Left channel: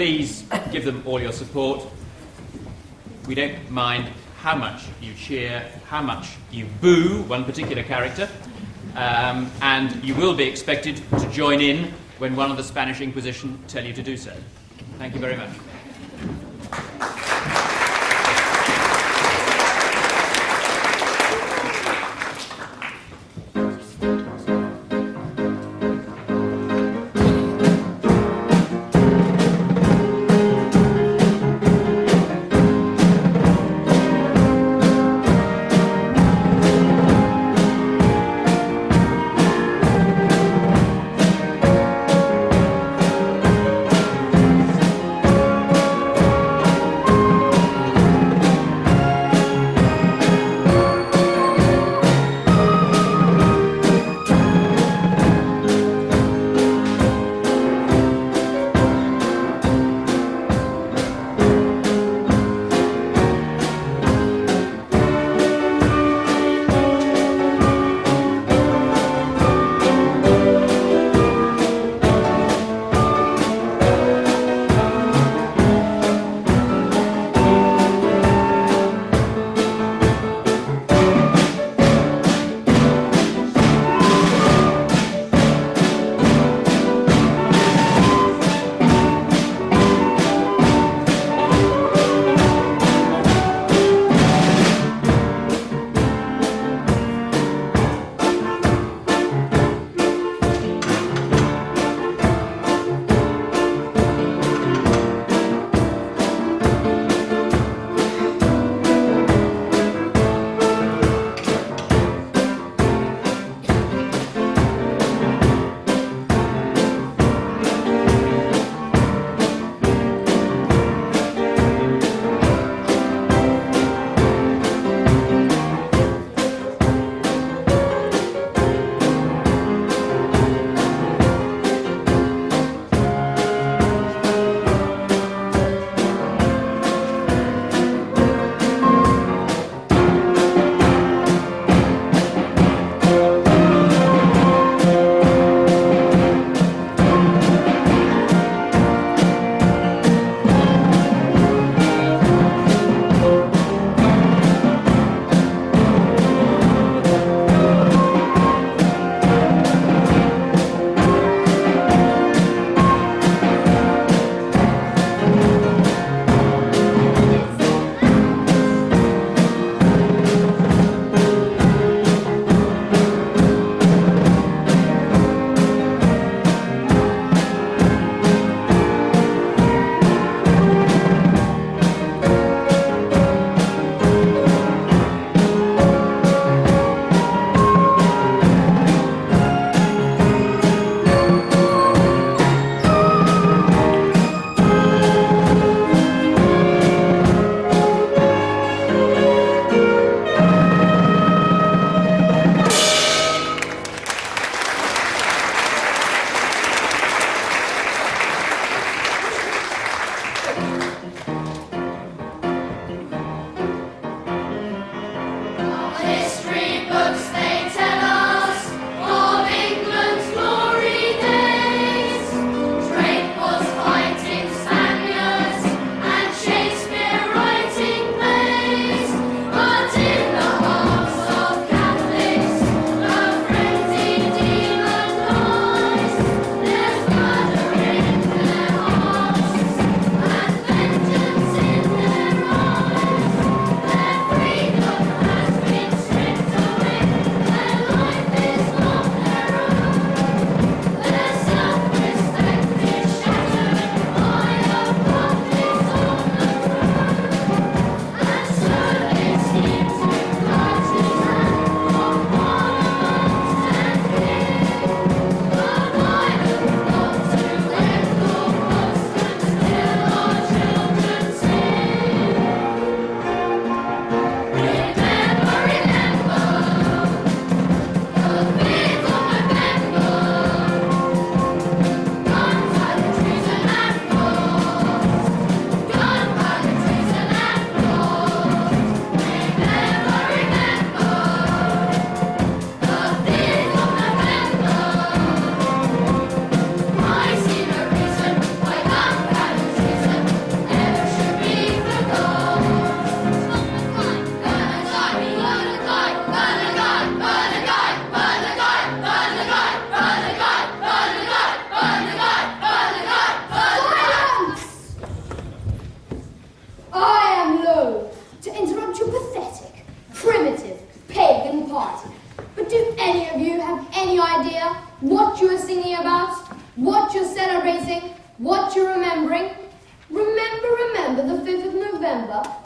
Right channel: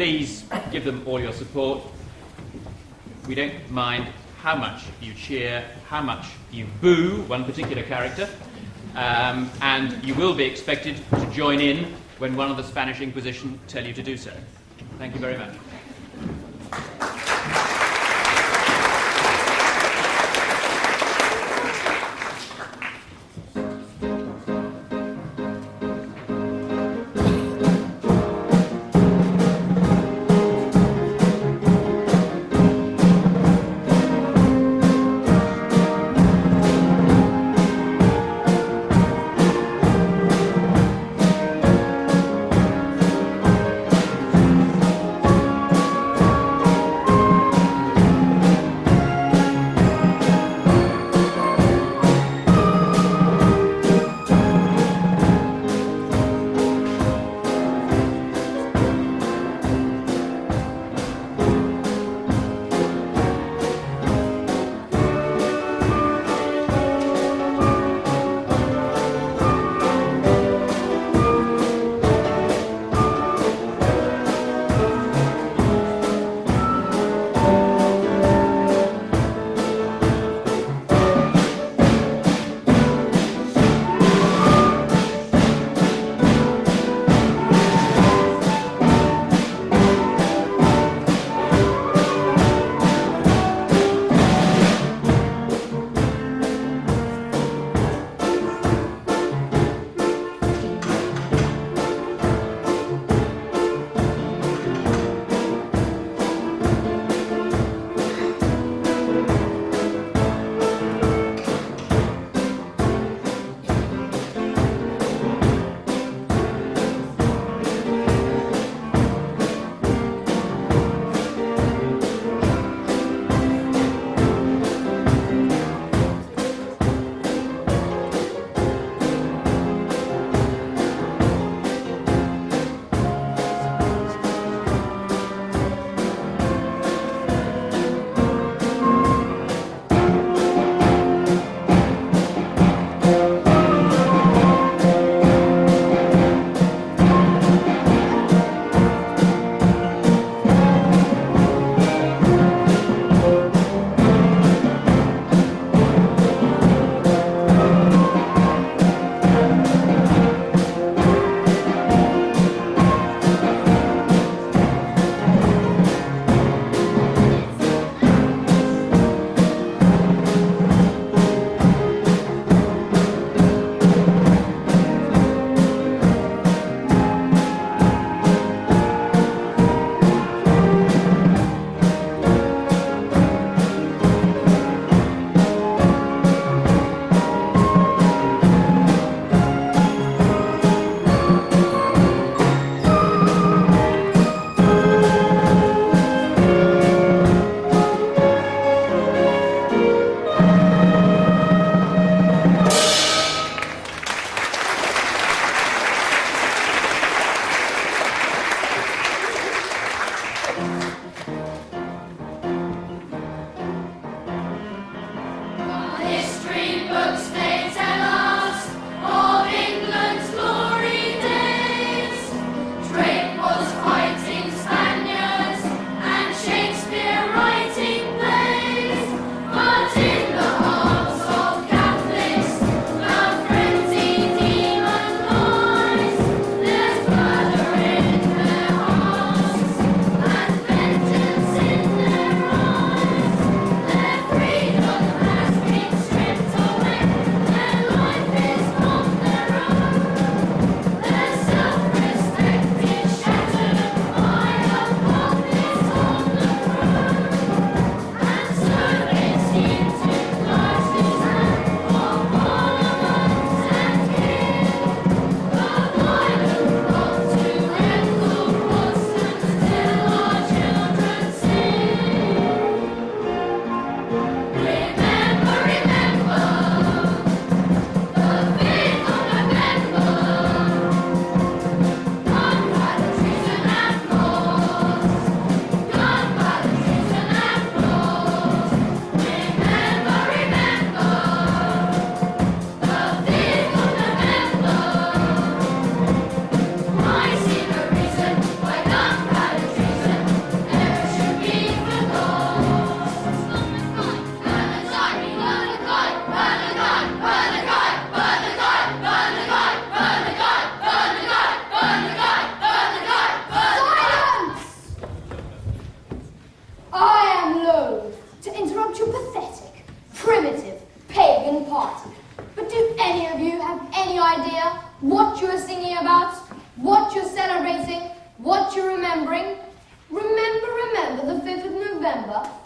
please give them all your support. We don't mind how much you cheer, how much you boo one particular character, and you will be expected to join in when one of the Spanish Inquisition tell you to do so. Thank you very much.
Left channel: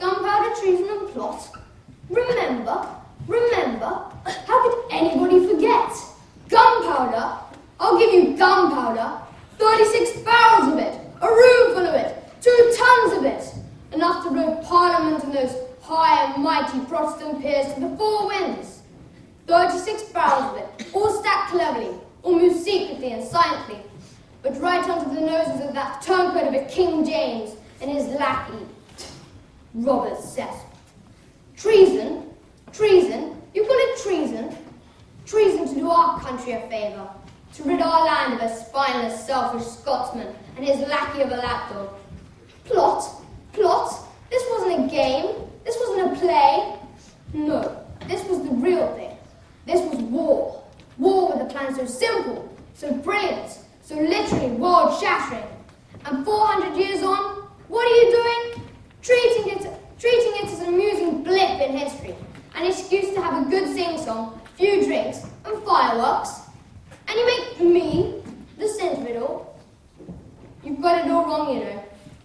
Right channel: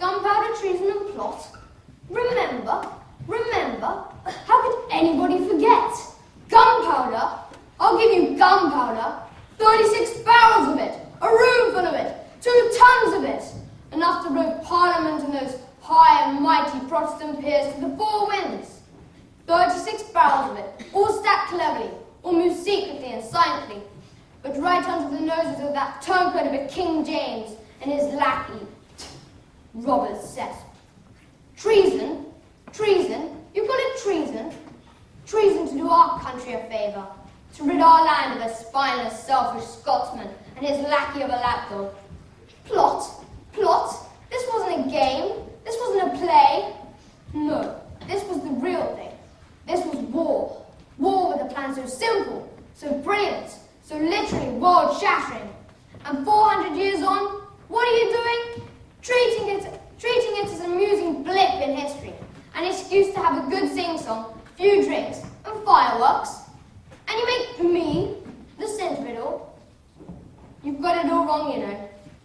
gunpowder, treason and plot. Remember, how could anybody forget? Gunpowder, I'll give you gunpowder, 36 barrels of it, a room full of it, 2 tons of it, enough to blow Parliament and those high and mighty Protestant peers to the 4 winds. 36 barrels of it, all stacked cleverly, all moved secretly and silently, but right under the noses of that turncoat of a King James and his lackey, Robert Cecil. Treason? Treason? You call it treason? Treason to do our country a favour, to rid our land of a spineless, selfish Scotsman and his lackey of a lapdog. Plot? Plot? This wasn't a game. This wasn't a play. No, this was the real thing. This was war. War with a plan so simple, so brilliant, so literally world-shattering. And 400 years on, what are you doing? Treating it as an amusing blip in history, an excuse to have a good sing-song, few drinks, and fireworks. And you make me the centre of it all. You've got it all wrong, you know.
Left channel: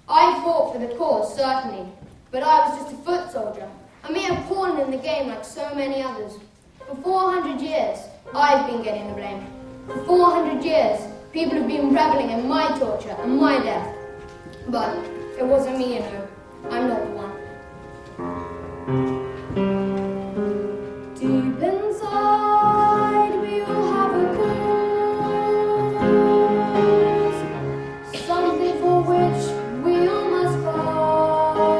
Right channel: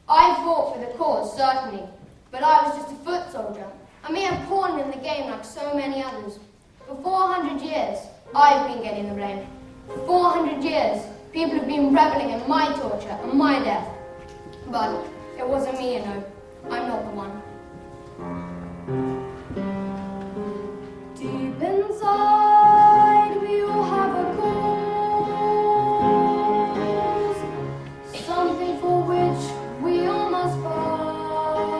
I fought for the cause, certainly, but I was just a foot soldier, a mere pawn in the game like so many others. For 400 years, I've been getting the blame. For 400 years, people have been reveling in my torture and my death. But it wasn't me, you know. I'm not the one. Deep inside, we all have a cause, something for which we all must fight.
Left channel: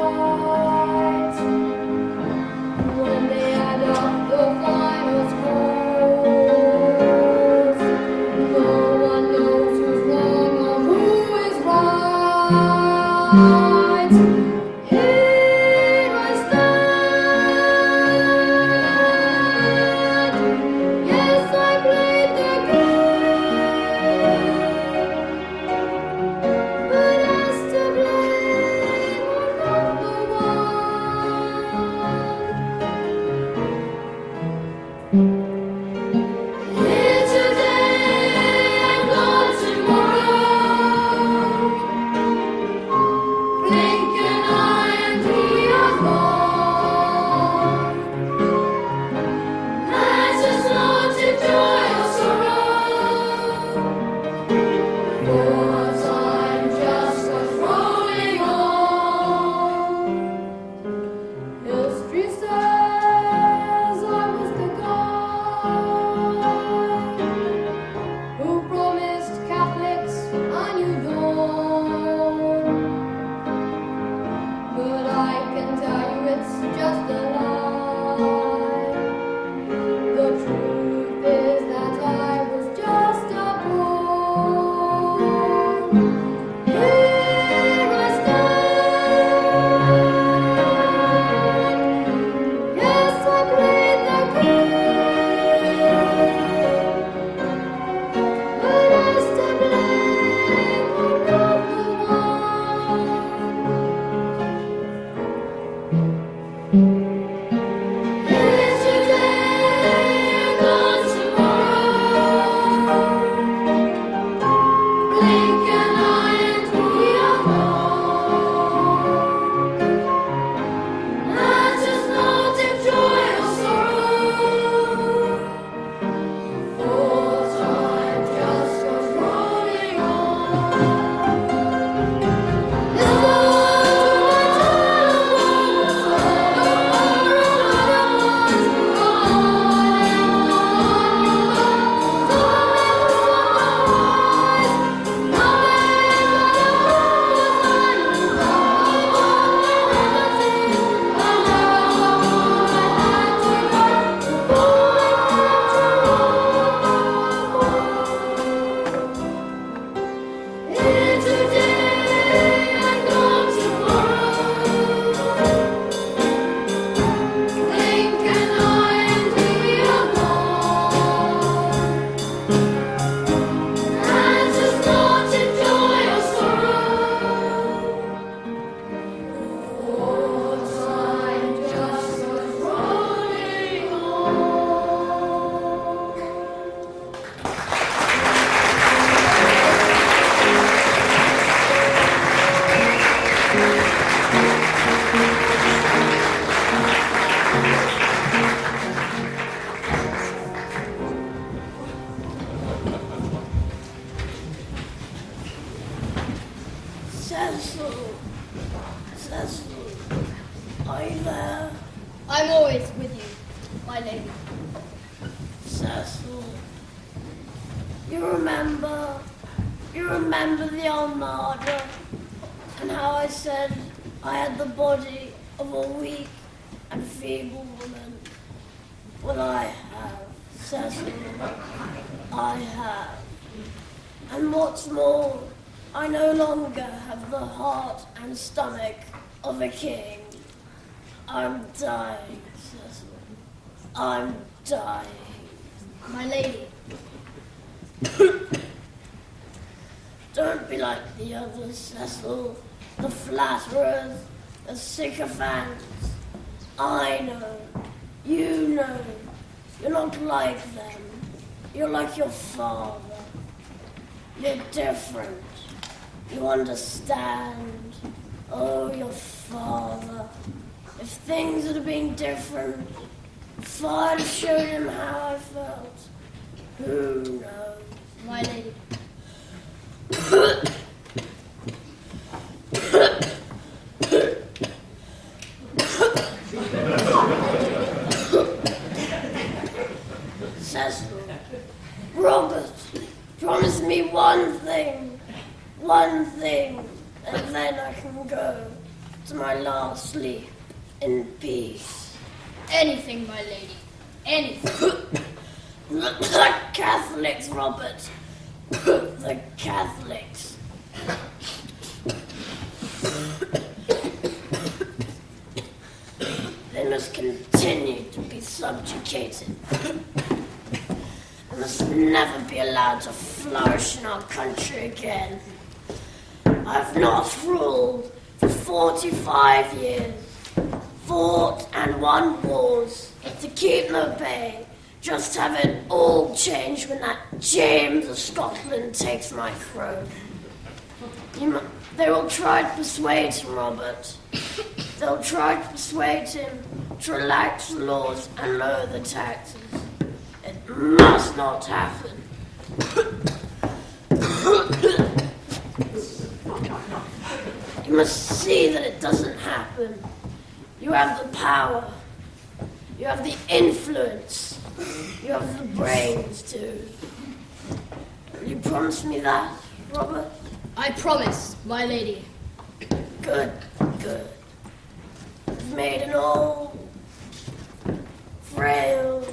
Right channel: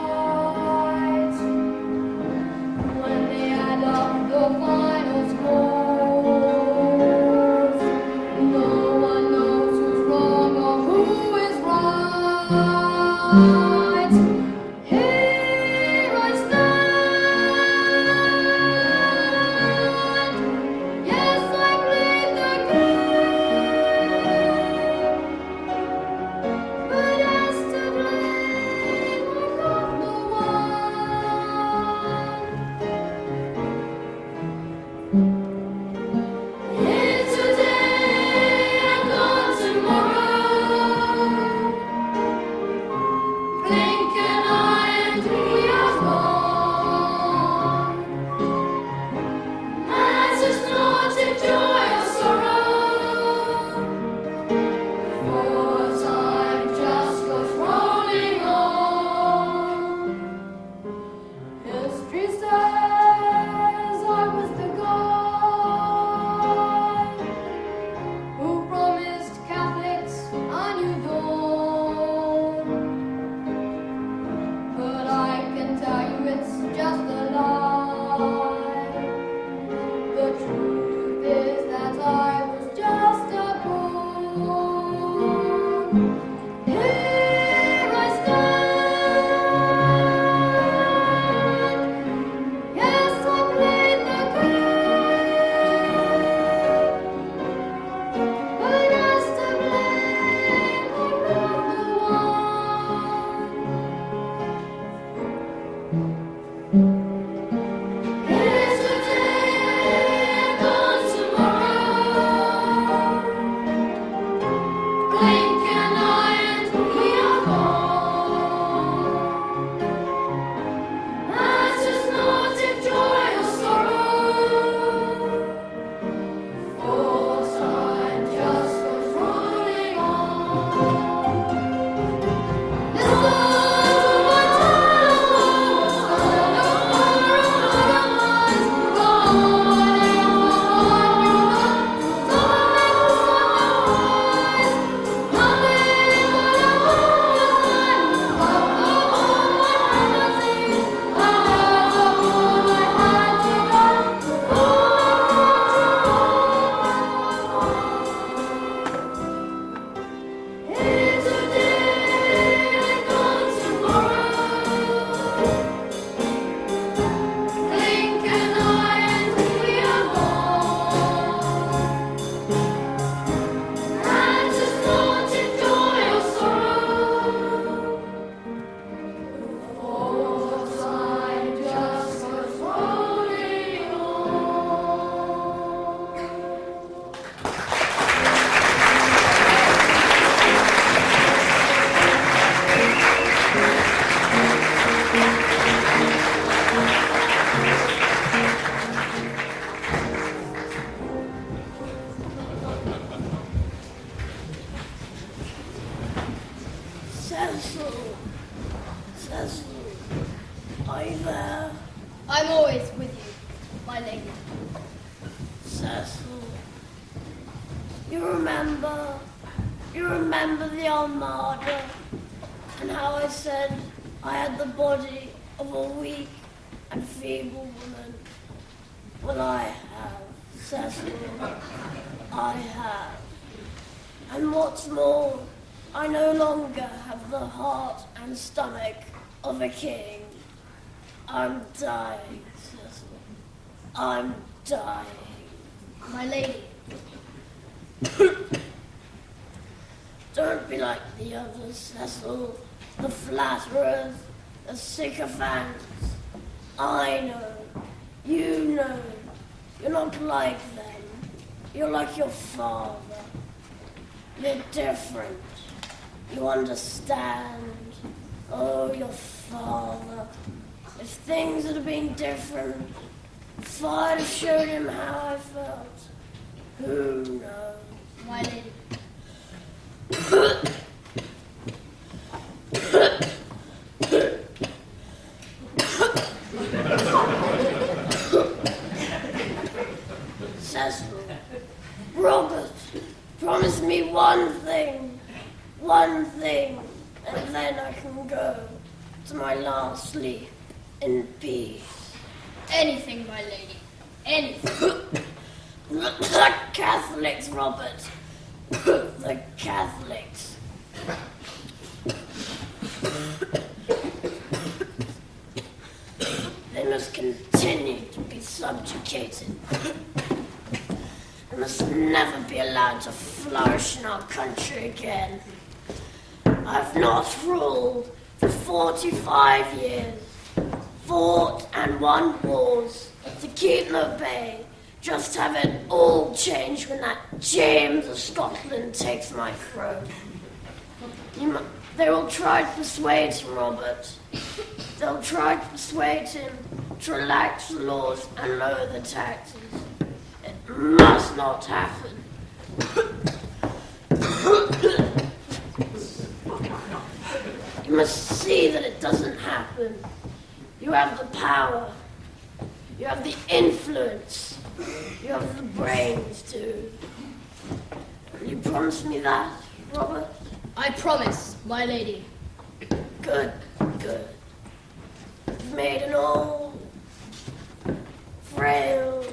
When they add up the final scores, no one knows who's wrong or who is right. Here I stand. Yes, I played the game, but as to blame, I'm not the one. Here today, gone tomorrow. Blink an eye and he has gone. Let us not in joy or sorrow, for time just goes rolling on. History says I was the guy who promised Catholics a new dawn. But I can tell you it's just a lie. The truth is that I was just a pawn. Here I stand. Yes, I played the game, but as to blame, I'm not the one. Cecil, are you there? I'm always with you, my lady. Cecil, you remember the Armada and how I said I had the body of a weak and feeble woman? Well, I have, Cecil, I have. And what's more, I no longer have the heart and stomach of a king. I'm dying, Cecil. I'm dying. My lady. Don't be like the others, Cecil. The flatterers, the sycophants. I know. You know. You're not like them. You're like your father. You're different. You understand. Oh, your father. If things had been different, if I'd have showed him how I felt, who knows? My lady. Cecil, Robert, promise me one thing, and then I can go to my last sleep in peace. Anything, my lady. Anything. The Catholics, Robert. The Catholics. They must continue to be subjugated. They must never be allowed to flourish in our country again. I've not ruled for 45 years, fought and won wars to keep them at bay, just have it all change when that James of Scotland takes my throne. They will try to persuade him, Robert. They'll try to persuade him to relax the laws and lower the taxes. It must not happen. You must see that it doesn't happen. You have the power. You have the influence. You have the brains too. Will you promise me that, Robert? I promise, my lady. Good, good. You've made an old, frail,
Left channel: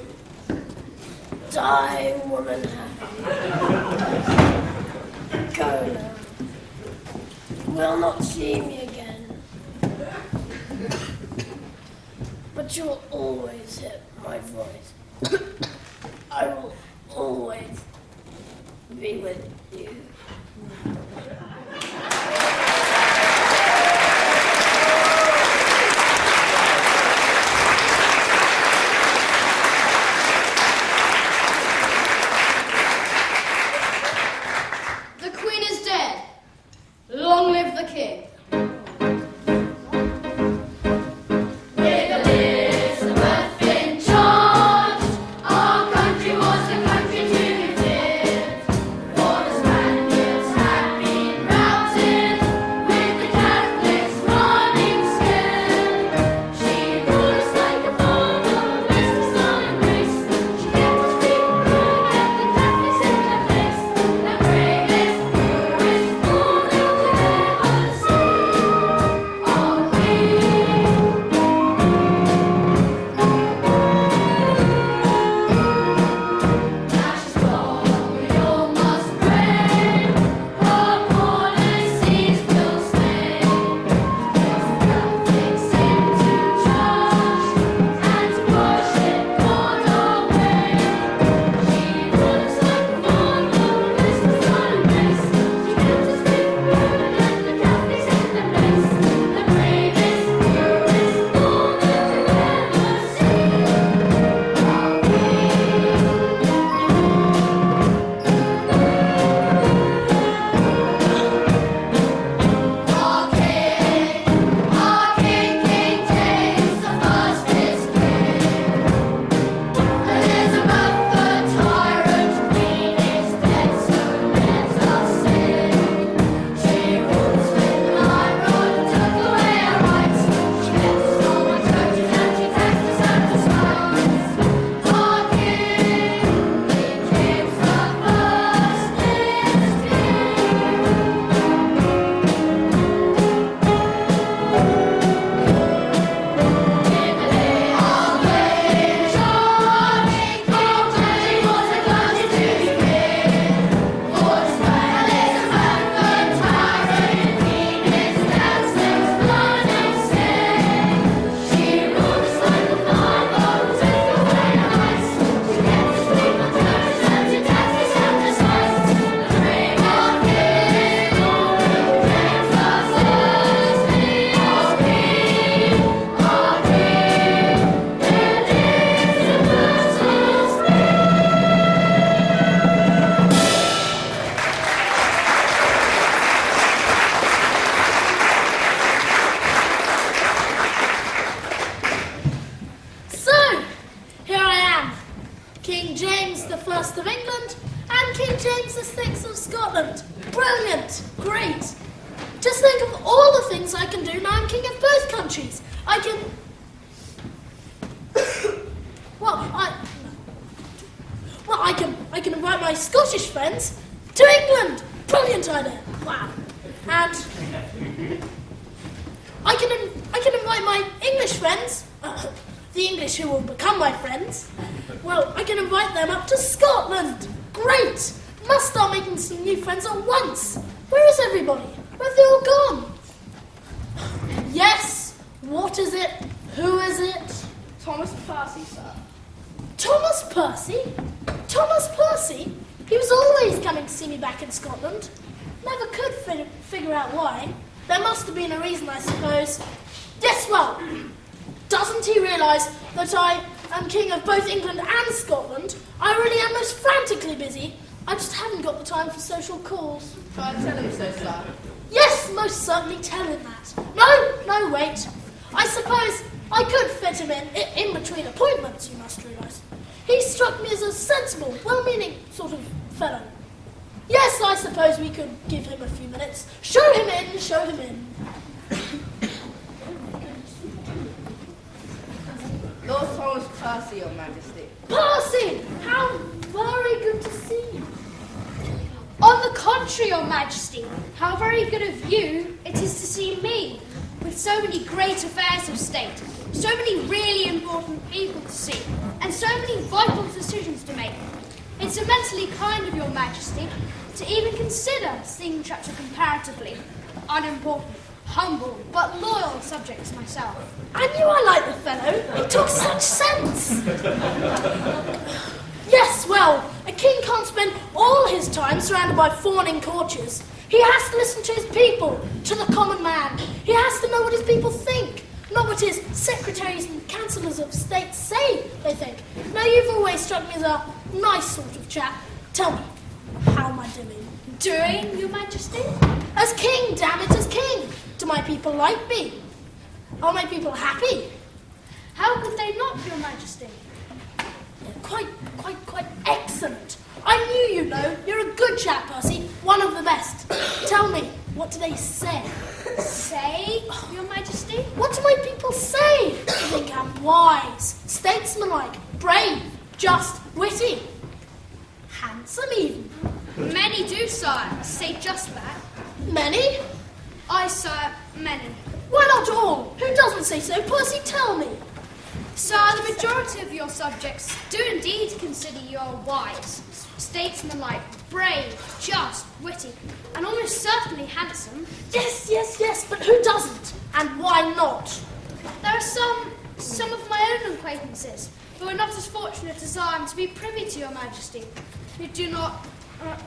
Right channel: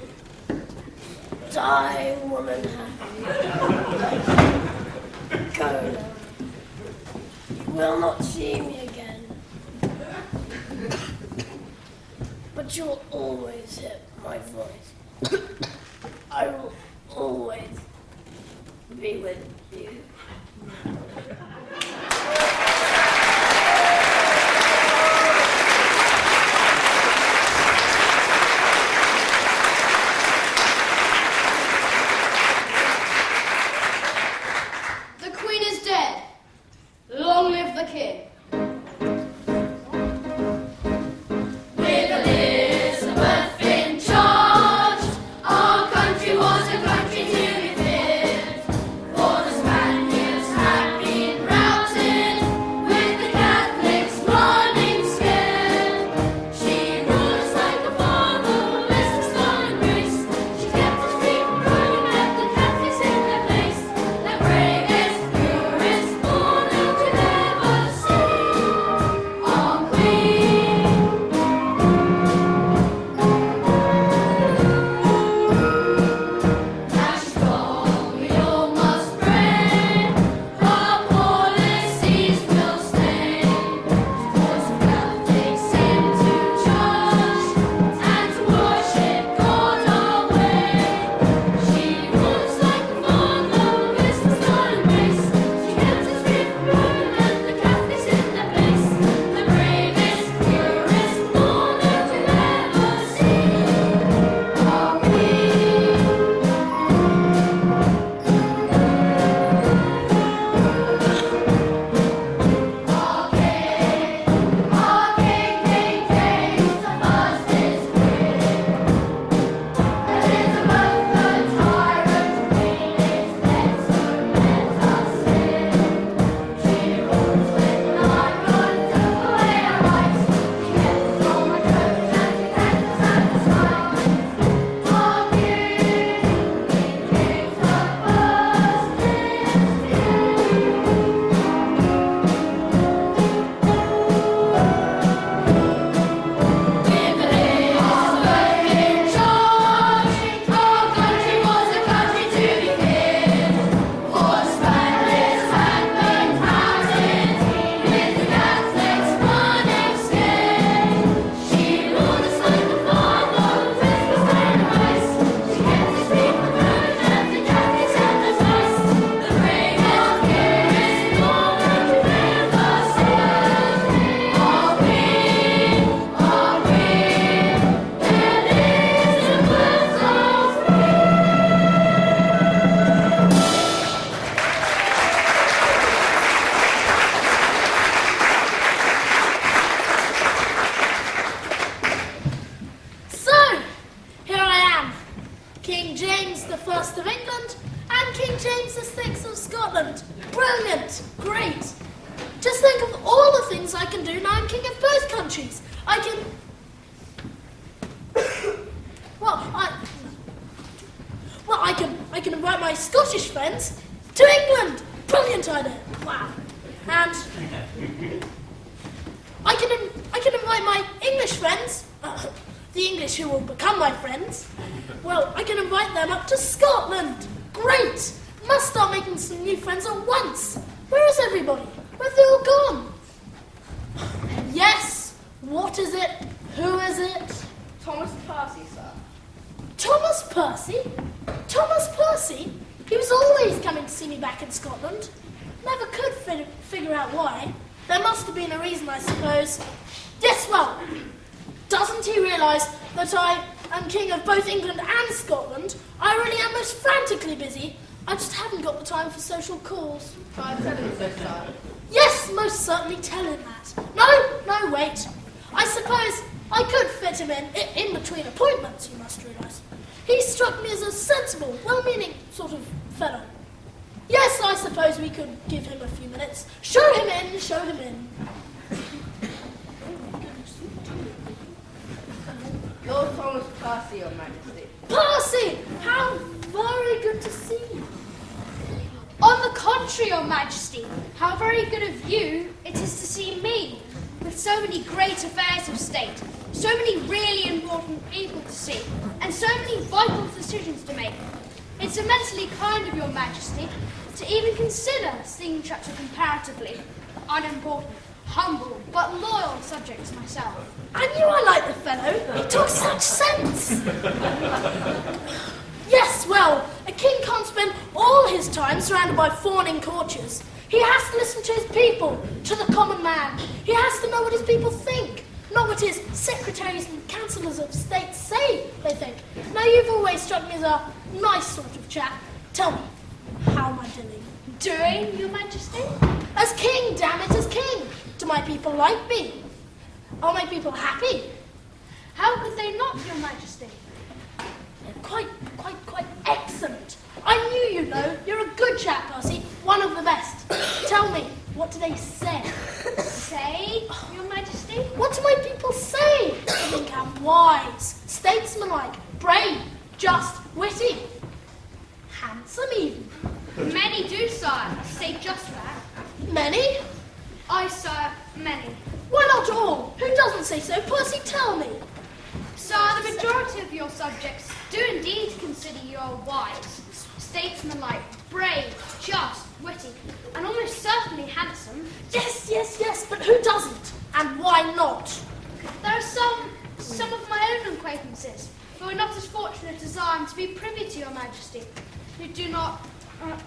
dying woman happy. Go now. You will not see me again. But you'll always hear my voice. I will always be with you. The Queen is dead. Long live the King. Our country was a country to be feared, for the Spanish James VI of Scotland. Brilliant. Great. Just think of all the things I can do now I'm king of both countries. I can... I can invite my Scottish friends to England. Brilliant idea. Wow. And I can invite my English friends, the English who will become my friends. Well, I can invite them up to Scotland. Great. Must start making some new friends at once. Where is everybody? Where have they all gone? Yes. What is it? Who is it? Thomas Percy, sir. Thomas Percy? Thomas Percy? He was always coming to see me back in Scotland. Never could figure out why. There must have been a reason, I suppose. Yes, well, doesn't he realise that I am king of both England and Scotland? I really am most frantically busy. I just haven't got the time for social calls. Shall I tell him so, sir? Yes, most certainly tell him that. No, wait. I suppose I could fit him in between appointments, you must realise. He struck me as a sensible, well-meaning sort of fellow. Yes, I suppose we could give him a few minutes. Show him in. Lord Thomas Percy, Your Majesty. Percy! How very good to see you. On the contrary, Your Majesty, how very good of you it is to see me, with so many great affairs of state, so many really important people to see, and so many vital decisions to make. It's immensely kind of Your Majesty to even consider seeing such a comparatively unimportant, humble, but loyal subject as myself. I knew I liked the fellow. He talks such sense. Yes, well, a king can't spend all his time surrounded by fawning courtiers. He has to listen to his people, to the common man. He has to know what his people think, not what his secretaries and councillors of state say they think. Now, you've always struck me as a nice sort of chap. Tell me, how am I doing? Doing, Your Majesty? As king, damn it, as king. Do my people like me? Are my people happy? How could they not, Your Majesty? Quite excellent. I knew you'd know. You're a good chap, Percy. One of the best. Tell me, what do they say? Say, Your Majesty? What do my people say? They think I'm wise, statesmanlike, brave, just, witty, handsome even. Many do, sire, say just that. Many? I, sire, many. Why not all? Who doesn't say so? Percy, tell me. Sire, the majority of your subjects do indeed consider you are wise, statesmanlike, brave, just, witty, and almost certainly handsome. Yes, but who doesn't? And why not? There are some of my own acquaintances who are not as fortunate as I am to be privy to Your Majesty, who do not,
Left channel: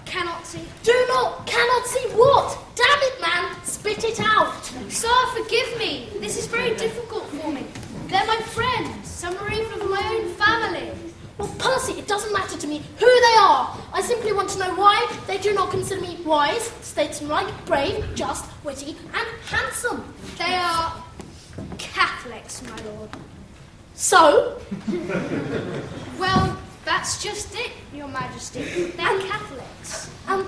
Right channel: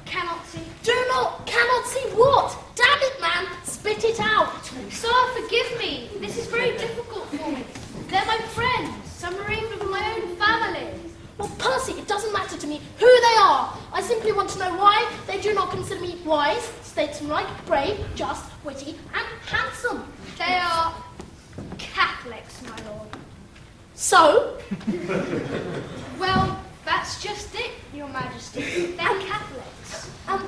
cannot see. Cannot see what? Damn it, man, spit it out. Sir, forgive me, this is very difficult for me. They're my friends, some are even of my own family. Well, Percy, it doesn't matter to me who they are. I simply want to know why they do not consider me wise, statesmanlike, brave, just, witty, and handsome. They are Catholics, my lord. So? Well, that's just it, Your Majesty. They're Catholics. And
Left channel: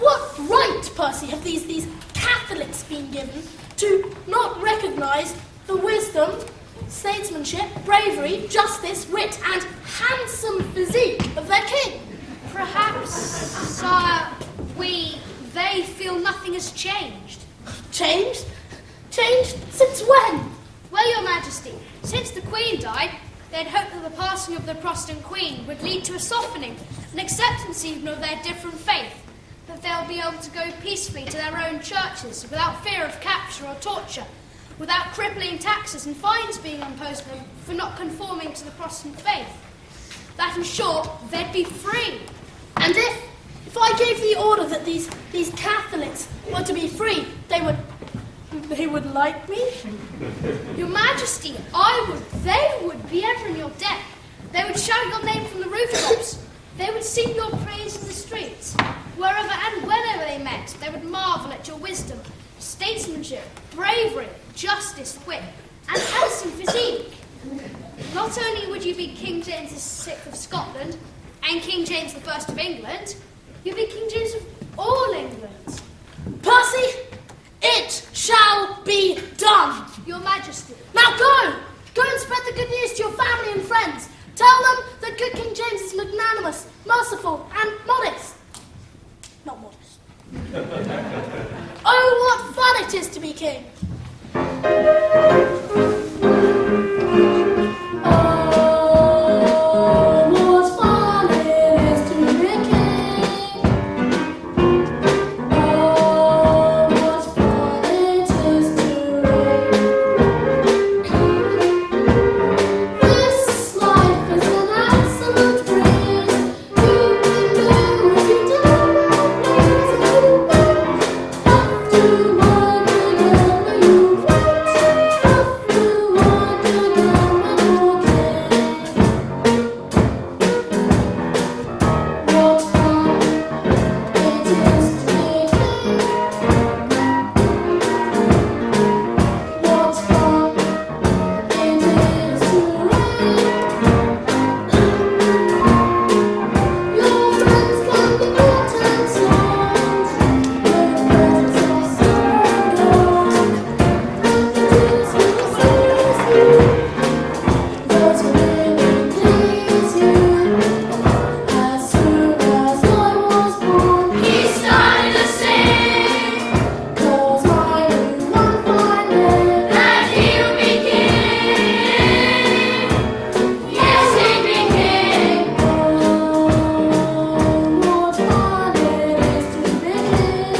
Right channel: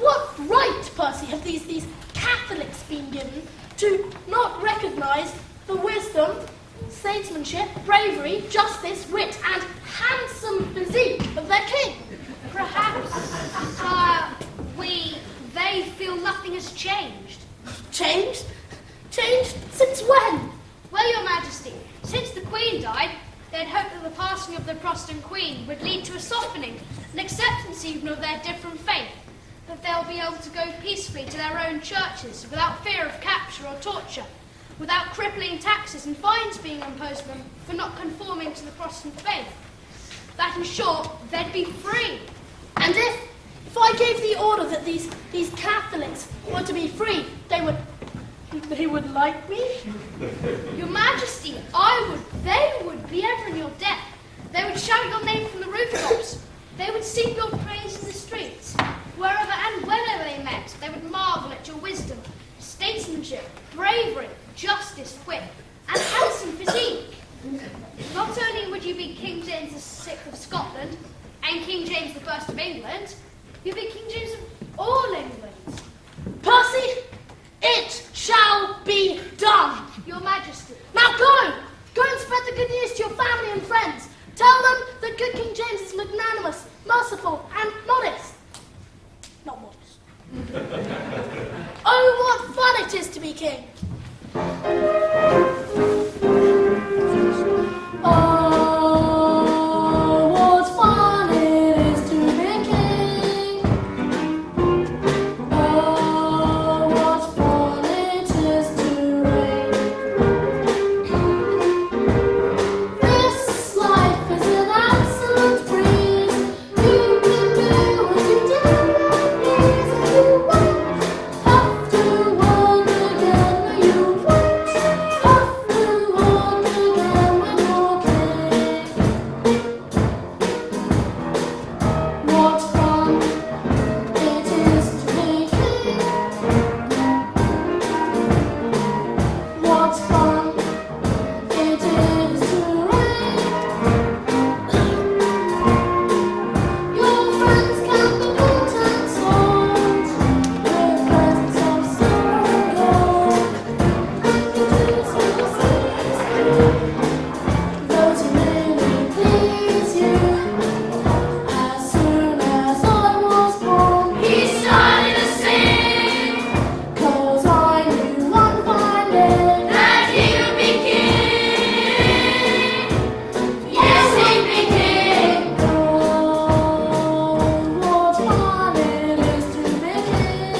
what right, Percy, have these Catholics been given to not recognise the wisdom, statesmanship, bravery, justice, wit, and handsome physique of their king? Perhaps, sire, they feel nothing has changed. Changed? Changed since when? Well, Your Majesty, since the Queen died, they'd hoped that the passing of the Protestant Queen would lead to a softening, an acceptance even of their different faith, that they'll be able to go peacefully to their own churches without fear of capture or torture, without crippling taxes and fines being imposed on them for not conforming to the Protestant faith. That, in short, they'd be free. And if I gave the order that these Catholics were to be free, they would like me? Your Majesty, they would be ever in your debt. They would shout your name from the rooftops. They would sing your praise in the streets. Wherever and whenever they met, they would marvel at your wisdom, statesmanship, bravery, justice, wit, and handsome physique. Not only would you be King James VI of Scotland and King James I of England, He'll be King James of all England. Percy, it shall be done. Your Majesty. Now go! Go and spread the good news to your family and friends. Tell them that good King James is magnanimous, merciful, and modest. Not modest. Oh, what fun it is to be king! Oh, what fun it is to be king! Oh, what fun it is to reign! This life is an absolute breeze. You can do as you damn well please. You won't have to work again. You won't have to work again when you're king. What fun it is to be king! What fun it is to reign! Your friends can be bought and sold with presents of silver and gold, and the dues of the city's due. Those who really please you. As soon as I was born, he started to sing, 'cause I knew one fine day that he would be king. Yes, he'd be king. Oh, what fun it is to be king.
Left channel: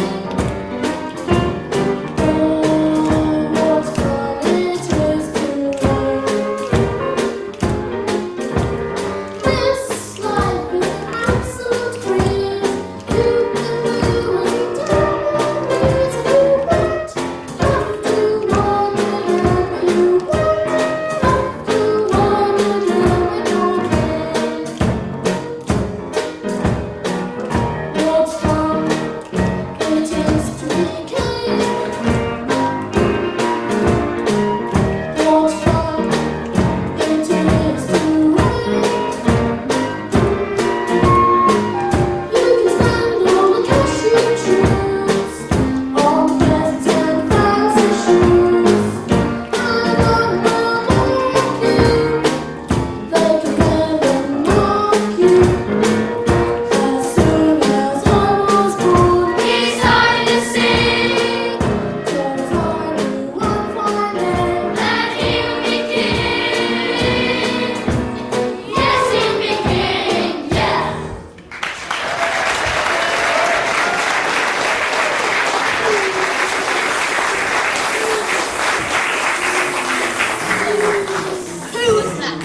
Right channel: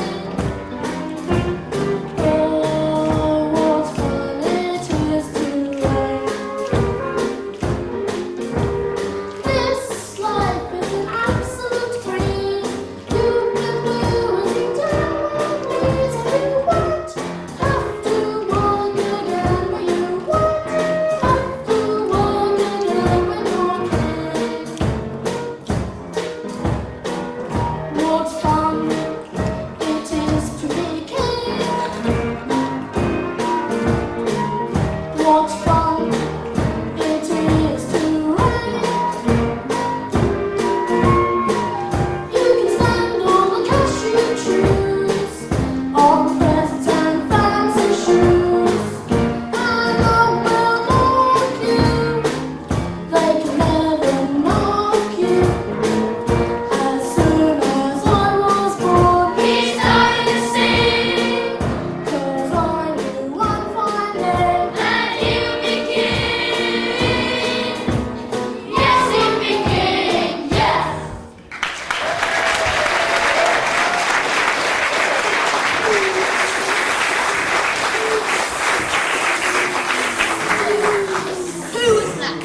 Oh, what fun it is to reign. This life is an absolute breeze. You can do as you damn well please. And you won't have to work again. You won't have to work again when you're king. What fun it is to be king! What fun it is to reign! You can spend all the cash you choose on presents and fancy shoes, and none will mock you. They can never mock you. As soon as I was born, he started to sing, 'cause I knew one fine day that he would be king. Yes, he'd be king, yeah. Who was that?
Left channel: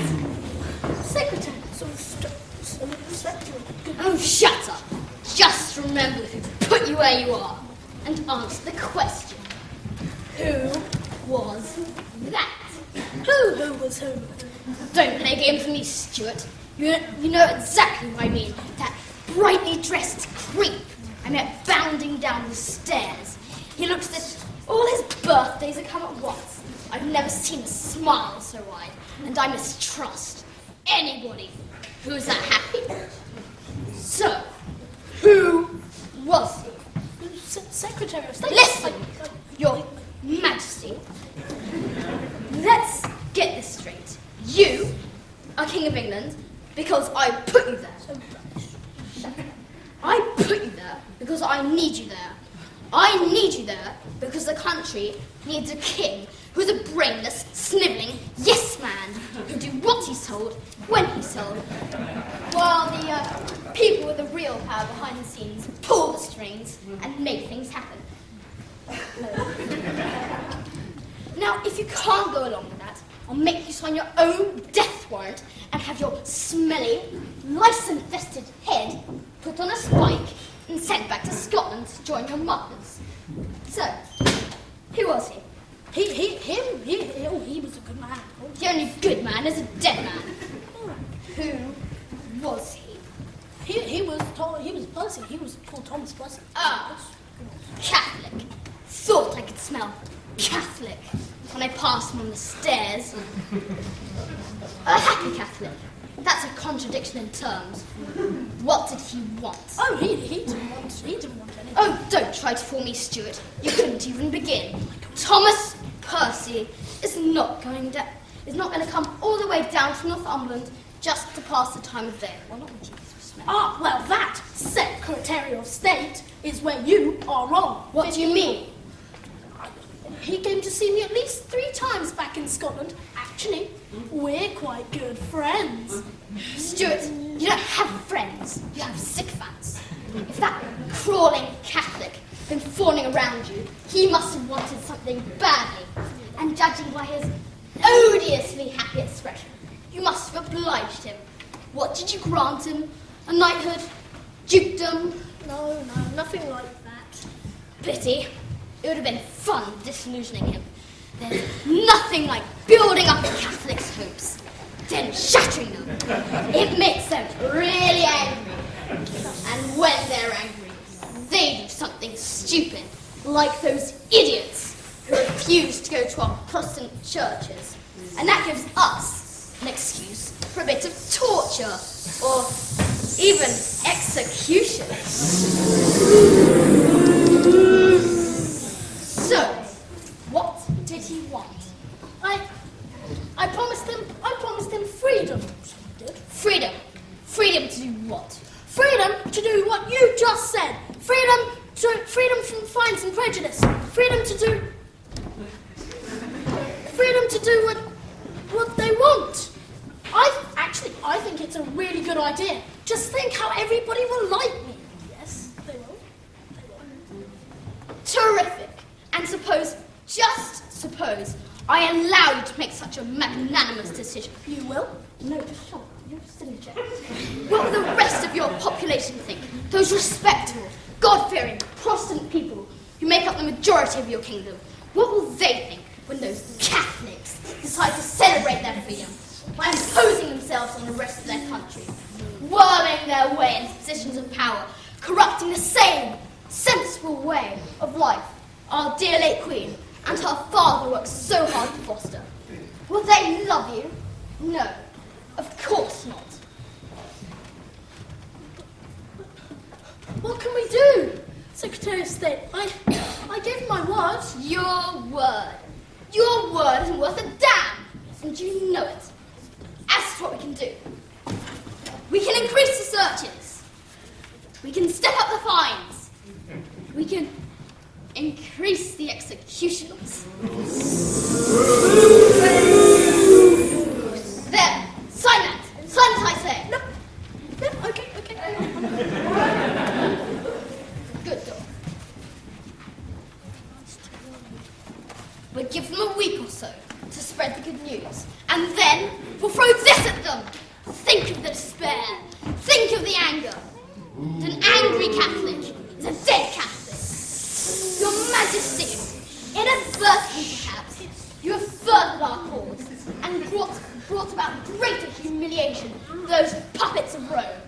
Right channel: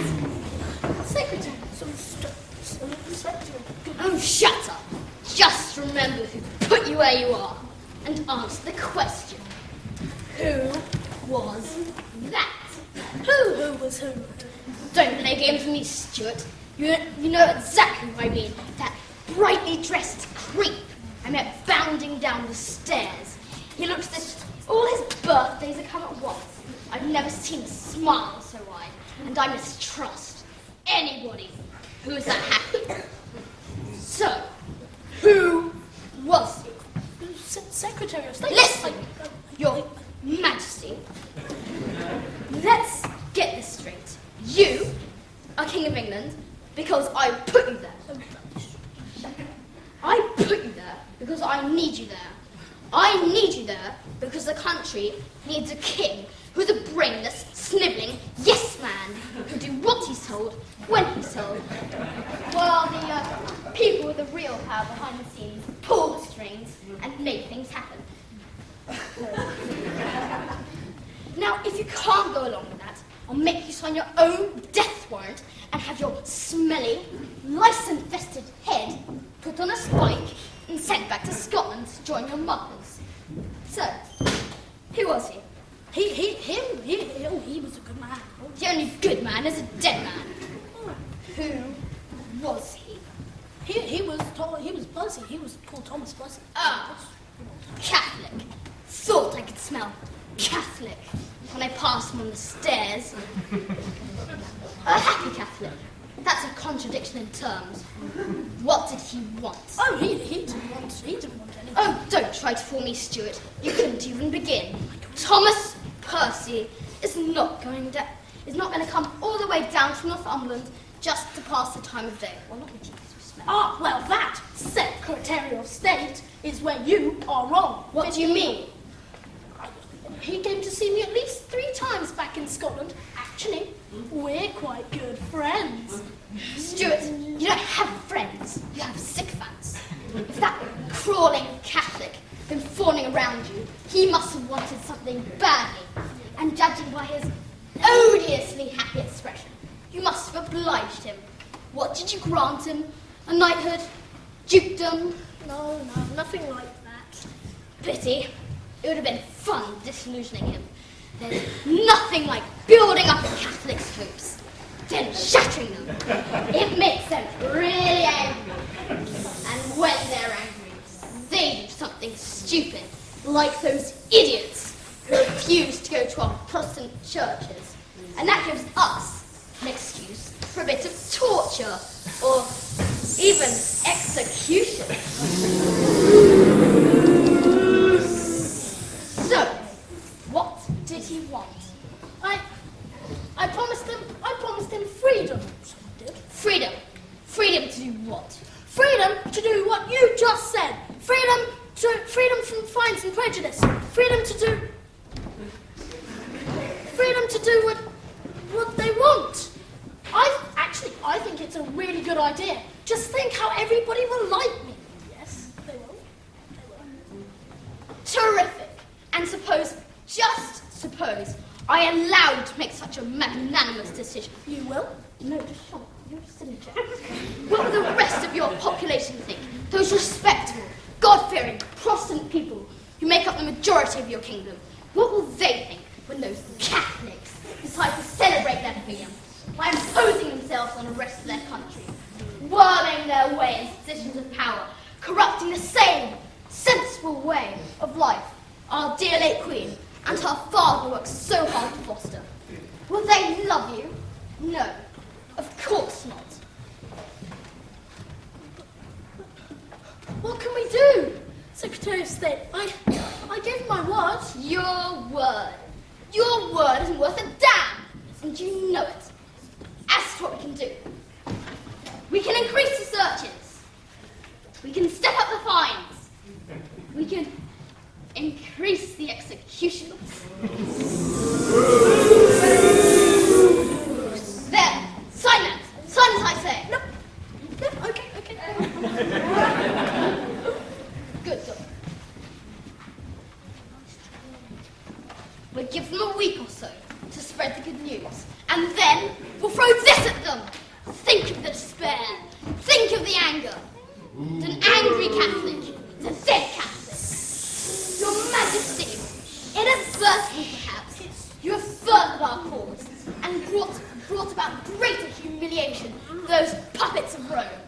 Secretary. Oh, shut up. Just remember who put you where you are and answer the question. Who was that? Who was who? Don't play games with me, Stuart. You know exactly what I mean. That brightly dressed creep I met bounding down the stairs. He looks as if all his birthdays had come at once. I've never seen a smile so wide, and I mistrust anybody who is that happy. So, who was he? Secretary of State. Listen, Your Majesty. Let's get this straight. You are King of England because I put you there. I put you there because I need you there. I need you there because the country needs a king who's a brainless, snivelling yes man who'll do what he's told when he's told, while the people with the real power behind the scenes pull the strings and make things happen. Now, if you can't go along with that, I'll make you sign your own death warrant and have your smelly, lice-infested head put on a spike and sent back to Scotland to join your mothers. So, who was he? He was a good man. The only good man is a dead man. Who was he? He was Percy. He was called Thomas Percy. Ah, Catholic. Thought I could smell Catholic when I passed him on the stairs. A happy Catholic. That's a contradiction in terms. What did he want? Oh, he didn't want anything. Oh, don't try to fool me, Stuart. You couldn't even begin. Thomas Percy is not going to come all the way down from Northumberland just to pass the time of day. Well, not with you, because we smell. Ah, well, that, Secretary of State, is where you are wrong. What do you mean? He came to see me at least 3 times back in Scotland. Actually, we're quite good friends. Stuart, you don't have friends. You have sycophants. If that crawling Catholic had been fawning around you, he must have wanted something badly. And judging by his odiously happy expression, you must have obliged him. What did you grant him? A knighthood? Dukedom? No, nothing like that. Pity. It would have been fun disillusioning him. There's nothing like building up a Catholic's hopes, then shattering them. It makes them really angry. And when they're angry, they do something stupid, like those idiots who refuse to go to our Protestant churches. And that gives us an excuse for a bit of torture, or even execution. So, what did he want? I promised him freedom. Freedom. Freedom to do what? Freedom to do what you just said. Freedom from fines and prejudice. Freedom to do what they want. I think it's a really good idea. Just think how everybody will like me. Yes, they will. Terrific. And just suppose, I allow you to make such a magnanimous decision. You will? No, just shut up. You're just in the chair. What will the rest of your population think? Those respectable, God-fearing, Protestant people who make up the majority of your kingdom. What will they think when those Catholics decide to celebrate their freedom by imposing themselves on the rest of their country, worming their way into positions of power, corrupting the same sensible way of life our dear late Queen and her father worked so hard to foster? Will they love you? No, of course not. What can we do? Secretary of State, I gave my word. Your word. Your word isn't worth a damn, and you know it. As to what we can do, we can increase the searches. We can step up the fines. We can increase the executions. There, sign that. Sign it, I say. No, okay. Good girl. We'll give them a week or so to spread the good news, and then we'll throw this at them. Think of the despair. Think of the anger. An angry Catholic is a dead Catholic. Your Majesty, inadvertently perhaps, you have furthered our cause and brought about greater humiliation for those puppets of Rome.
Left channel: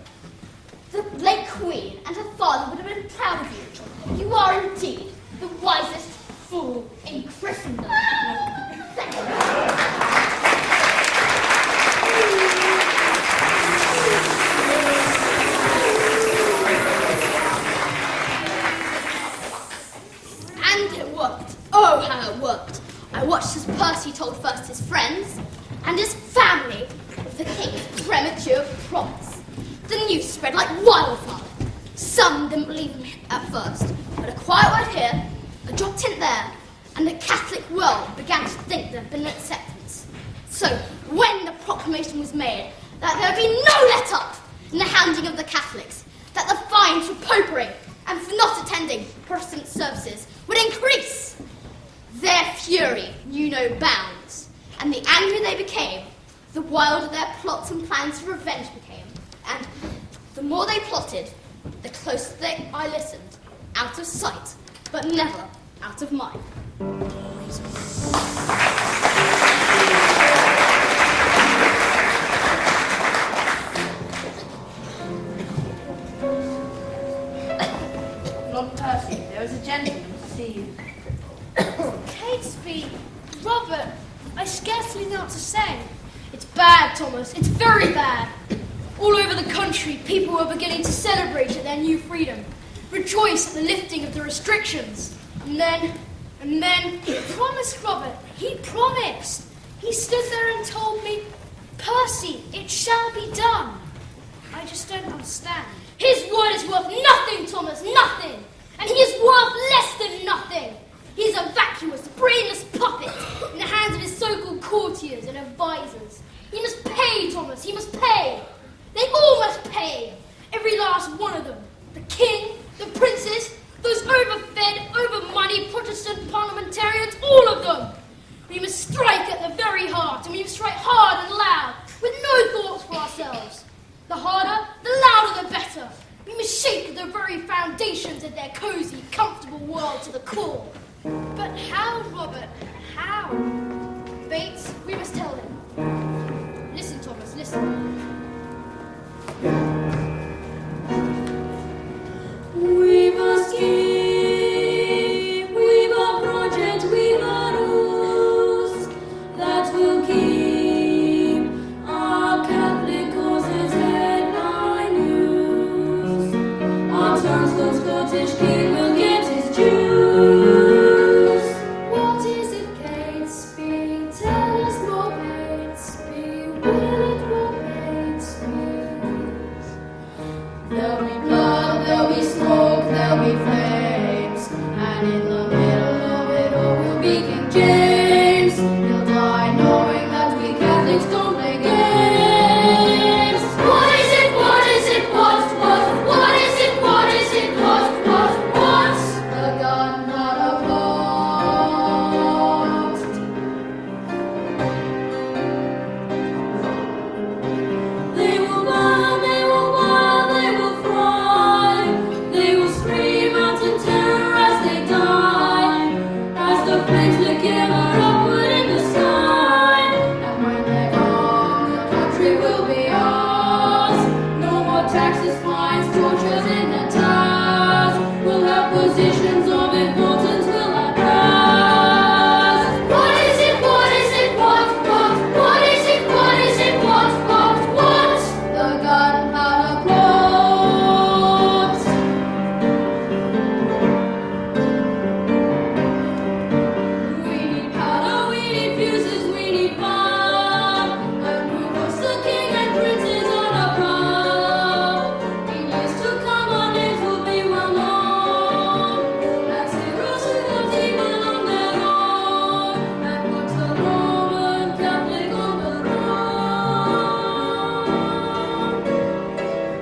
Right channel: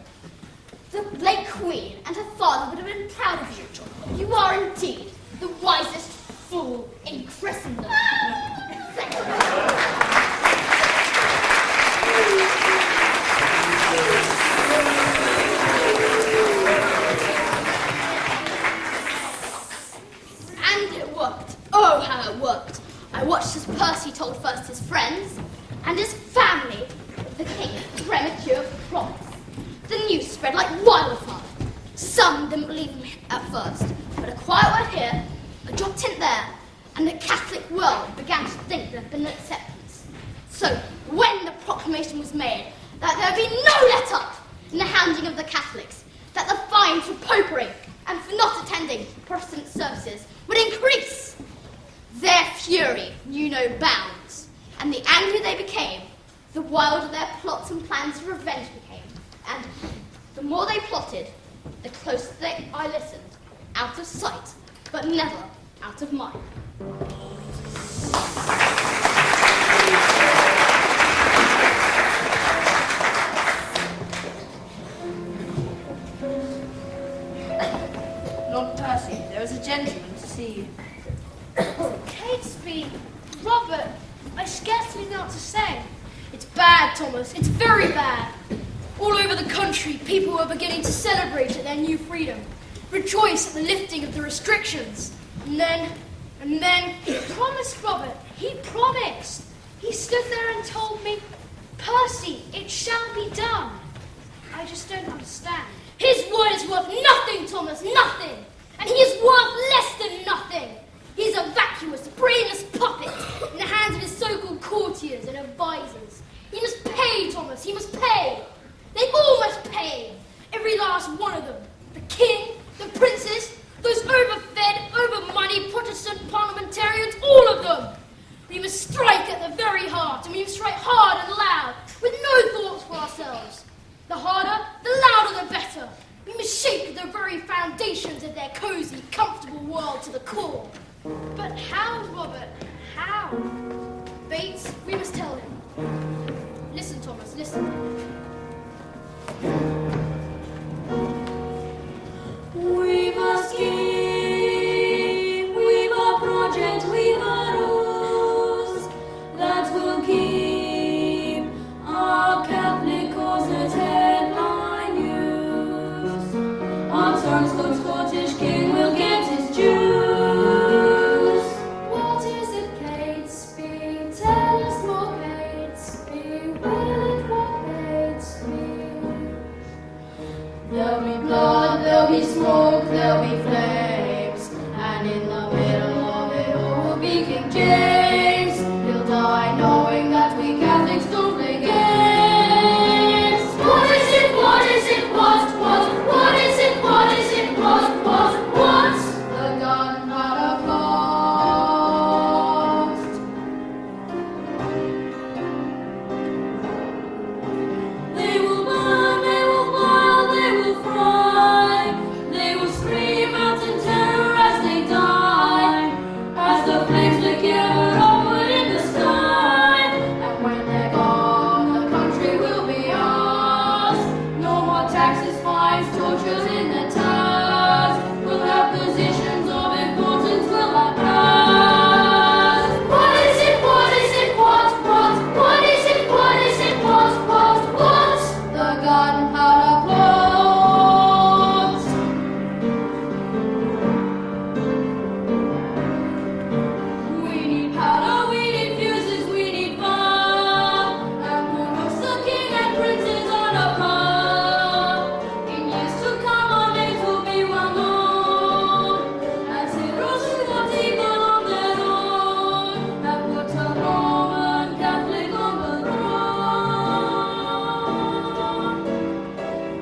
The late Queen and her father would have been proud of you. You are indeed the wisest fool in Christendom. Thank you. And it worked. Oh, how it worked. I watched as Percy told first his friends and his family of the king's premature promise. The news spread like wildfire. Some didn't believe me at first, but a quiet word here, a dropped hint there, and the Catholic world began to think there had been an acceptance. So, when the proclamation was made that there would be no let-up in the handing of the Catholics, that the fines for popery and for not attending Protestant services would increase, their fury knew no bounds, and the angrier they became, the wilder their plots and plans of revenge became. And the more they plotted, the closer I listened, out of sight, but never out of mind. Lord Percy, there is a gentleman to see you. Catesby, Robert, I scarcely know what to say. It's bad, Thomas. It's very bad. All over the country, people are beginning to celebrate at their new freedom, rejoice at the lifting of the restrictions. And then... He promised, Robert. He promised. He stood there and told me, Percy, it shall be done. I just don't understand. His word is worth nothing, Thomas, nothing. And he is worth less than nothing. He is a vacuous, brainless puppet in the hands of his so-called courtiers and advisors. He must pay, Thomas, he must pay. They all must pay. Every last one of them. The king, the princes, those overfed, over-moneyed Protestant parliamentarians, all of them. We must strike at the very heart, and we must strike hard and loud, with no thoughts for ourselves. The harder, the louder, the better. We must shake the very foundations of their cosy, comfortable world to the core. But how, Robert? How? Bates, we must tell him. Listen, Thomas, listen. We must keep, we've a project, we've a rules that will keep our Catholic causes headline news. Our turnstone Scottish king will get his dues. What is it, Catesby? Tell us more, Catesby. Will it what Catesby? There'll be blood, there'll be smoke, there'll be flames, and in the middle of it all will be King James. He'll die knowing that we Catholics don't play games. What is it? What is it? What is it? What is it? What? The gunpowder plot. They will burn, they will boil, they will fry. They will scream out in terror as they die, as the flames lick ever upward in the sky. And when they're gone, the country will be ours. No more taxes, fines, tortures in the towers. We'll have positions of importance, we'll have powers. What is it? What is it? What is it? What is it? What? The gunpowder plot. We need powder, we need fuses, we need fire, and we'll roast the king and princes on a pyre. In years to come, our names will be well known as heroes who fought evil on their own, and we'll turn Roman Catholic on the throne.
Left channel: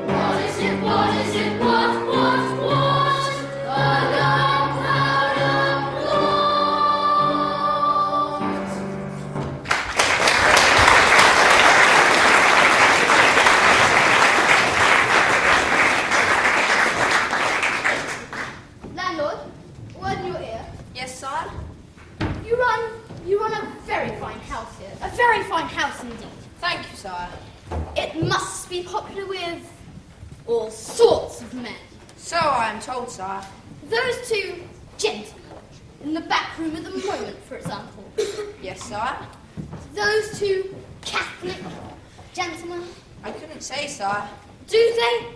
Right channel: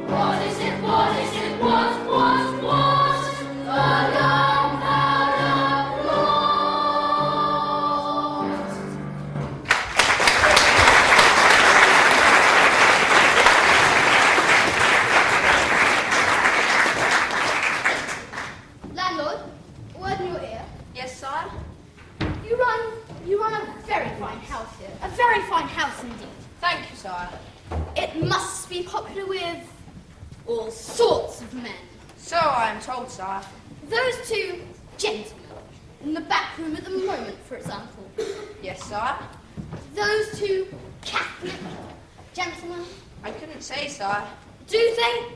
What is it? What is it? What? The gunpowder plot. Landlord, word in your ear. Yes, sire? You run a very fine house here. A very fine house indeed. Thank you, sire. It must be popular with all sorts of men. So I am told, sire. Those two gentlemen in the back room at the moment, for example. Yes, sire. Those two Catholic gentlemen. I couldn't say, sire. Do they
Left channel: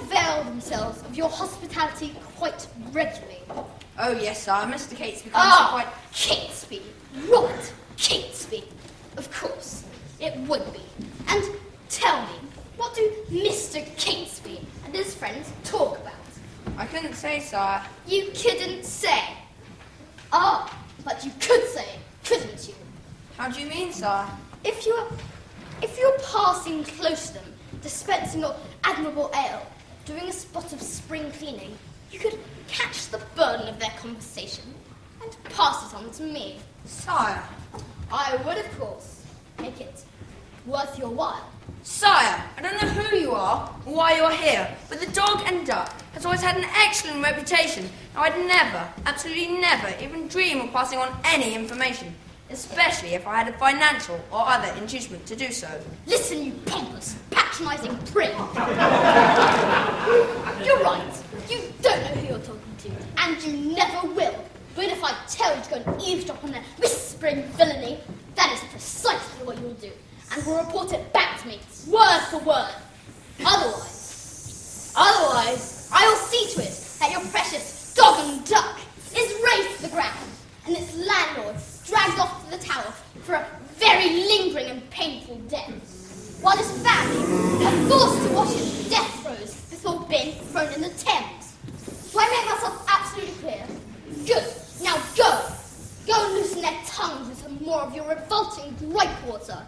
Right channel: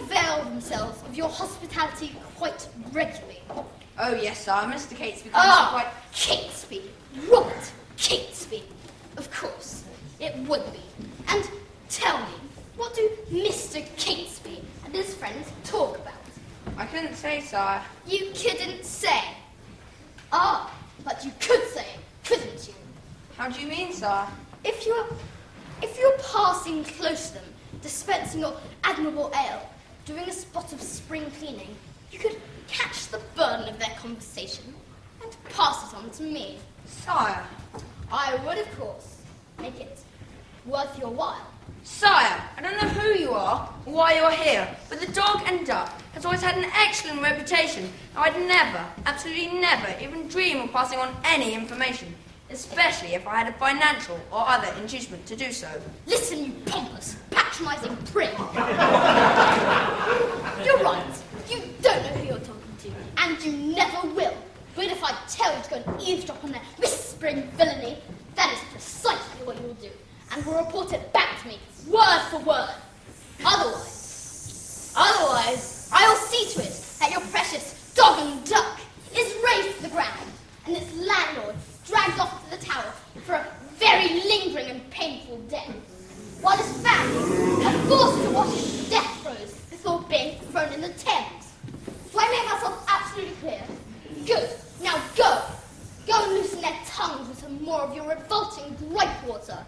avail themselves of your hospitality quite regularly? Oh, yes, sire. Mr. Catesby comes to quite... Catesby. Robert Catesby. Of course, it would be. And tell me, what do Mr. Catesby and his friends talk about? I couldn't say, sire. You couldn't say. Ah, but you could say, couldn't you? How do you mean, sire? If you're passing close to them, dispensing your admirable ale, doing a spot of spring cleaning, you could catch the burden of their conversation and pass it on to me. Sire. I would, of course, make it worth your while. Sire, I don't know who you are or why you're here, but the Dog and Duck has always had an excellent reputation, and I'd never, absolutely never, even dream of passing on any information, especially if I had a financial or other inducement to do so. Listen, you pompous, patronising prick. You're right. You don't know who you're talking to, and you never will. But if I tell you to go and eavesdrop on their whispering villainy, that is precisely what you'll do. and will report it back to me, word for word. Otherwise, I'll see to it that your precious dog and duck is razed to the ground, and its landlord dragged off to the tower for a very lingering and painful death, while his family are forced to watch his death throes before being thrown in the Thames. Do I make myself absolutely clear? Good. Now go. Go and loosen their tongues with some more of your revolting gripe water.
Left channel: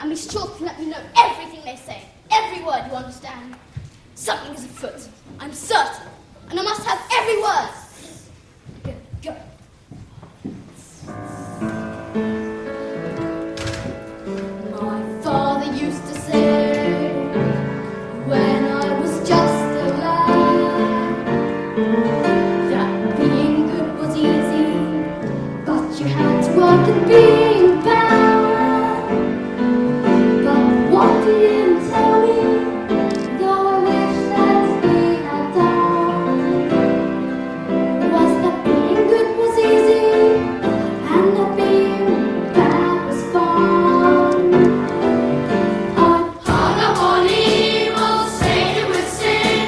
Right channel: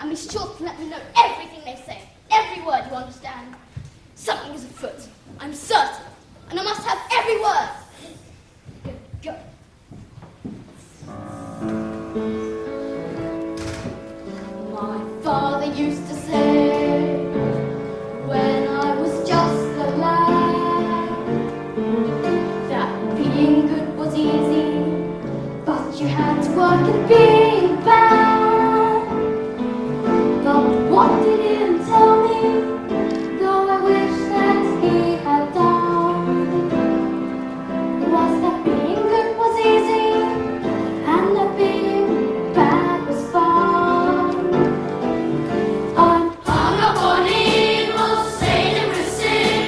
And be sure to let me know everything they say. Every word, you understand? Something is afoot, I'm certain. And I must have every word. Go. My father used to say, when I was just a lad, that being good was easy, but you had to work at being bad. But what did he tell me, though I wish that he had done, was that being good was easy, and that being bad was fun. I'm Hung up on evil, sated with sin.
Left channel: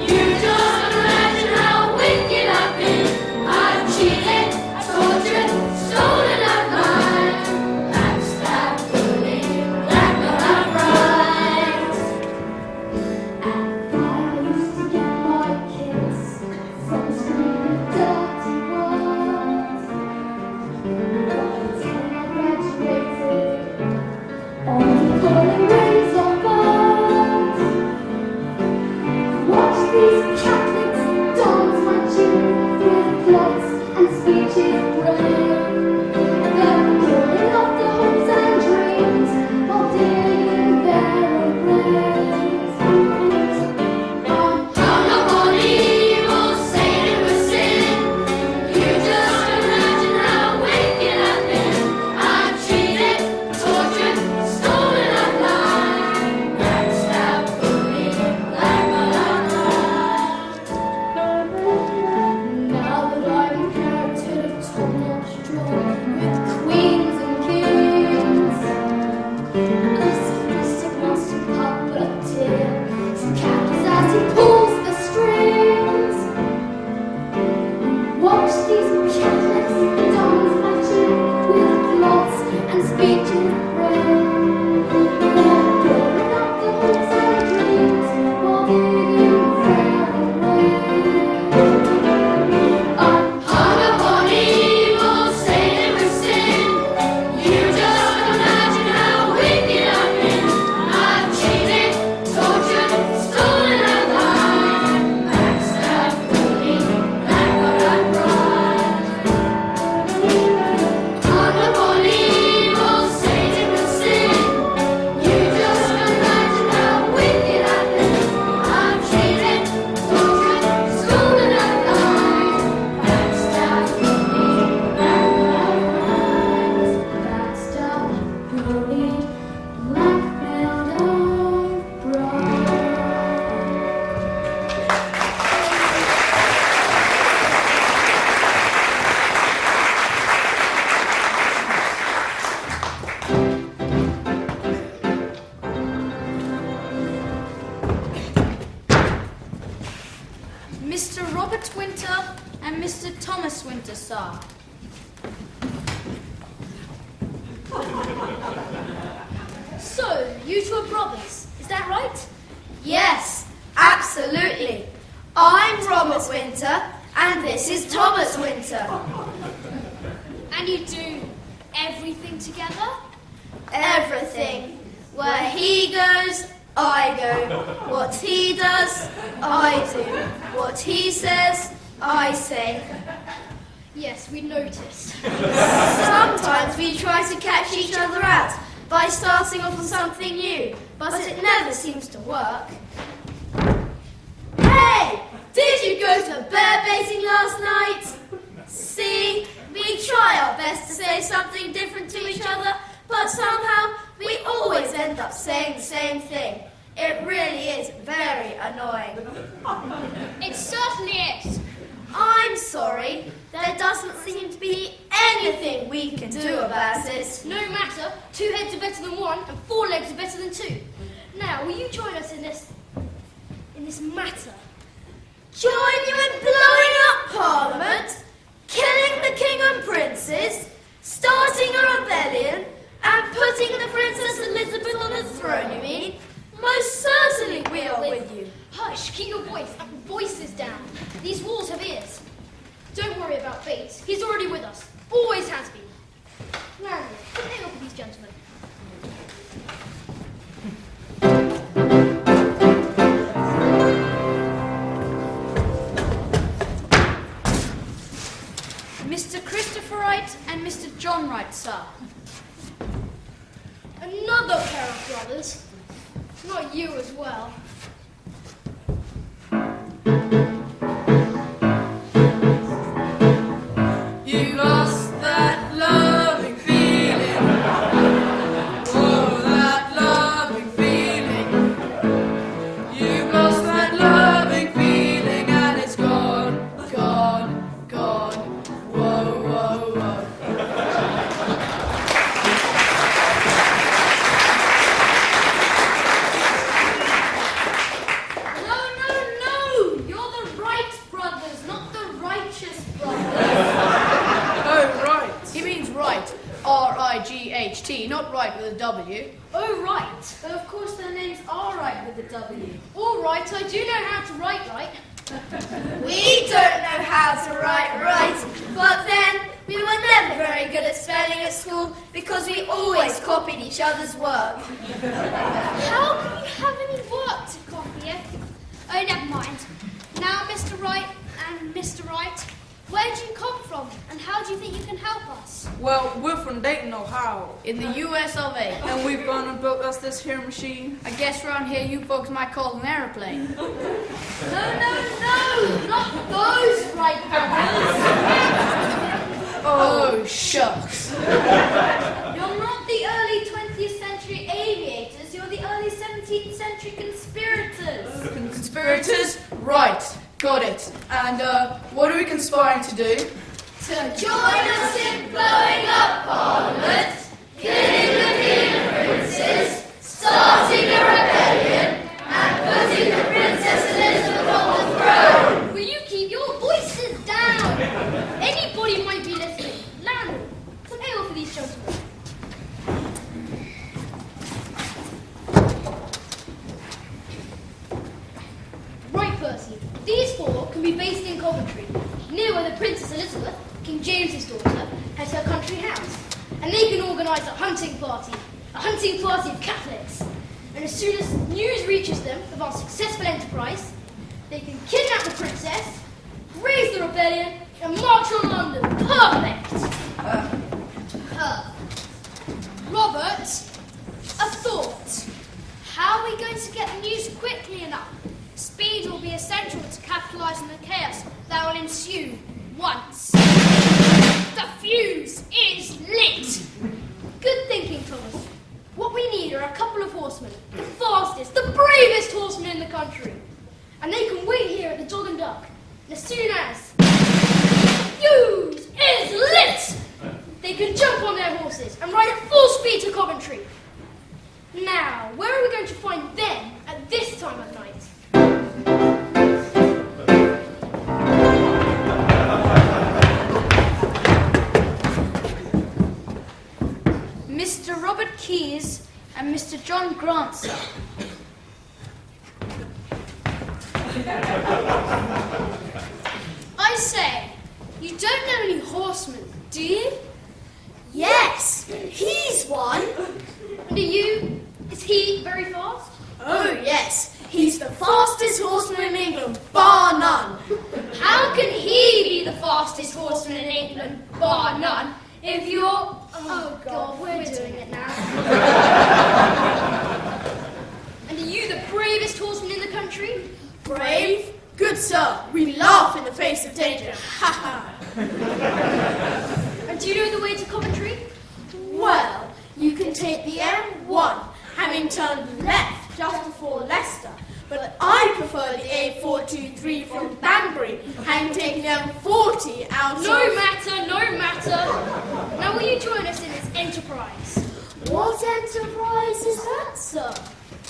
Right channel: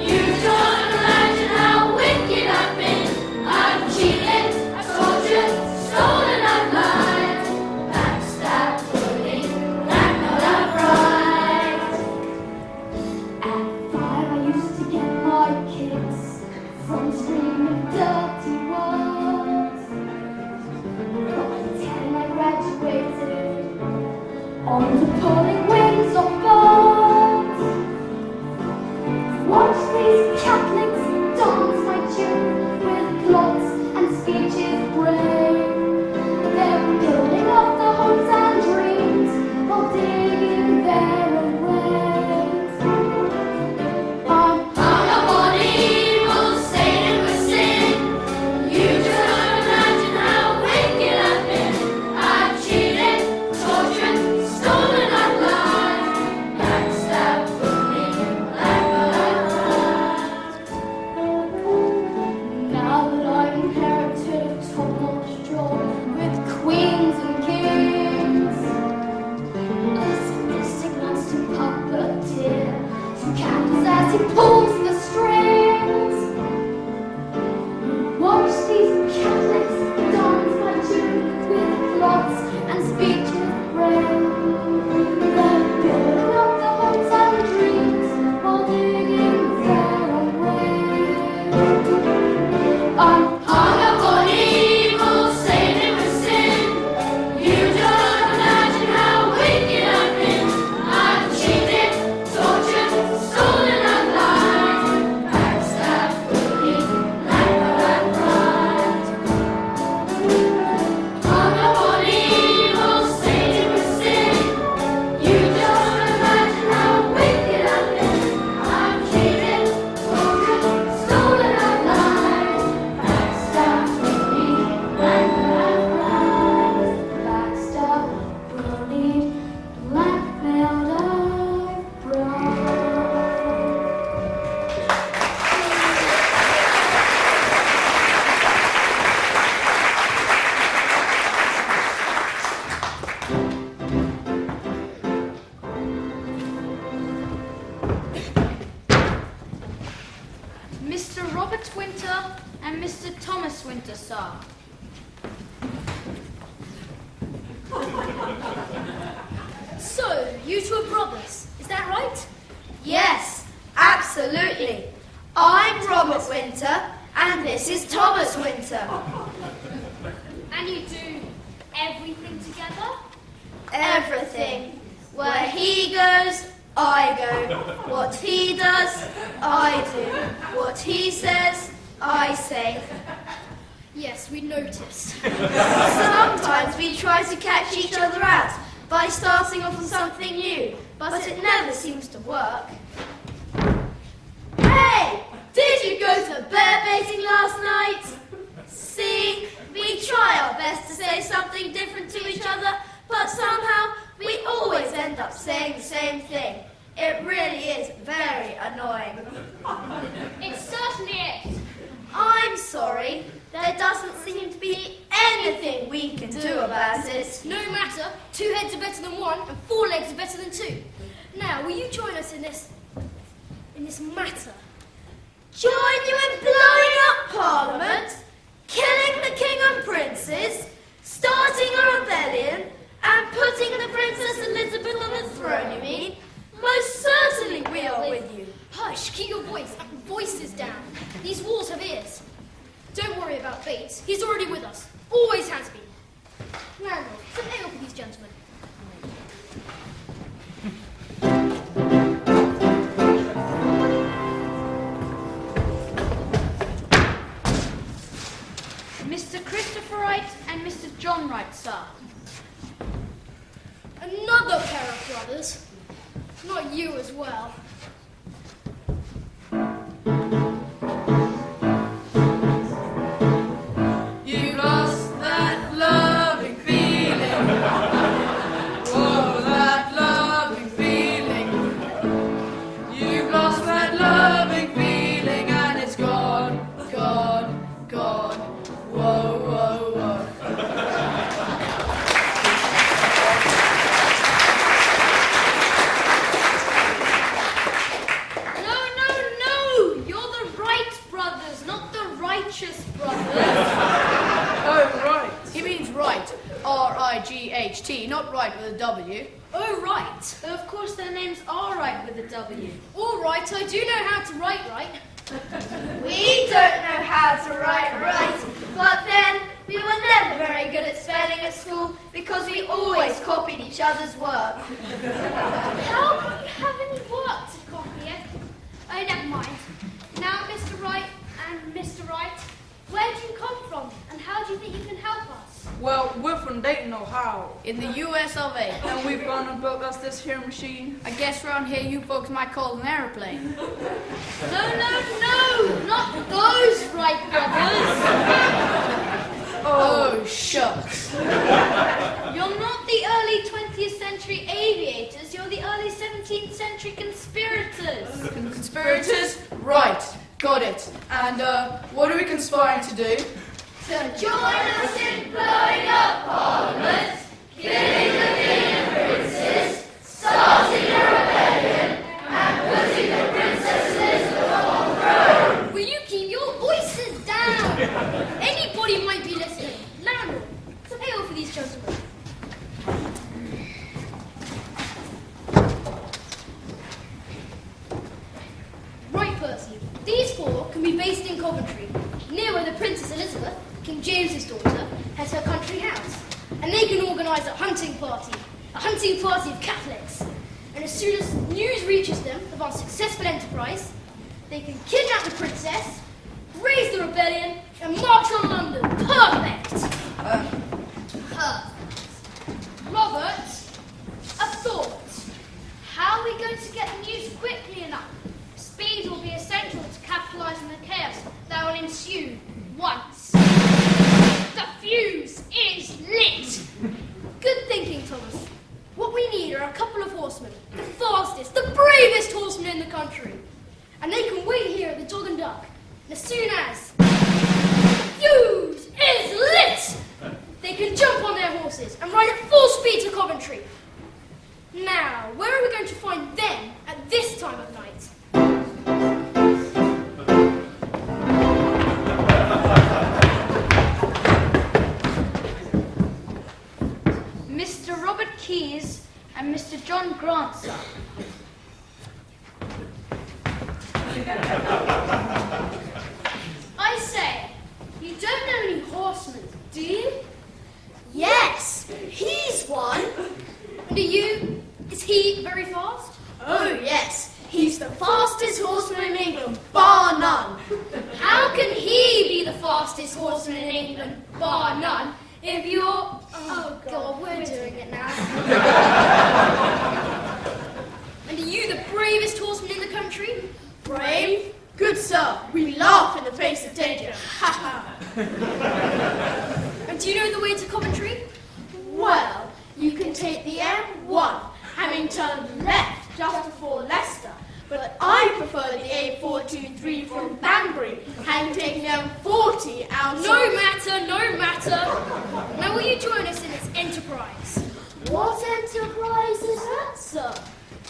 You don't imagine how wicked I've been. I've cheated, tortured, stolen, and lied. Backstabbed, bullied, blackmailed, outright. At 5 I used to get my kicks from screaming dirty words. By 10 I graduated on the pulling wings of birds. Watch these Catholics dance my tune with plots and speeches brilliant. They're building up the hopes and dreams while digging their own graves. Hung up on evil, sated with sin. You just don't imagine how wicked I've been. I've cheated, tortured, stolen, and lied. Backstabbed, bullied, blackmailed, outright. Now that I've inherited a top-notch job with queens and kings, a sadistic monster puppeteer who captures as he pulls the strings. Watch these Catholics dance my tune with plots and speeches brilliant. They're building up the hopes and dreams while digging their own graves. I'm Hung up on evil, sated with sin. You don't imagine how wicked I've been. I've cheated, tortured, stolen, and lied. Backstabbed, bullied, blackmailed, outright. Hung up on evil, sated with sin. You just don't imagine how wicked I've been. I've cheated, tortured, stolen, and lied. Backstabbed, bullied, blackmailed, outright. backstabbed, bullied, blackmailed, outright. Mr. Robert Winter and Mr. Thomas Winter, sir. So, you two are brothers, is that right? Yes, absolutely. I'm Robert Winter, and this is Thomas Winter. And you do everything together? Everything. Where he goes, I go. What he does, I do. What he says, I say. Yes, we noticed. Sometimes we try to catch each other out by starting off on something new, but it never seems to work. Hey! Did you go to bear baiting last night? See, we try our best to say something different to each other, but somehow we always end up saying the same thing. It really is very annoying. It certainly is. I'm sorry. There doesn't seem to be anything we can do about it. No matter, 2 heads are better than 1, and 4 legs are better than 2. Now, will you join us in this matter? Join you in blowing up Parliament, killing the king and princes, starting a rebellion, and putting the Princess Elizabeth on the throne, you mean? Most certainly we are with you. Hush, keep your voices down. These walls have ears. Don't worry about Bates. He's already with us. Always has been. Now, come here, look at these gentlemen. Mr. Christopher Wright and Mr. John Wright, sir. Another pair of brothers. Not you as well. You lost that loving feeling. Whoa, that loving feeling. You've lost that loving feeling and it's gone, gone, gone. Whoa, whoa, whoa. No, you're the Wright brothers, not the righteous brothers. Oh, right. He means right, R-I-G-H-T, not right with a W. Oh, right. Of course their names are right with a W. All right, I do know how to write right. We don't know how to write right, but then we were never very good at spelling at school because we always copied each other's work. How can you have any work to copy it? Oh, never mind. Now, Mr. Wright and Mr. Wright, where do you come from, and how do you think you can help us? Well, we're from Dayton, Ohio. In the US of A. And we've gone and built us this here machine. I guess around here you folks might call it an aeroplane. No, not those Wright brothers. Oh, shucks. You're not the early 20th century aviators, you're the early 17th century conspirators. Conspirators? Right, got it. And what are we conspiring to do? To join us in blowing up Parliament, killing the king and princes, starting a rebellion, and putting the Princess Elizabeth on the throne. Will you keep your voices down? Anybody might be listening. Landlord, come here for these gentlemen. Right, Percy. These 4 can be based in Coventry, near where the Princess Elizabeth, King James's daughter, has her country house. And they can organise a hunting party of Catholics. And as soon as news reaches them of our successful enterprise, they can kidnap the princess, raise the rebellion, and march on London. Perfect! Robert, a thought. How are we going to get the news quickly enough? Speed will be essential to capitalise on the chaos that will ensue once the fuse is lit. Good thinking, Thomas. What we need are a couple of horsemen, the fastest, the bravest horsemen in the country. And they can wait here at the Dog and Duck. And as soon as the fuse is lit, they can jump on their horses and ride at full speed to Coventry. Now, where are we going to find them at this time of night? Mr. Robert Keyes and Mr. John Grant, sir. I say, you don't know any horsemen, do you? Yes, he's one. And are you? Is he very fast? Oh, yes, he's the fastest horseman in England, bar none. How can he be the fastest horseman in England, bar none, if you're... Oh, God, we're doing it now. And are you the bravest horseman in the country? Brave? Good sir, we laugh in the face of danger. Ha ha. And do you know the way to Coventry? Well, you can take the M1, having turned left just before Leicester, But I prefer the A423 from Banbury, having taken down 40 out No matter. Now will you join us in this enterprise? What enterprise is that, sir?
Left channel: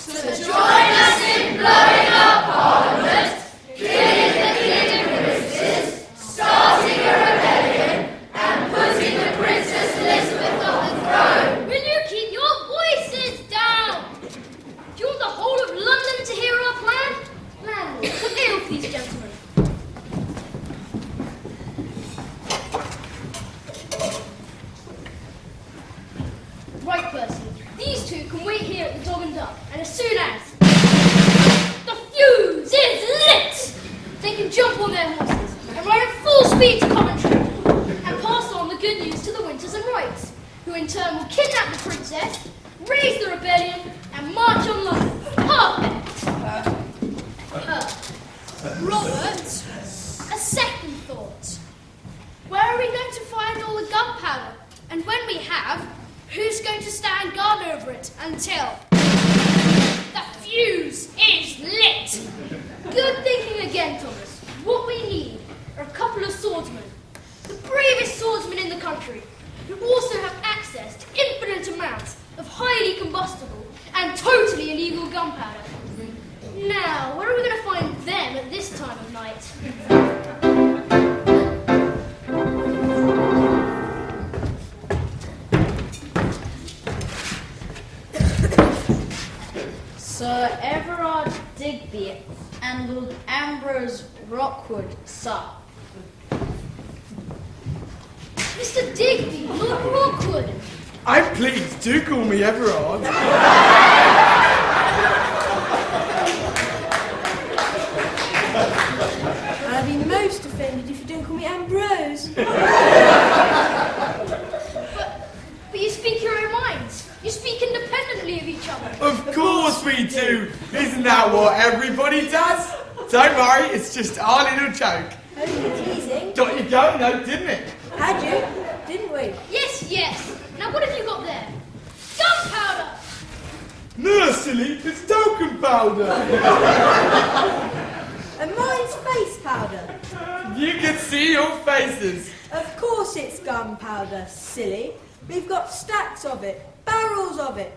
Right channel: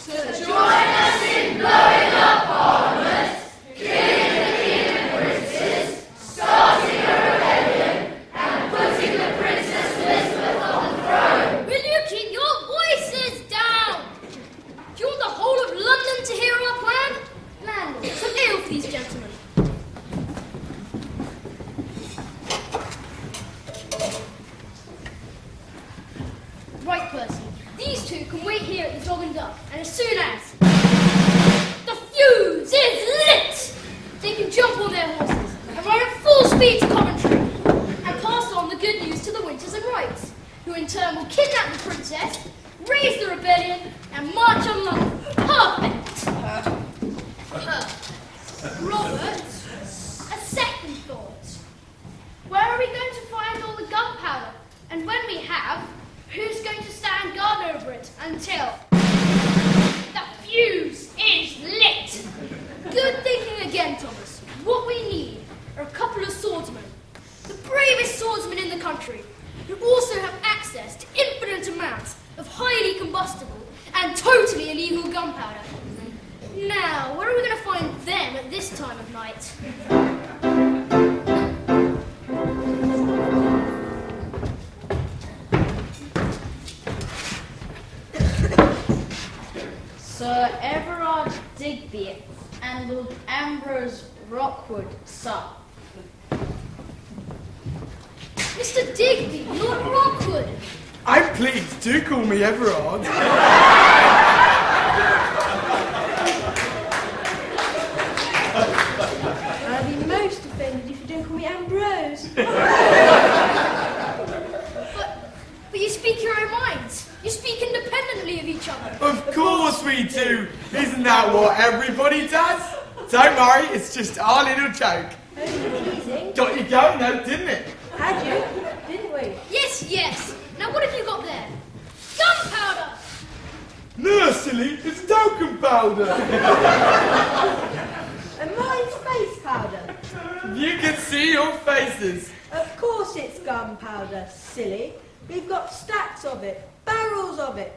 To join us in blowing up Parliament, killing the king and princes, starting a rebellion, and putting the Princess Elizabeth on the throne. Will you keep your voices down? Do you want the whole of London to hear our plan? Landlord, some ale for these gentlemen. Right, Percy. These two can wait here at the Dog and Duck, and as soon as the fuse is lit, they can jump on their horses and ride at full speed to Coventry and pass on the good news to the Winters and Whites, who in turn will kidnap the princess, raise the rebellion, and march on London. Perfect! Robert, a second thought. Where are we going to find all the gunpowder? And when we have, who's going to stand guard over it until the fuse is lit? Good thinking again, Thomas. What we need are a couple of swordsmen, the bravest swordsmen in the country, who also have access to infinite amounts of highly combustible and totally illegal gunpowder. Now, where are we going to find them at this time of night? Sir Everard Digby and Lord Ambrose Rockwood, sir. Mr. Digby, Lord Rockwood. I'm pleased. Do call me Everard. I'd be most offended if you don't call me Ambrose. But you speak your own minds. You speak independently of each other. Of course we do. Isn't that what everybody does? Don't worry, it's just our little joke. Only teasing. Got you going though, didn't it? Had you? Didn't we? Yes. Now what have you got there? Gunpowder! No, silly, it's talcum powder. And mine's face powder. You can see your faces. Of course it's gunpowder, silly. We've got stacks of it, barrels of it.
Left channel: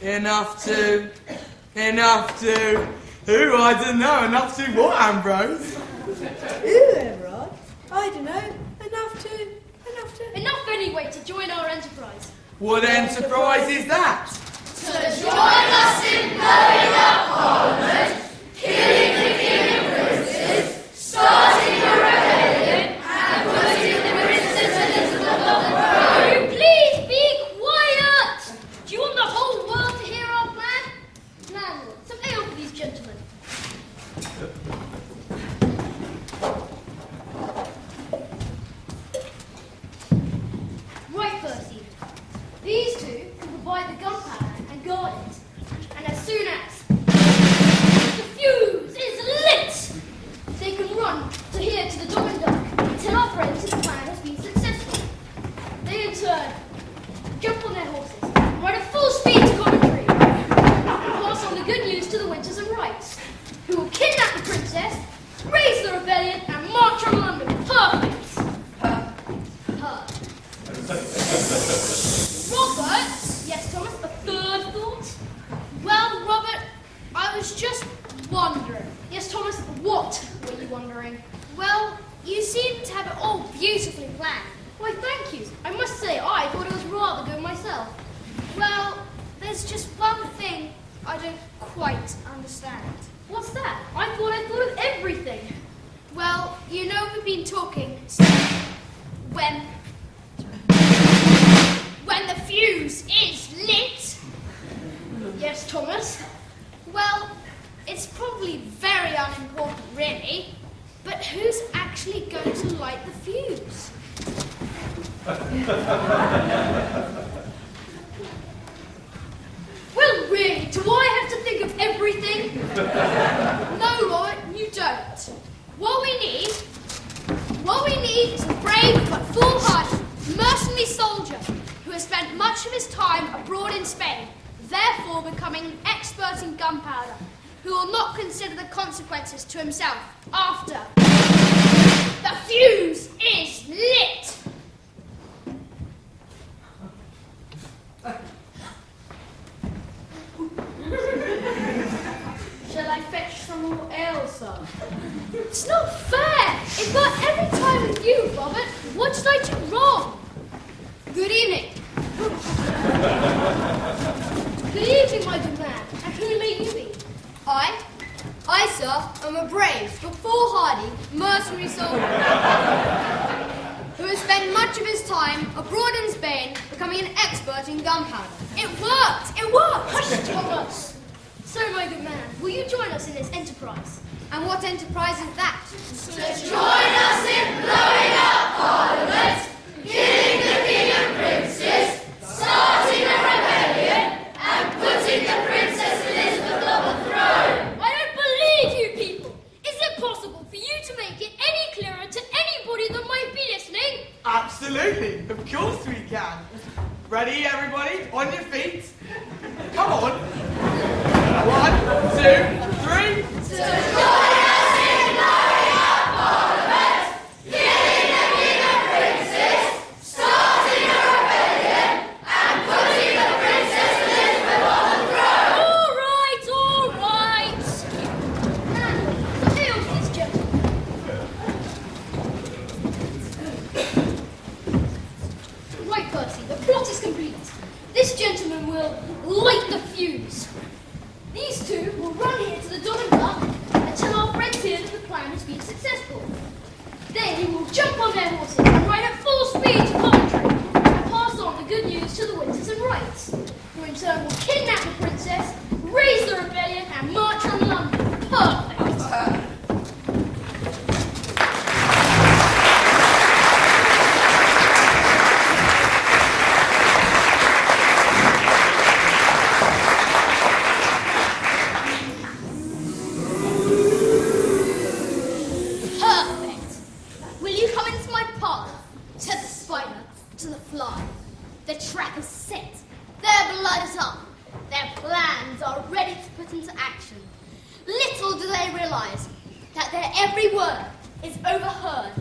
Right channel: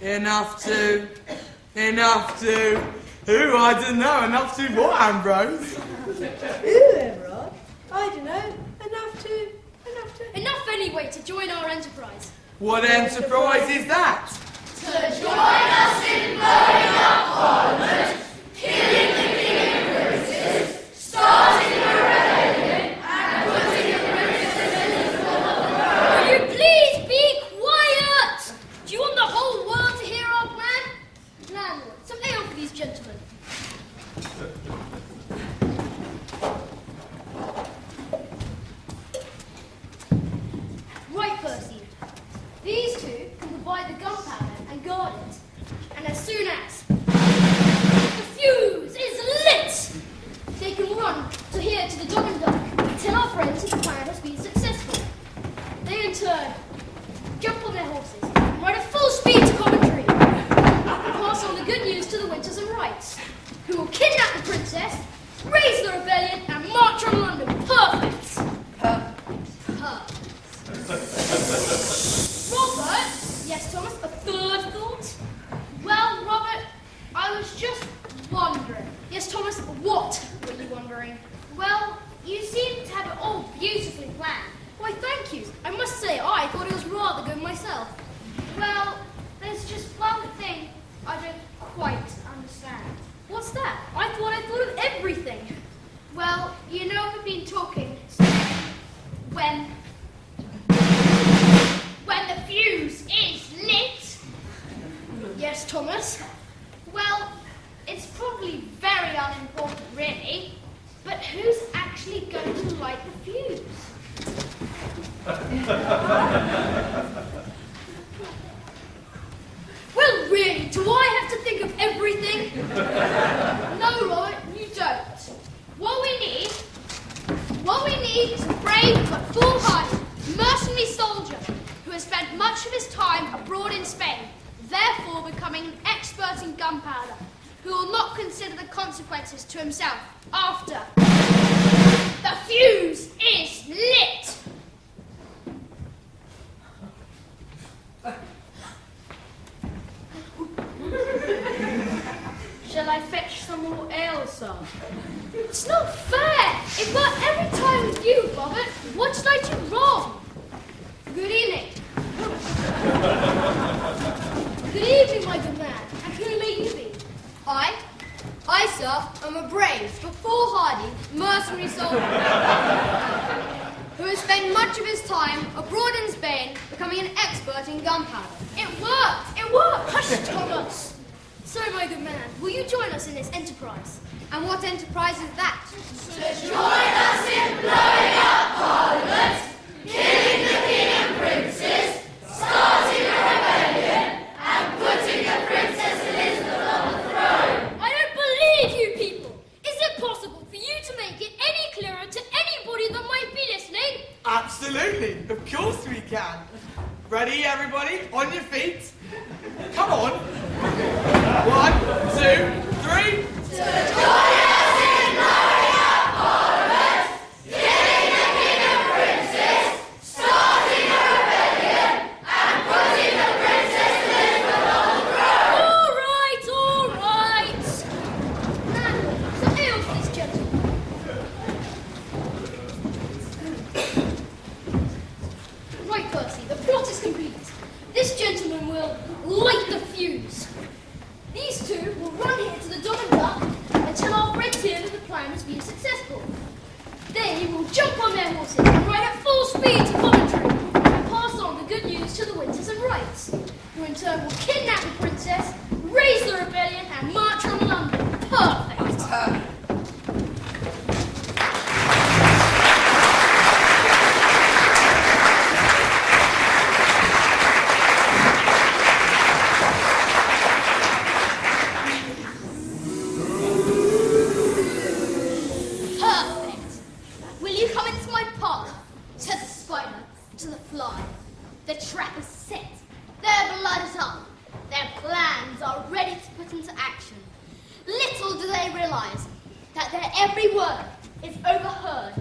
Enough to. Who? I don't know. Enough to what, Ambrose? Ooh, Everard. I don't know. Enough to. Enough anyway to join our enterprise. What enterprise is that? To join us in blowing up Parliament, killing the king and princes, starting a rebellion, and putting the Princess Elizabeth on the throne. Will you please be quiet? Do you want the whole world to hear our plan? Landlord, some ale for these gentlemen. Right, Percy. These two can provide the gunpowder and guard it. And as soon as the fuse is lit, they can run to here to the Dog and Duck and tell our friends that the plan has been successful. They in turn jump on their horses and ride at full speed to Coventry and pass on the good news to the Winters and Whites, who will kidnap the princess, raise the rebellion, and march on London. Perfect! Robert? Yes, Thomas, a third thought? Well, Robert, I was just wondering. Yes, Thomas, what were you wondering? Well, you seem to have it all beautifully planned. Why, thank you. I must say, I thought it was rather good myself. Well, there's just one thing I don't quite understand. What's that? I thought of everything. Well, you know we've been talking when the fuse is lit. Yes, Thomas. Well, it's probably very unimportant, really. But who's actually going to light the fuse? Well, really, do I have to think of everything? No, Robert, you don't. What we need is a brave but foolhardy, mercenary soldier who has spent much of his time abroad in Spain, therefore becoming an expert in gunpowder, who will not consider the consequences to himself after. The fuse is lit! Shall I fetch some more ale, sir? It's not fair! It worked every time with you, Robert. What did I do wrong? Good evening. Good evening, my good man. And who may you be? I, sir, am a brave but foolhardy mercenary soldier who has spent much of his time abroad in Spain becoming an expert in gunpowder. It worked! It worked! Hush, Thomas! So, my good man, will you join us in this enterprise? And what enterprise is that? To join us in blowing up Parliament, killing the king and princes, starting a rebellion, and putting the Princess Elizabeth on the throne. I don't believe you people! Is it possible for you to make it any clearer to anybody that might be listening? Absolutely. Of course we can. Ready, everybody? On your feet. Come on. 1, 2, 3. To join us in blowing up Parliament, killing the king and princes, starting a rebellion, and putting the Princess Elizabeth on the throne. All right! Now, ale for this gentleman. Right, Percy, the plot is complete. This gentleman will light the fuse. These two will run here to the Dog and Duck and tell our friends here that the plan has been successful. Then you will jump on their horses and ride at full speed to Coventry and pass on the good news to the Winters and Wrights, who in turn will kidnap the princess, raise the rebellion, and march on London. Perfect! Perfect. Will you come into my parlour? Said the spider to the fly. The trap is set. Their blood is up. Their plans are ready to put into action. Little do they realise that their every word is overheard,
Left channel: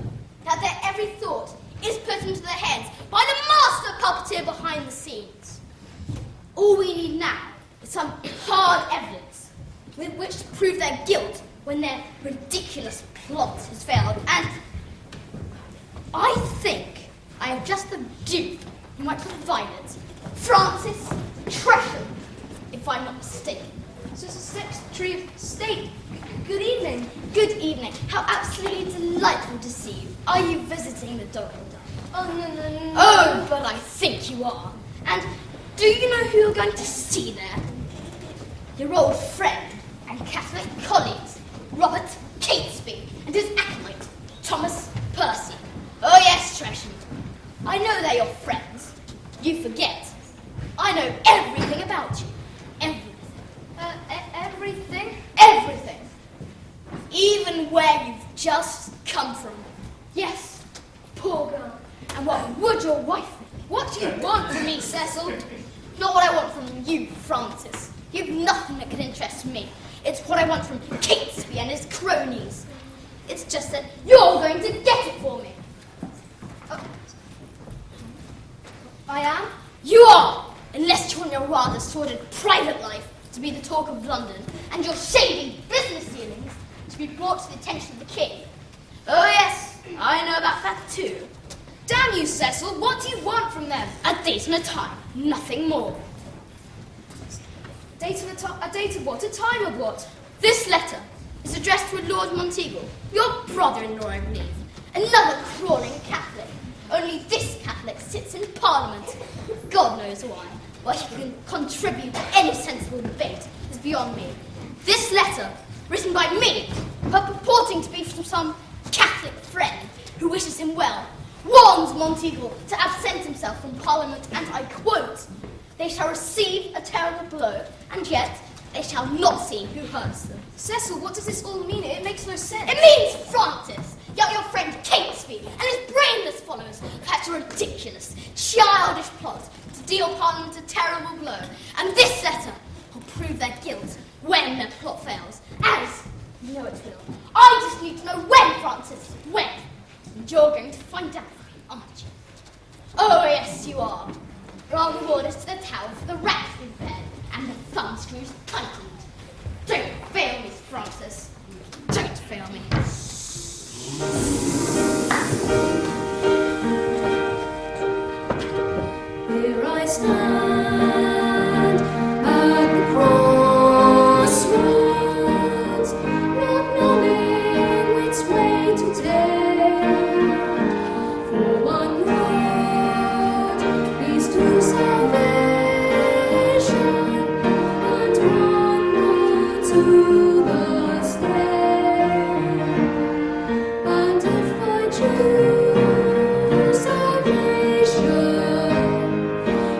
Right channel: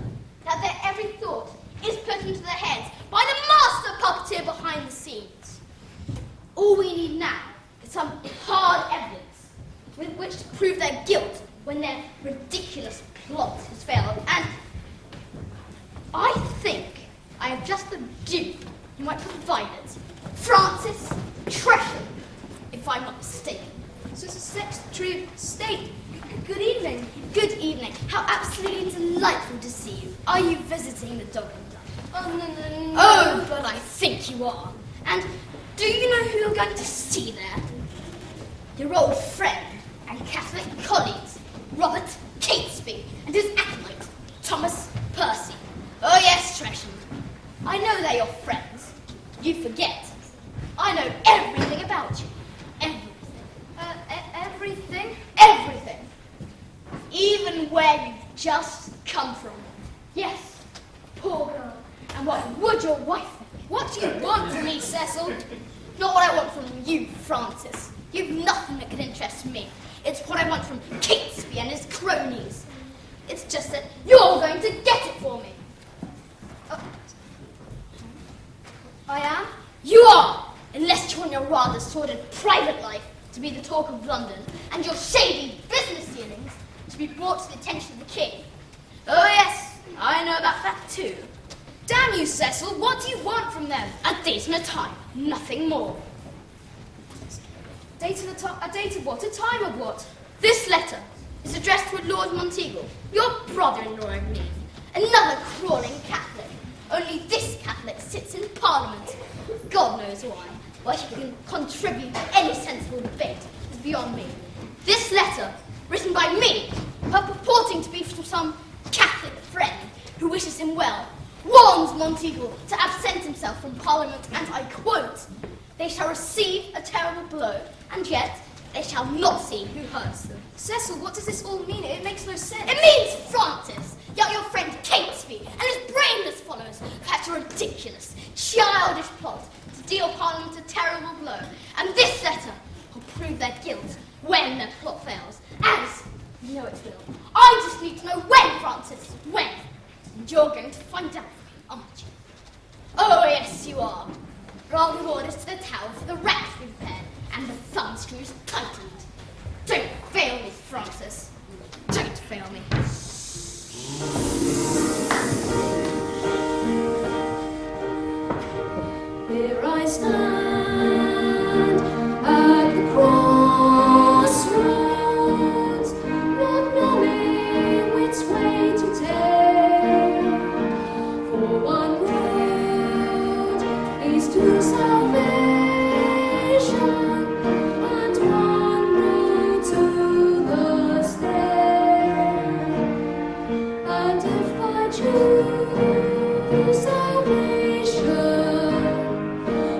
that their every thought is put into their heads by the master puppeteer behind the scenes. All we need now is some hard evidence with which to prove their guilt when their ridiculous plot has failed. And I think I have just the dupe who might provide it. Francis Tresham, if I'm not mistaken. So it's a Secretary of State. Good evening. Good evening. How absolutely delightful to see you. Are you visiting the Dog and Duck? Oh, but I think you are. And do you know who you're going to see there? Your old friend and Catholic colleagues, Robert Catesby, and his acolyte, Thomas Percy. Oh yes, Tresham. I know they're your friends. You forget. I know everything about you. Everything. Everything? Everything. Even where you've just come from. Yes, poor girl. And what would your wife think? What do you want from me, Cecil? Not what I want from you, Francis. You've nothing that can interest me. It's what I want from Catesby and his cronies. It's just that you're going to get it for me. I am? You are, unless you're in your rather sordid private life to be the talk of London, and your shady business dealings to be brought to the attention of the king. Oh yes, I know about that too. Damn you, Cecil, what do you want from them? A date and a time, nothing more. A date of what? A time of what? This letter is addressed to a Lord Monteagle, your brother-in-law, I believe. Another crawling Catholic. Only this Catholic sits in Parliament. God knows why. Why he can contribute to any sensible debate is beyond me. This letter, written by me, but purporting to be from some Catholic friend who wishes him well, warns Monteagle to absent himself from Parliament, and I quote, "They shall receive a terrible blow, and yet they shall not see who hurts them." Cecil, what does this all mean? It makes no sense. It means, Francis, that your friend Catesby and his brainless followers hatch a ridiculous, childish plot to deal Parliament a terrible blow, and this letter will prove their guilt when when their plot fails. As you know it will. I just need to know when, Francis. When. And you're going to find out, aren't you? Oh, yes, you are. I'll give orders to the tower for the rats to be fed and the thumb screws tightened. Don't fail me, Francis. Don't fail me. Here I stand at the crossroads, not knowing which way to take. For one road leads to salvation, and one road to the stake. And if I choose salvation,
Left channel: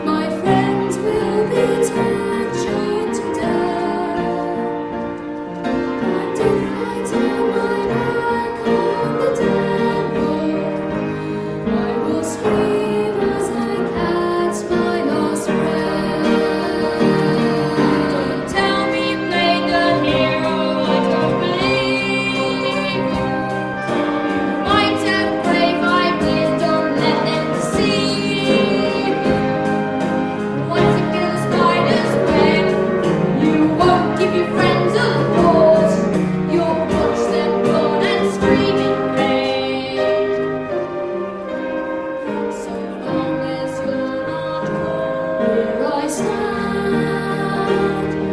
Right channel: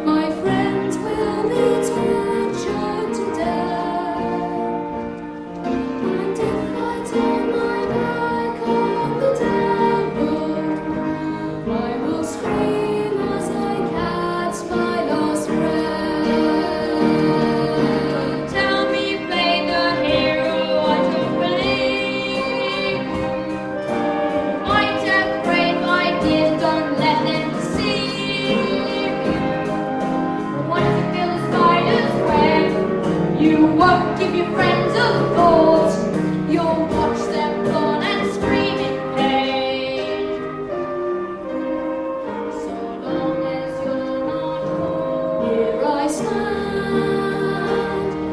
my friends will be tortured to death. And if I turn my back on the devil, I will scream as I catch my last breath. Don't tell me you played the hero, I don't believe you. Might have brave ideas, don't let them deceive you. Once you feel the spider's web, you won't give your friends a thought. You'll watch them run and scream in pain. So long as you're not caught. Here I stand at the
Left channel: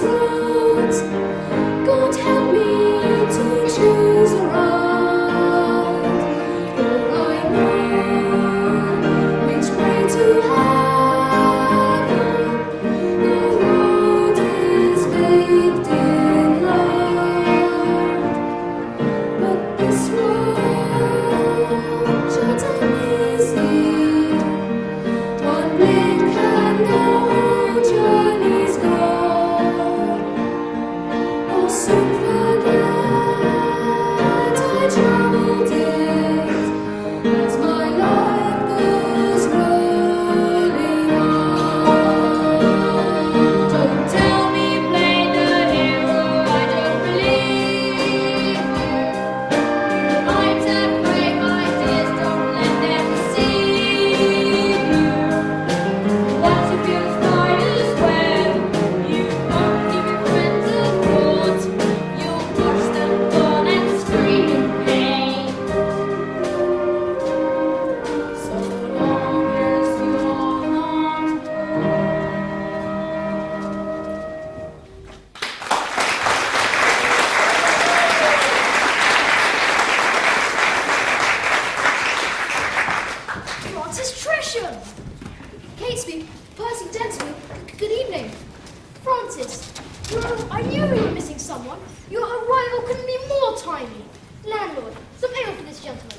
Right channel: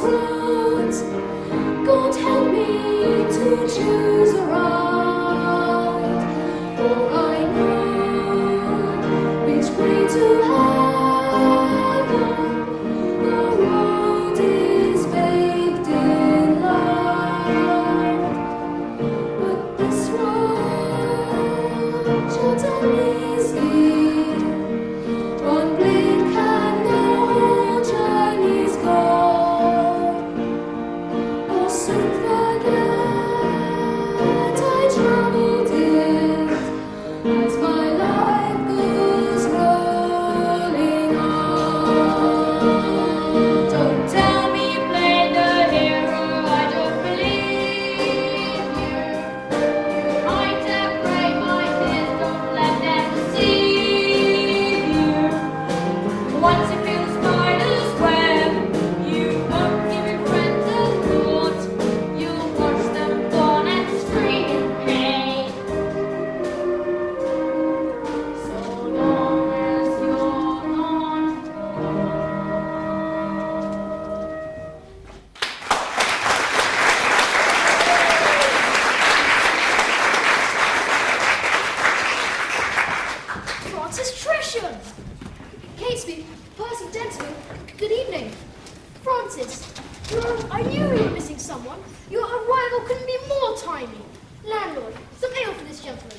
crossroads. God help me to choose aright, for I know which way to heaven. The road is paved in light, but this road short and easy. One blink and the whole journey's gone. I'll soon forget I travelled it, as my life goes rolling on. Don't tell me you played the hero, I don't believe you. Might have brave ideas, don't let them deceive you. Once you feel the spider's web, you won't give your friends a thought. You'll watch them fall and scream in pain. So long as you're not Francis Tresham! Catesby, Percy Gentleman, good evening. Francis, I knew we were missing someone. Your arrival couldn't be more timely. Landlord, some ale for this gentleman.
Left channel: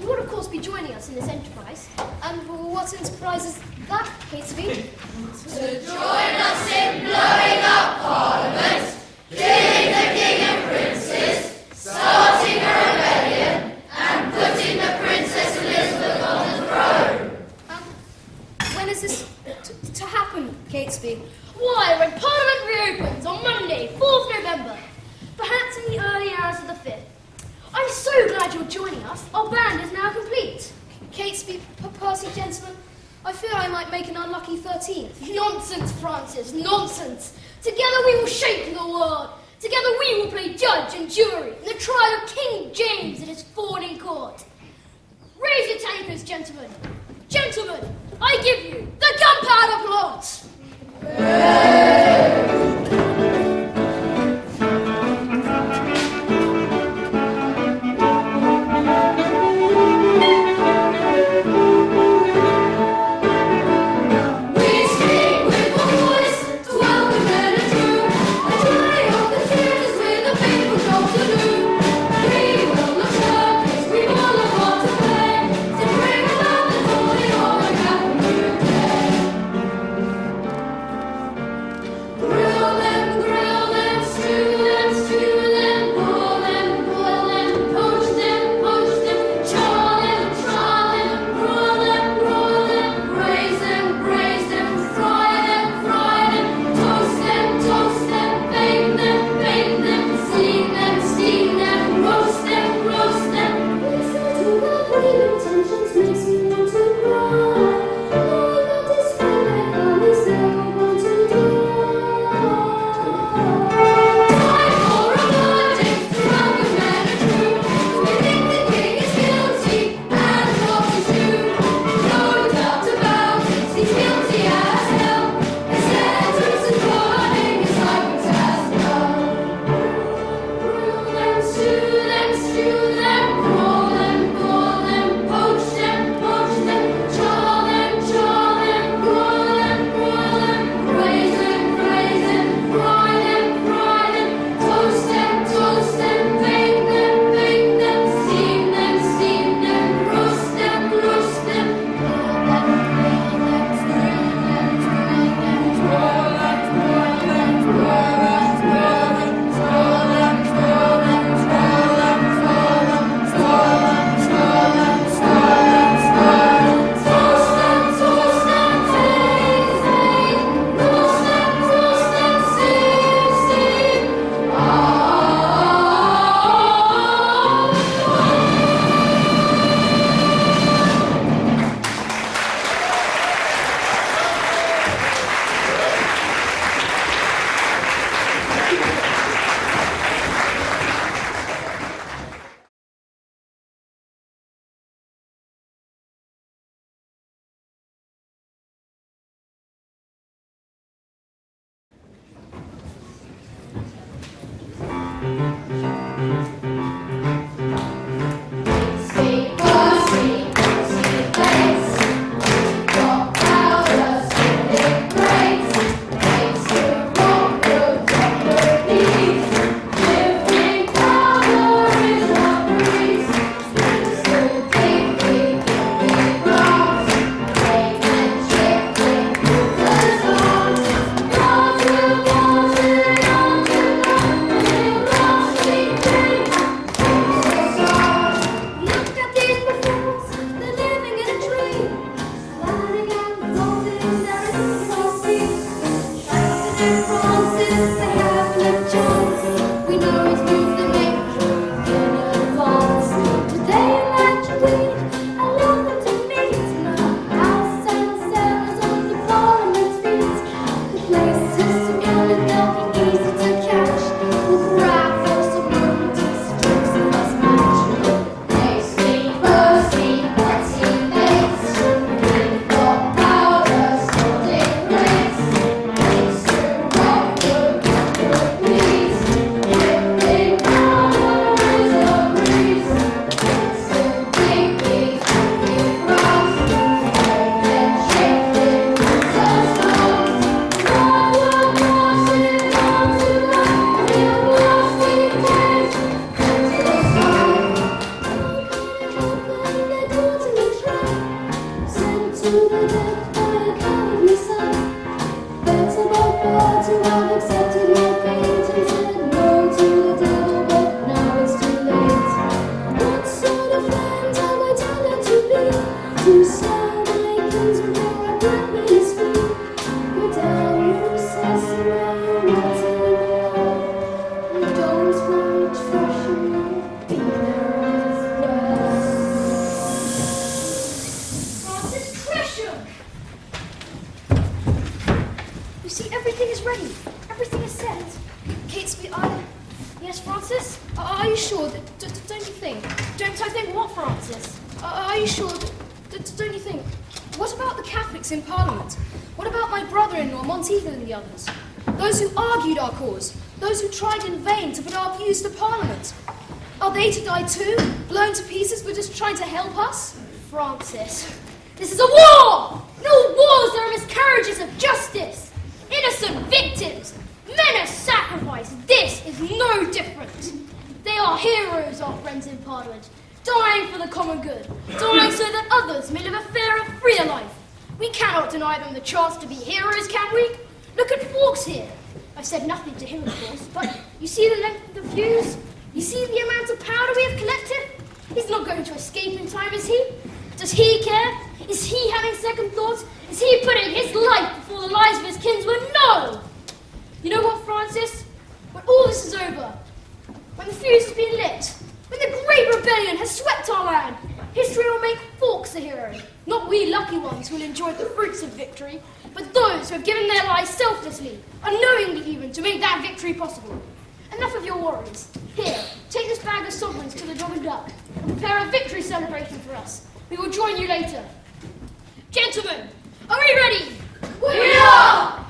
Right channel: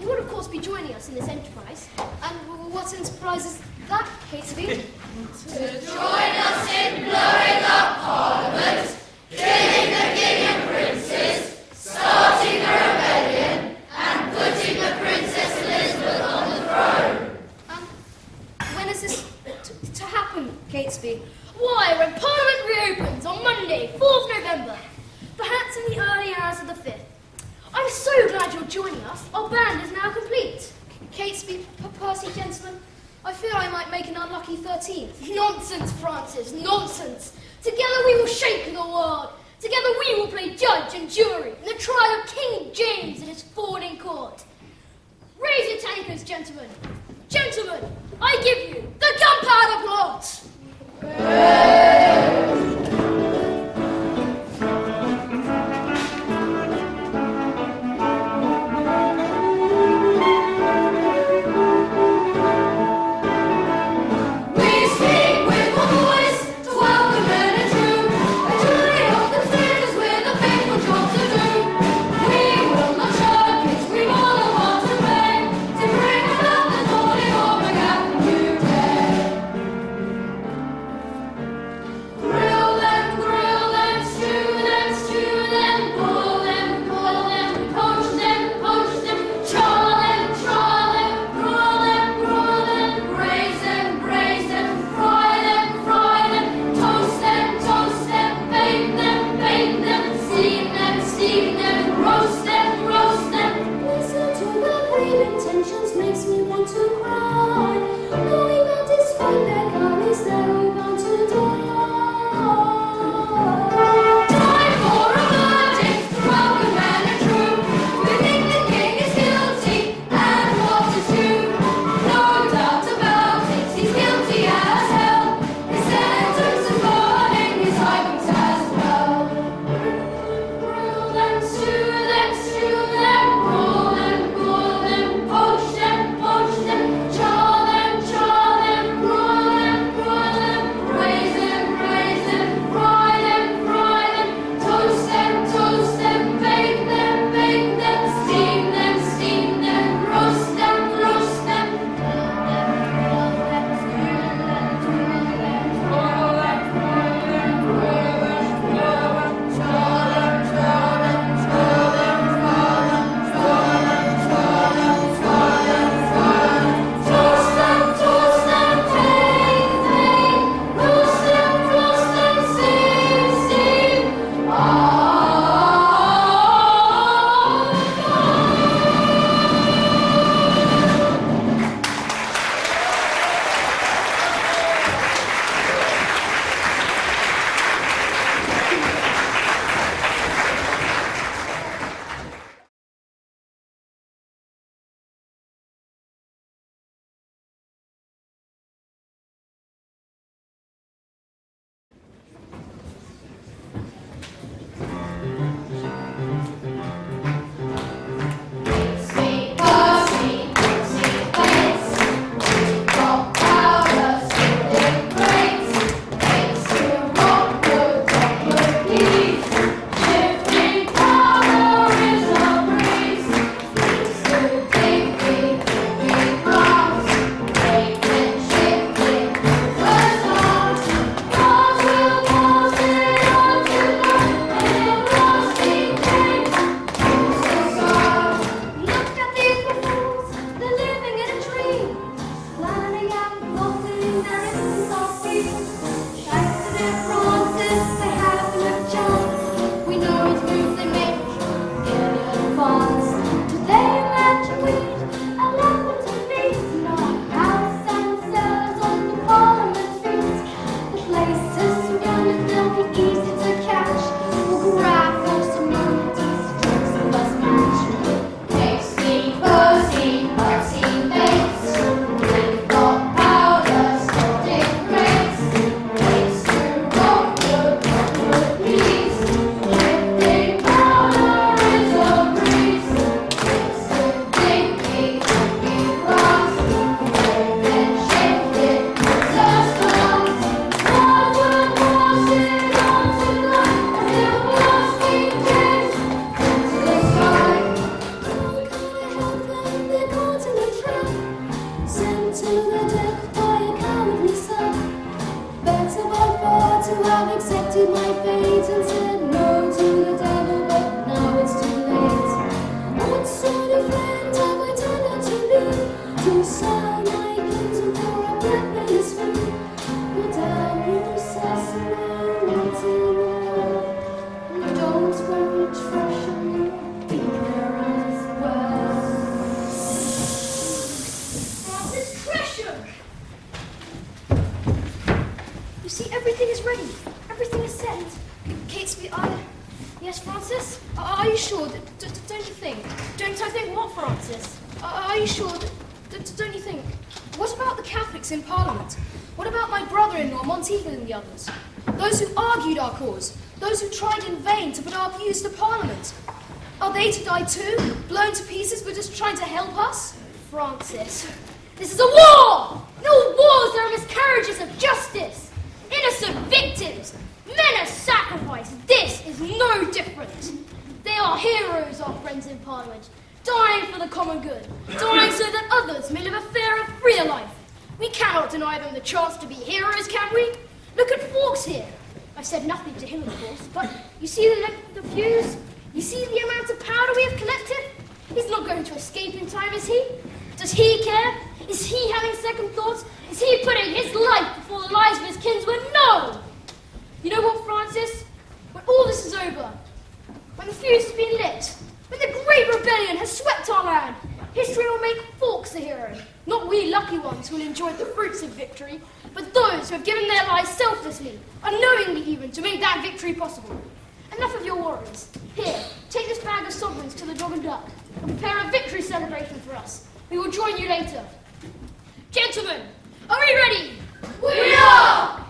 You would, of course, be joining us in this enterprise. And what enterprise is that, Catesby? to join us in blowing up Parliament, killing the king and princes, starting a rebellion, and putting the Princess Elizabeth on the throne. When is this to happen, Catesby? Why, when Parliament reopens on Monday, 4th November. Perhaps in the early hours of the 5th. I'm so glad you're joining us. Our band is now complete. Catesby, Percy, gentlemen, I fear I might make an unlucky 13th. Nonsense, Francis, nonsense. Together we will shake the world. Together we will play judge and jury in the trial of King James and his falling court. Raise your tankards, gentlemen. Gentlemen, I give you the gunpowder plot. We speak with one voice to welcome men and true, a joy of the tears with a faithful job to do. We will not shirk, we will not want to play, to bring about the joy of a Catholic new day. their death by a cowardly sight. Better by far to have accepted my fate and said no to the devil, but now it's too late. What sort of friend have I turned out to be? To sell my kinsman for a black man's fee? Go down the recess and now not anymore. You don't want treasure, dear as well. Francis Tresham! You see, everything is ready. Everything is set. Catesby, Yes, Francis? Are you sure? Don't you think? Don't I think what, Francis? Are you sure? Don't you think? What about the Catholics in Parliament? What about my brother-in-law, Monteagle, and the others? Those who argued our cause? Those who tried in vain to put our views to Parliament? Are they to die too? Blown to pieces for just trying to help us? Francis, this is a war! In all wars there are miscarriages of justice. Innocent victims. Men are sacrificed. This is no different. They are heroes, our friends in Parliament. Dying for the common good. Dying so that others may live a fairer, freer life. We cannot deny them the chance to be heroes, can we? Look at Fawkes here. I've said nothing to him, of course, but you see the length of the fuse? You see the amount of powder we have collected? He's not going to escape in time, is he? Does he care? Is he having second thoughts? Is he putting his life before the lives of his kinsmen? No! You know what, Francis? When all this is over, when the fuse has been lit, when the great rebellion has swept our land, history will make Fawkes the hero. Not we lucky ones who will enjoy the fruits of victory, but those who have given their lives selflessly, unknowingly even, to make that victory possible. Enough of your worries. Here, take this bag of sovereigns to the Dog and Duck and prepare a victory celebration for us. We will join you later. Gentlemen, are we ready? We are!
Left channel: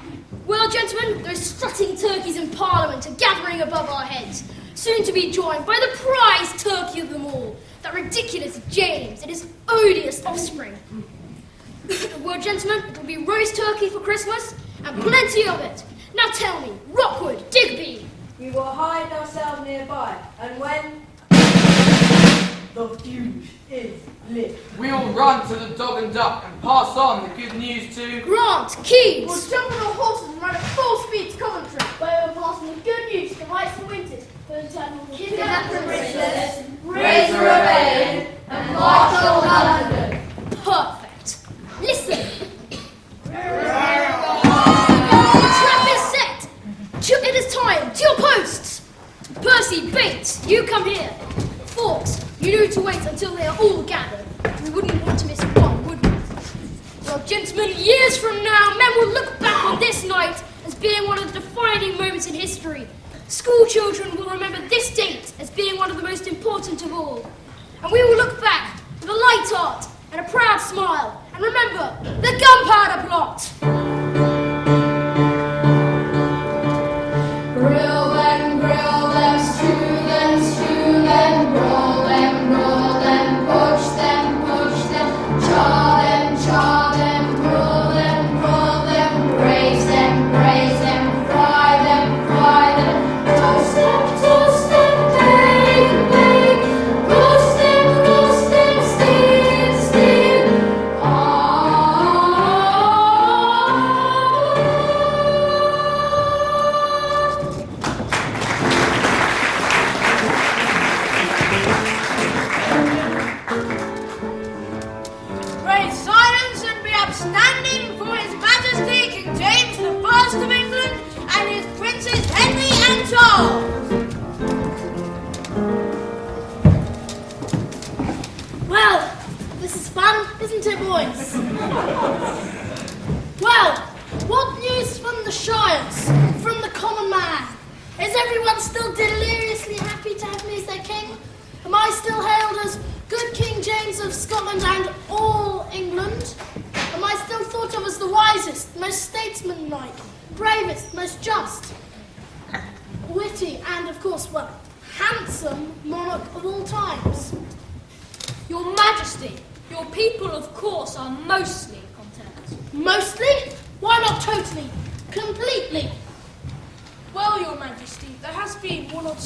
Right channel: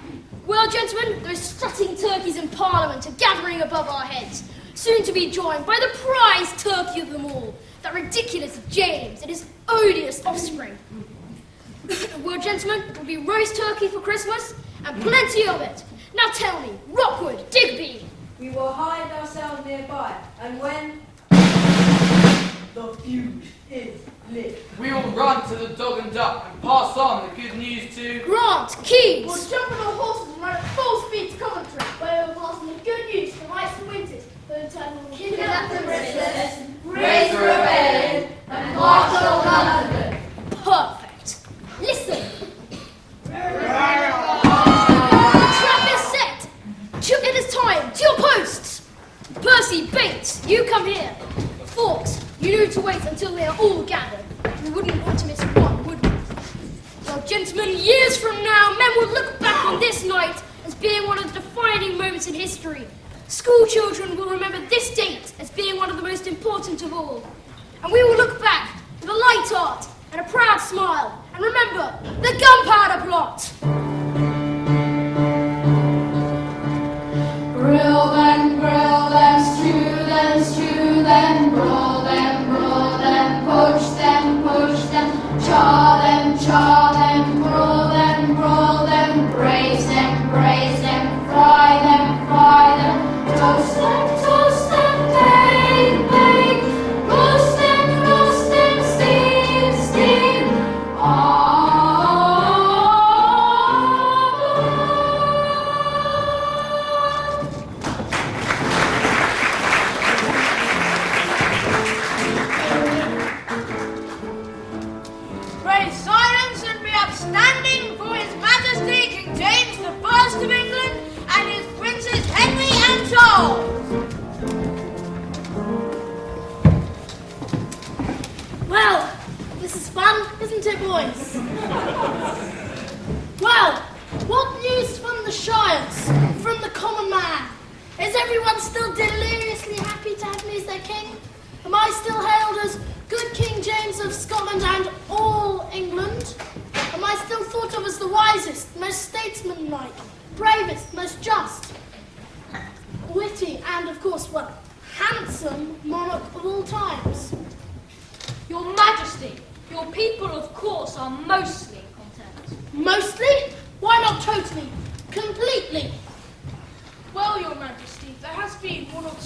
Well, gentlemen, those strutting turkeys in Parliament are gathering above our heads, soon to be joined by the prize turkey of them all, that ridiculous James and his odious offspring. Well, gentlemen, it will be roast turkey for Christmas, and plenty of it. Now tell me, Rockwood, Digby. We will hide ourselves nearby, and when the fuse is lit, We will run to the Dog and Duck and pass on the good news to Grant, Keys. We'll jump on our horses and run at full speed to Coventry, where we'll pass on the good news to the Rights and Winters, for the time we will kidnap the princess, raise a rebellion, and march on London. Perfect. Listen. The trap is set. It is time. To your posts. Percy, Bates, you come here. Fawkes, you need to wait until they are all gathered. We wouldn't want to miss one, would we? Well, gentlemen, years from now, men will look back on this night as being one of the defining moments in history. School children will remember this date as being one of the most important of all. And we will look back with a light heart and a proud smile and remember the gunpowder plot. Grill them, stew them, roll them, push them, char them, roll them, braise them, fry them, toast them, bake, roast them, steam. Raise silence and be upstanding for His Majesty King James the First of England and his Princes Henry and Charles. Well, this is fun, isn't it, boys? Well, what news from the Shires, from the common man? Is everyone still deliriously happy to have me as their king? Am I still hailed as good King James of Scotland and all England? Am I still thought of as the wisest, most statesmanlike, bravest, most just, witty, and, of course, well, handsome monarch of all times? Your Majesty, your people, of course, are mostly content. Mostly? Why not totally? Completely? Well, Your Majesty, there has been one or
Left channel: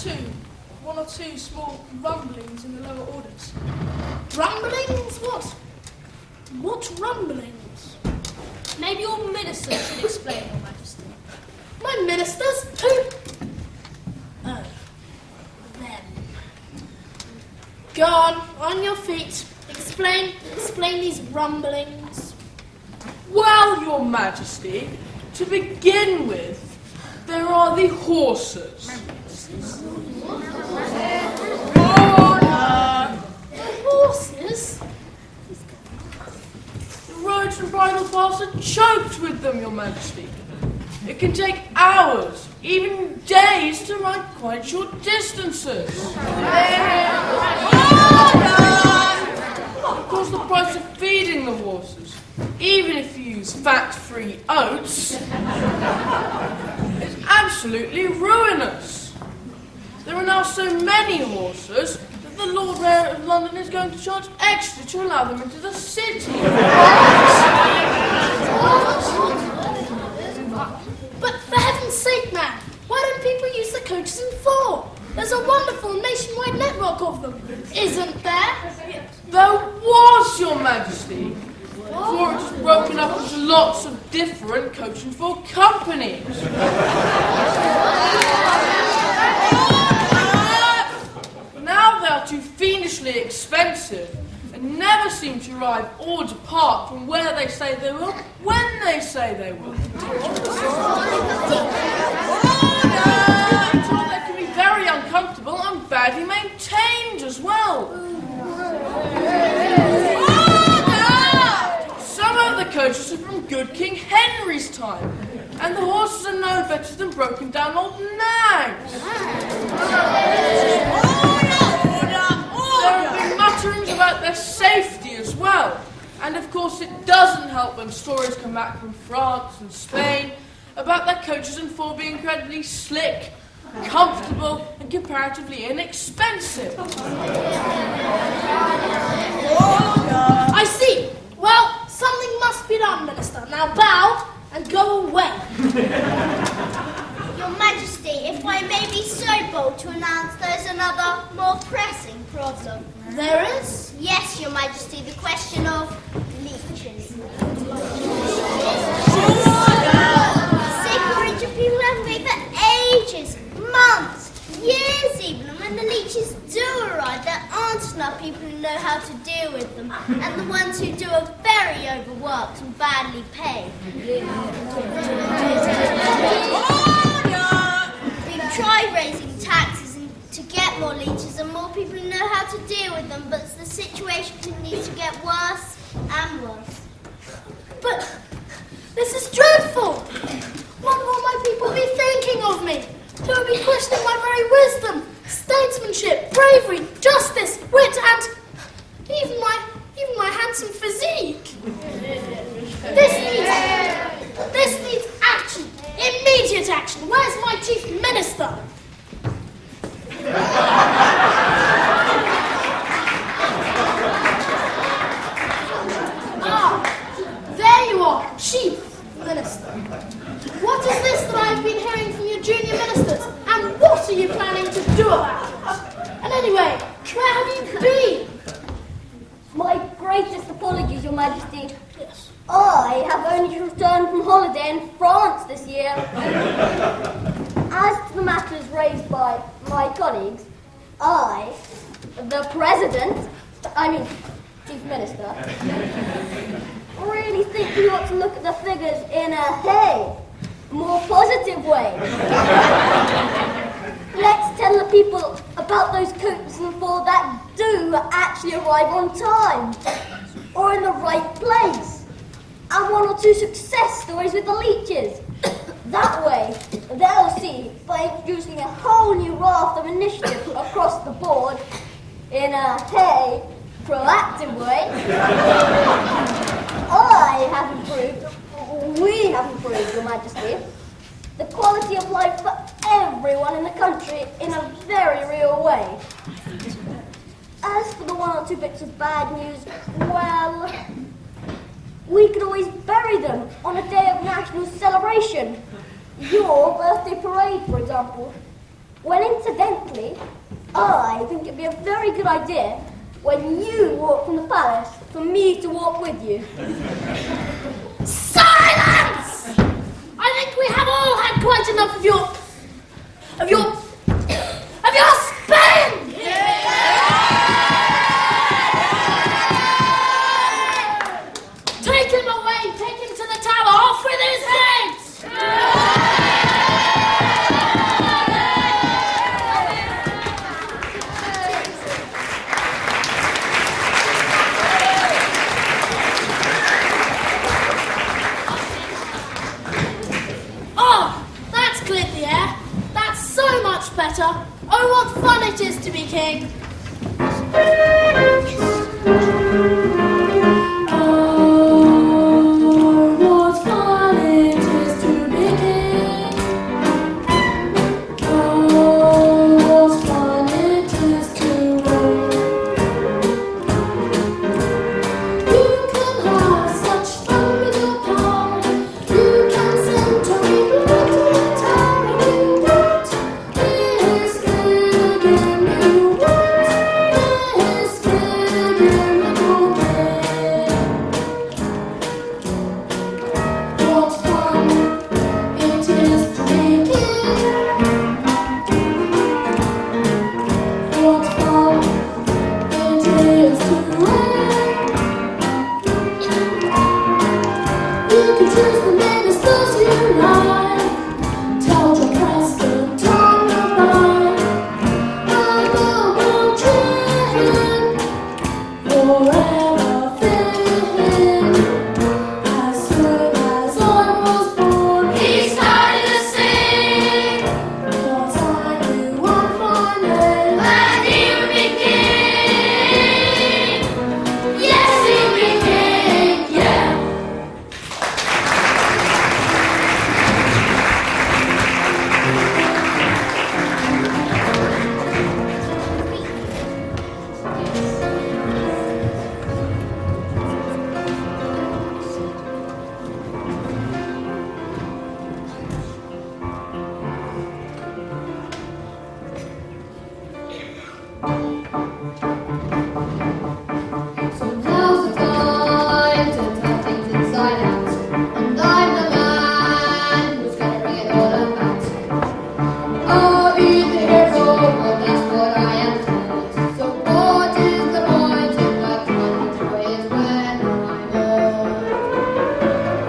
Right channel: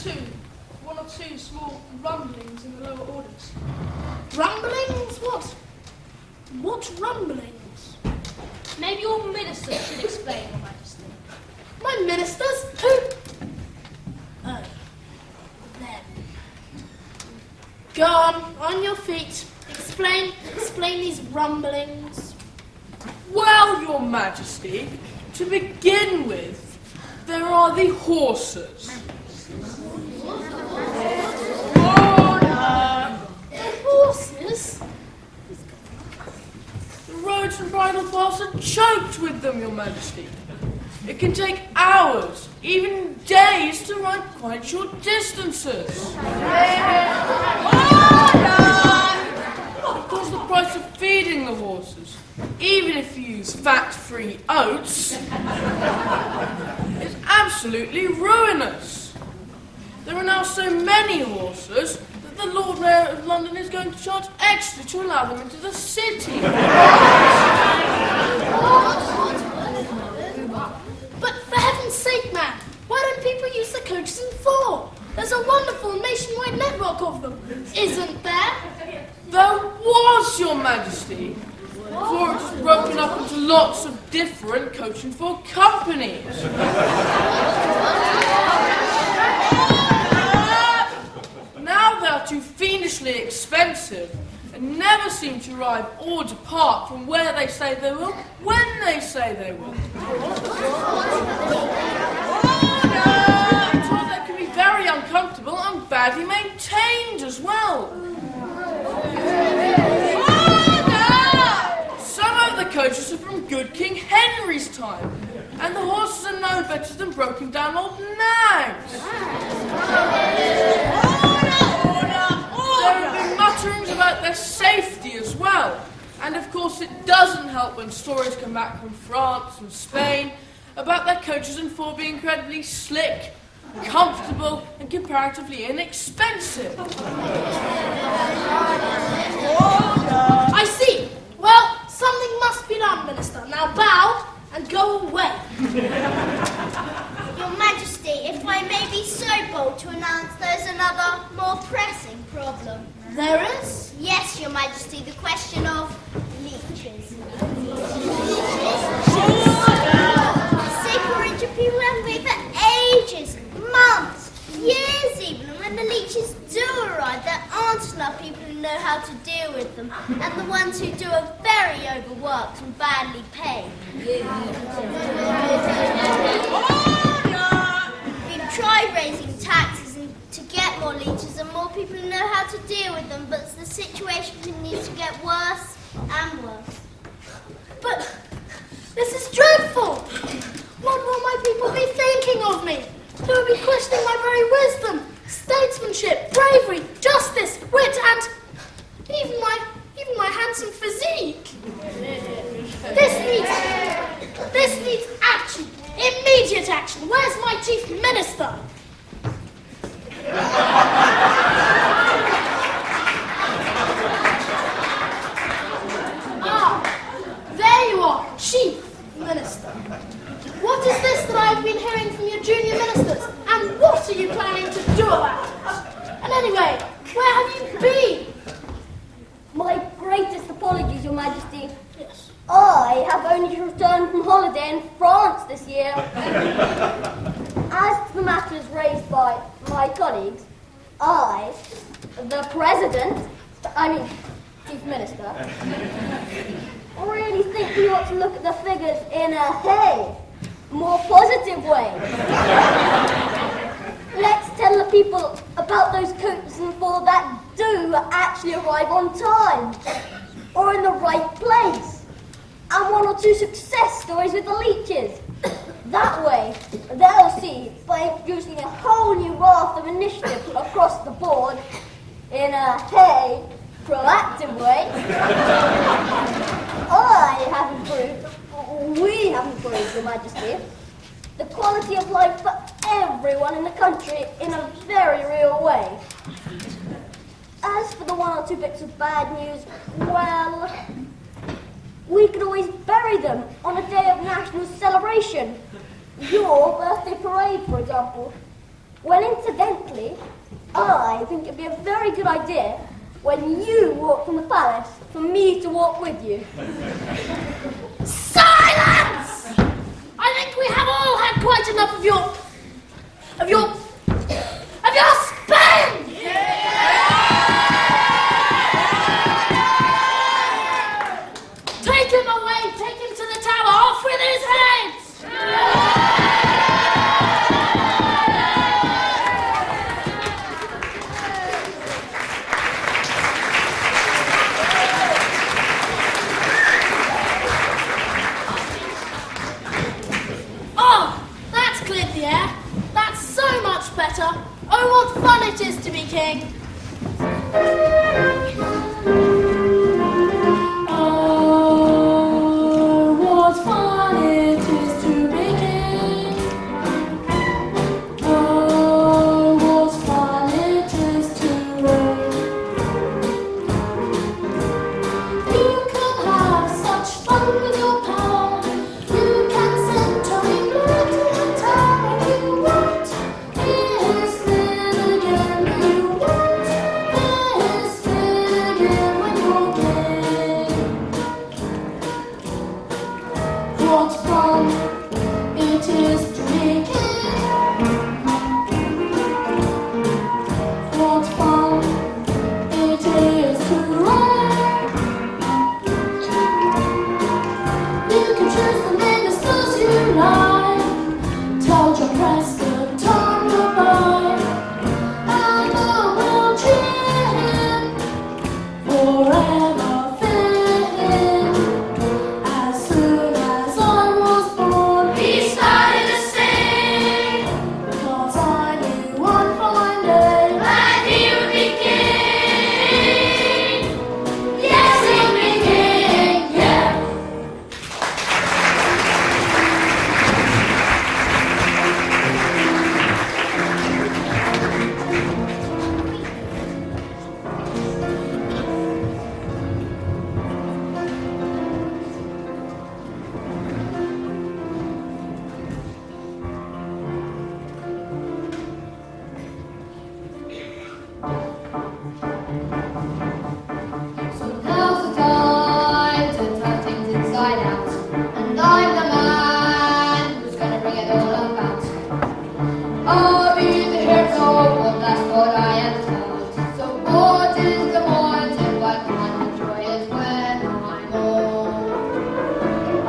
two small rumblings in the lower orders. Rumblings? What rumblings? Then your minister should explain, Your Majesty. My ministers? Who? Oh, them. Go on your feet. Explain these rumblings. Well, Your Majesty, to begin with, there are the horses. The horses? The roads and bridle paths are choked with them, Your Majesty. It can take hours, even days, to ride quite short distances. Of course, the price of feeding the horses, even if you use fat-free oats, is absolutely ruinous. There are now so many horses that the Lord Mayor of London is going to charge extra to allow them into the city. But for heaven's sake, man, why don't people use the coaches and four? There's a wonderful nationwide network of them, isn't there? There was, Your Majesty, before it was broken up into lots of different coach and four companies. Now they are too fiendishly expensive and never seem to arrive or depart from where they say they will, when they say they will. I'm told they can be very uncomfortable and badly maintained as well. Some of the coaches are from good King Henry's time, and the horses are no better than broken down old nags. There have been mutterings about their safety as well, and of course it doesn't help when stories come back from France and Spain about their coaches and four being incredibly slick, comfortable, and comparatively inexpensive. I see. Well, something must be done, Minister. Now bow and go away. Your Majesty, if I may be so bold to announce there's another more pressing problem. There is? Yes, Your Majesty, the question of leeches. Seepage of people have been for ages, months, years even, and when the leeches do arrive, there aren't enough people who know how to deal with them, and the ones who do are very overworked and badly paid. We've tried raising taxes to get more leeches and more people who know how to deal with them, but the situation continues to get worse and worse. But this is dreadful. What will my people be thinking of me? They will be questioning my very wisdom, statesmanship, bravery, justice, wit, and even my handsome physique. This needs action, immediate action. Where's my chief minister? Ah, there you are, chief minister. What is this that I have been hearing from your junior ministers? And what are you planning to do about it? And anyway, where have you been? My greatest apologies, Your Majesty. Yes. I have only just returned from holiday in France this year. As to the matters raised by my colleagues, I, the President, Chief Minister, really think we ought to look at the figures in a more positive way. Let's tell the people about those coaches and four that do actually arrive on time, or in the right place, and one or two success stories with the leeches. That way, they'll see, by introducing a whole new raft of initiative across the board, in a proactive way, we have improved, Your Majesty, the quality of life for everyone in the country in a very real way. As for the one or two bits of bad news, well, we could always bury them on a day of national celebration. Your birthday parade, for example. Well, incidentally, I think it'd be a very good idea when you walk from the palace for me to walk with you. Silence! better. Oh, what fun it is to be king! Oh, what fun it is to be king. Oh, what fun it is to reign. You can have such fun with your power. You can send to England to the tower. You won't miss it again. You won't miss it again when you're king. What fun it is to be king. What fun it is to reign. You can choose the ministers you like. Tell your president on the line. And all will cheer him. Forever fitting. As soon as I was born, he started to sing. 'Cause I knew one fine day that he would be king. Yes, he'll be king, yeah. So now's the time to turn things inside out. And I'm the man who's gonna bring it all about. I'll be the hero, well that's what I am told. So what is the point if I can't enjoy it when I'm old?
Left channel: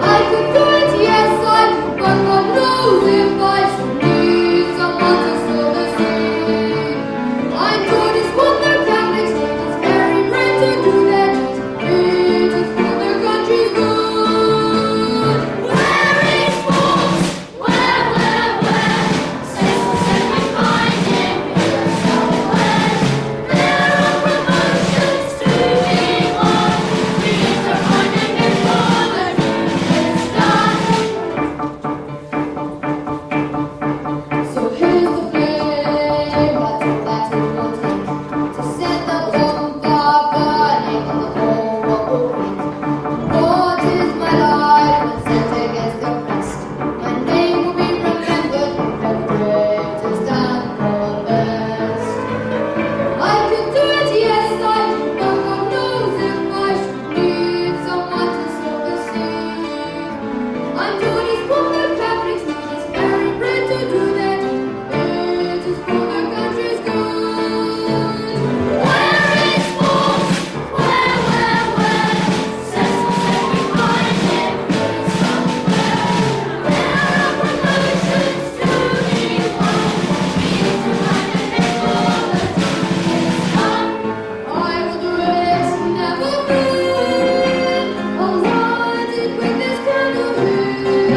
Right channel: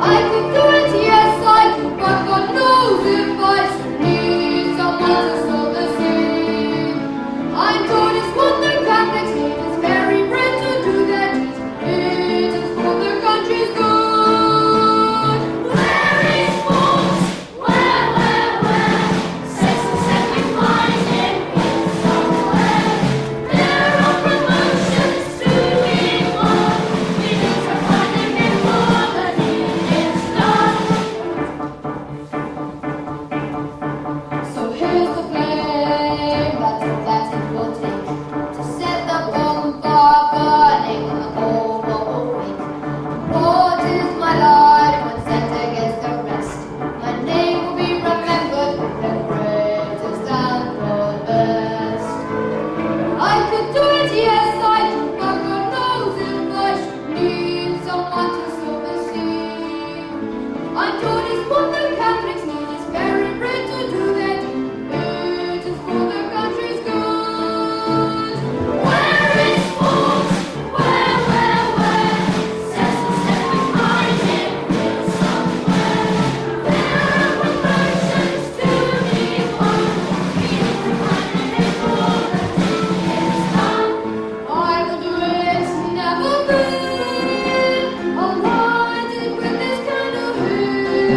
I could do it, yes I could, but God knows if I should need someone to sow the seed. I'm good as what the Catholics need, it's very brave to do their deeds. It is for their country's good. Where is Fawkes? Where? Say so said we find him here somewhere. There are promotions to be won. We need to find him before the deed is done. So here's the flame, that's all that it will take to set the bonfire burning and the whole world will wake. What is my life when set against the rest? My name will be remembered when the grave is done for best. I could do it, yes I could, but God knows if I should need someone to sow the seed. I'm told it's what the Catholics need, it's very brave to do that. It is for the country's good. Where is Fawkes? Where? Say so said we find him here somewhere. There are promotions to be won. We need to find him before the deed is done. I will do it, never fear. I'll light it when this candle is.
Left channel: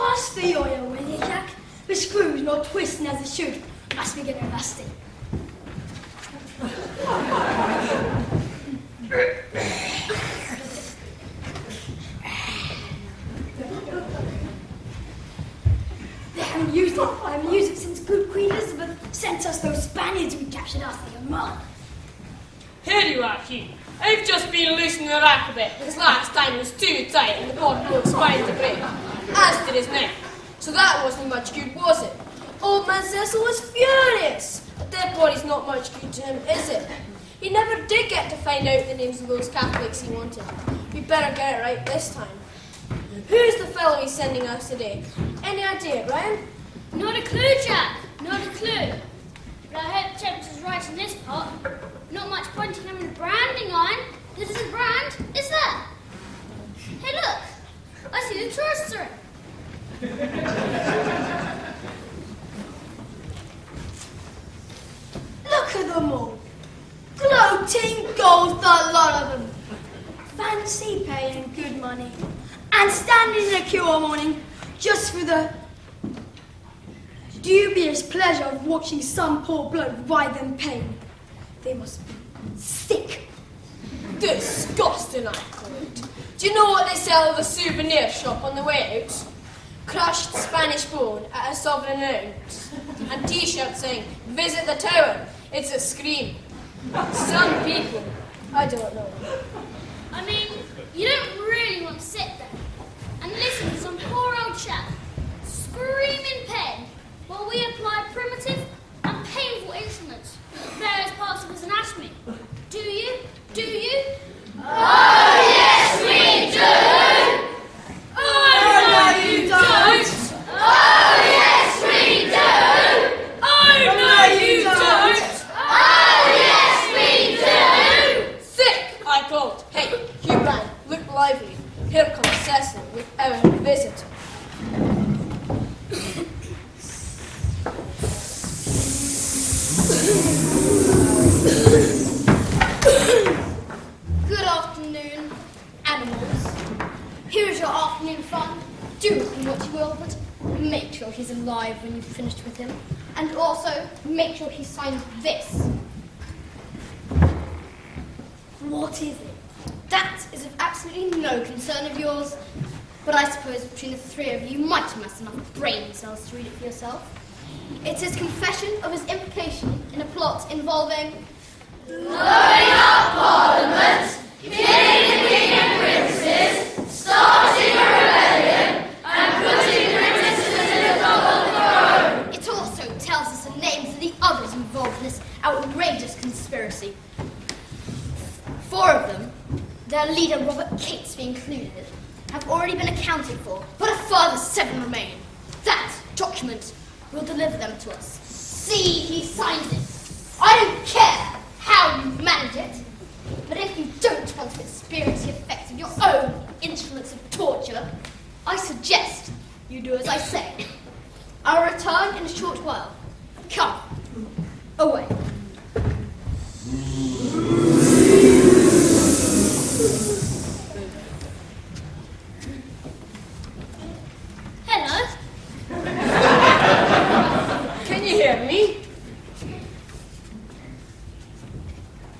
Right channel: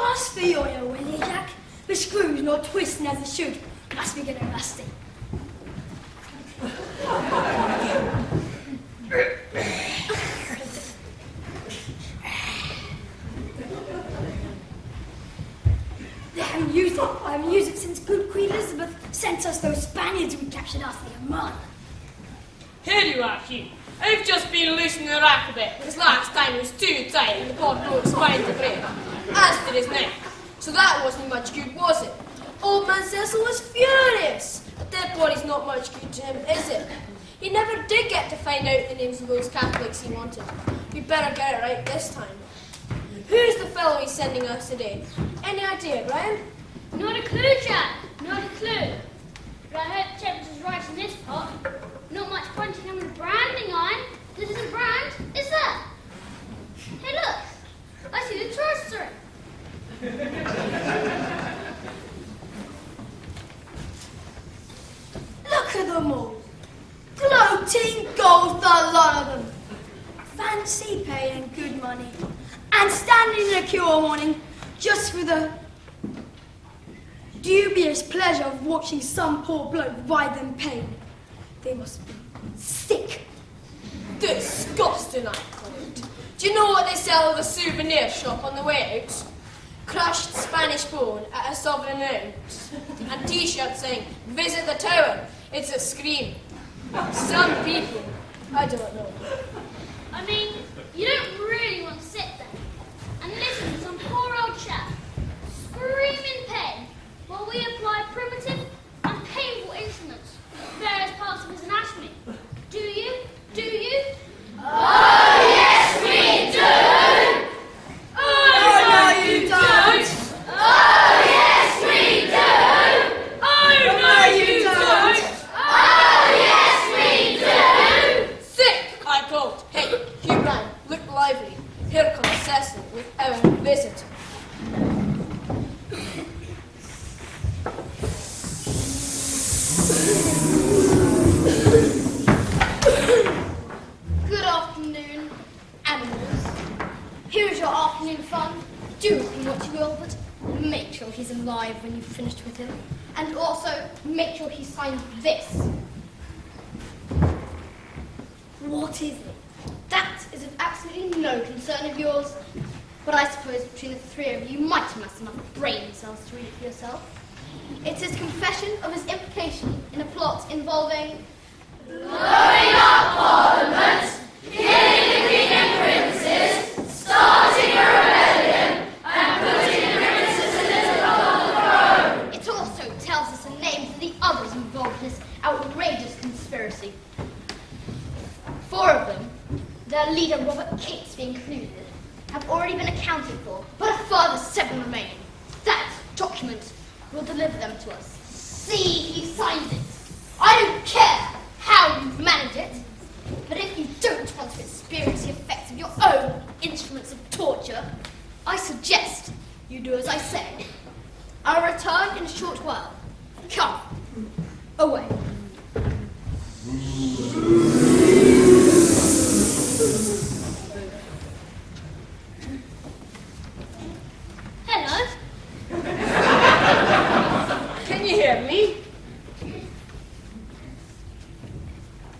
Pass for the oil, will you, Jack? The screw's not twisting as it should. Must be getting rusty. I haven't used it since good Queen Elizabeth sent us those Spaniards we captured after the Armada. Here you are, Hugh. I've just been loosening the rack a bit, because last time it was too tight and the pod broke spine to break, as did his neck. So that wasn't much good, was it? Old man Cecil was furious. A dead body's not much good to him, is it? He never did get to find out the names of those Catholics he wanted. We better get it right this time. Who's the fellow he's sending us today? Any idea, Brian? Not a clue, Jack. Not a clue. But I hope temperature's right in this pot. Not much point in having the branding on. This isn't brand, is there? Hey, look. I see a toaster. Look at them all. Gloating gold, the lot of them. Fancy paying good money. And standing in a queue all morning just for the dubious pleasure of watching some poor bloke writhe in pain. They must be sick. Disgusting, I call it. Do you know what they sell at the souvenir shop on the way out? Crushed Spanish bone at a sovereign ounce. And t-shirts saying, visit the tower. It's a scream. Some people, I don't know. I mean, you don't really want to sit there and listen to some poor old chap scream in pain while we apply primitive and painful instruments to various parts of his anatomy. Do you? Do you? Oh, yes, we do! Oh, no, you don't! Oh, yes, we do! Oh, no, you don't! Oh, yes, we do! Thick, I called. Hey, Hugh Ryan, look lively. Here comes Cecil with our visitor. Good afternoon, animals. Here's your afternoon fun. Do with him what you will, but make sure he's alive when you've finished with him. And also, make sure he signs this. What is it? That is of absolutely no concern of yours. But I suppose between the three of you might have amassed enough brain cells to read it for yourself. It's his confession of his implication in a plot involving blowing up Parliament, killing the king and princes, starting a rebellion, and putting the princesses on the throne. It also tells us the names of the others involved in this outrageous conspiracy. 4 of them, their leader Robert Catesby included, have already been accounted for, but a further 7 remain. That document will deliver them to us. See, he signs it. I don't care how you manage it, but if you don't want to experience the effects of your own instruments of torture, I suggest you do as I say. I'll return in a short while. Come, away. Hello. Can you hear me?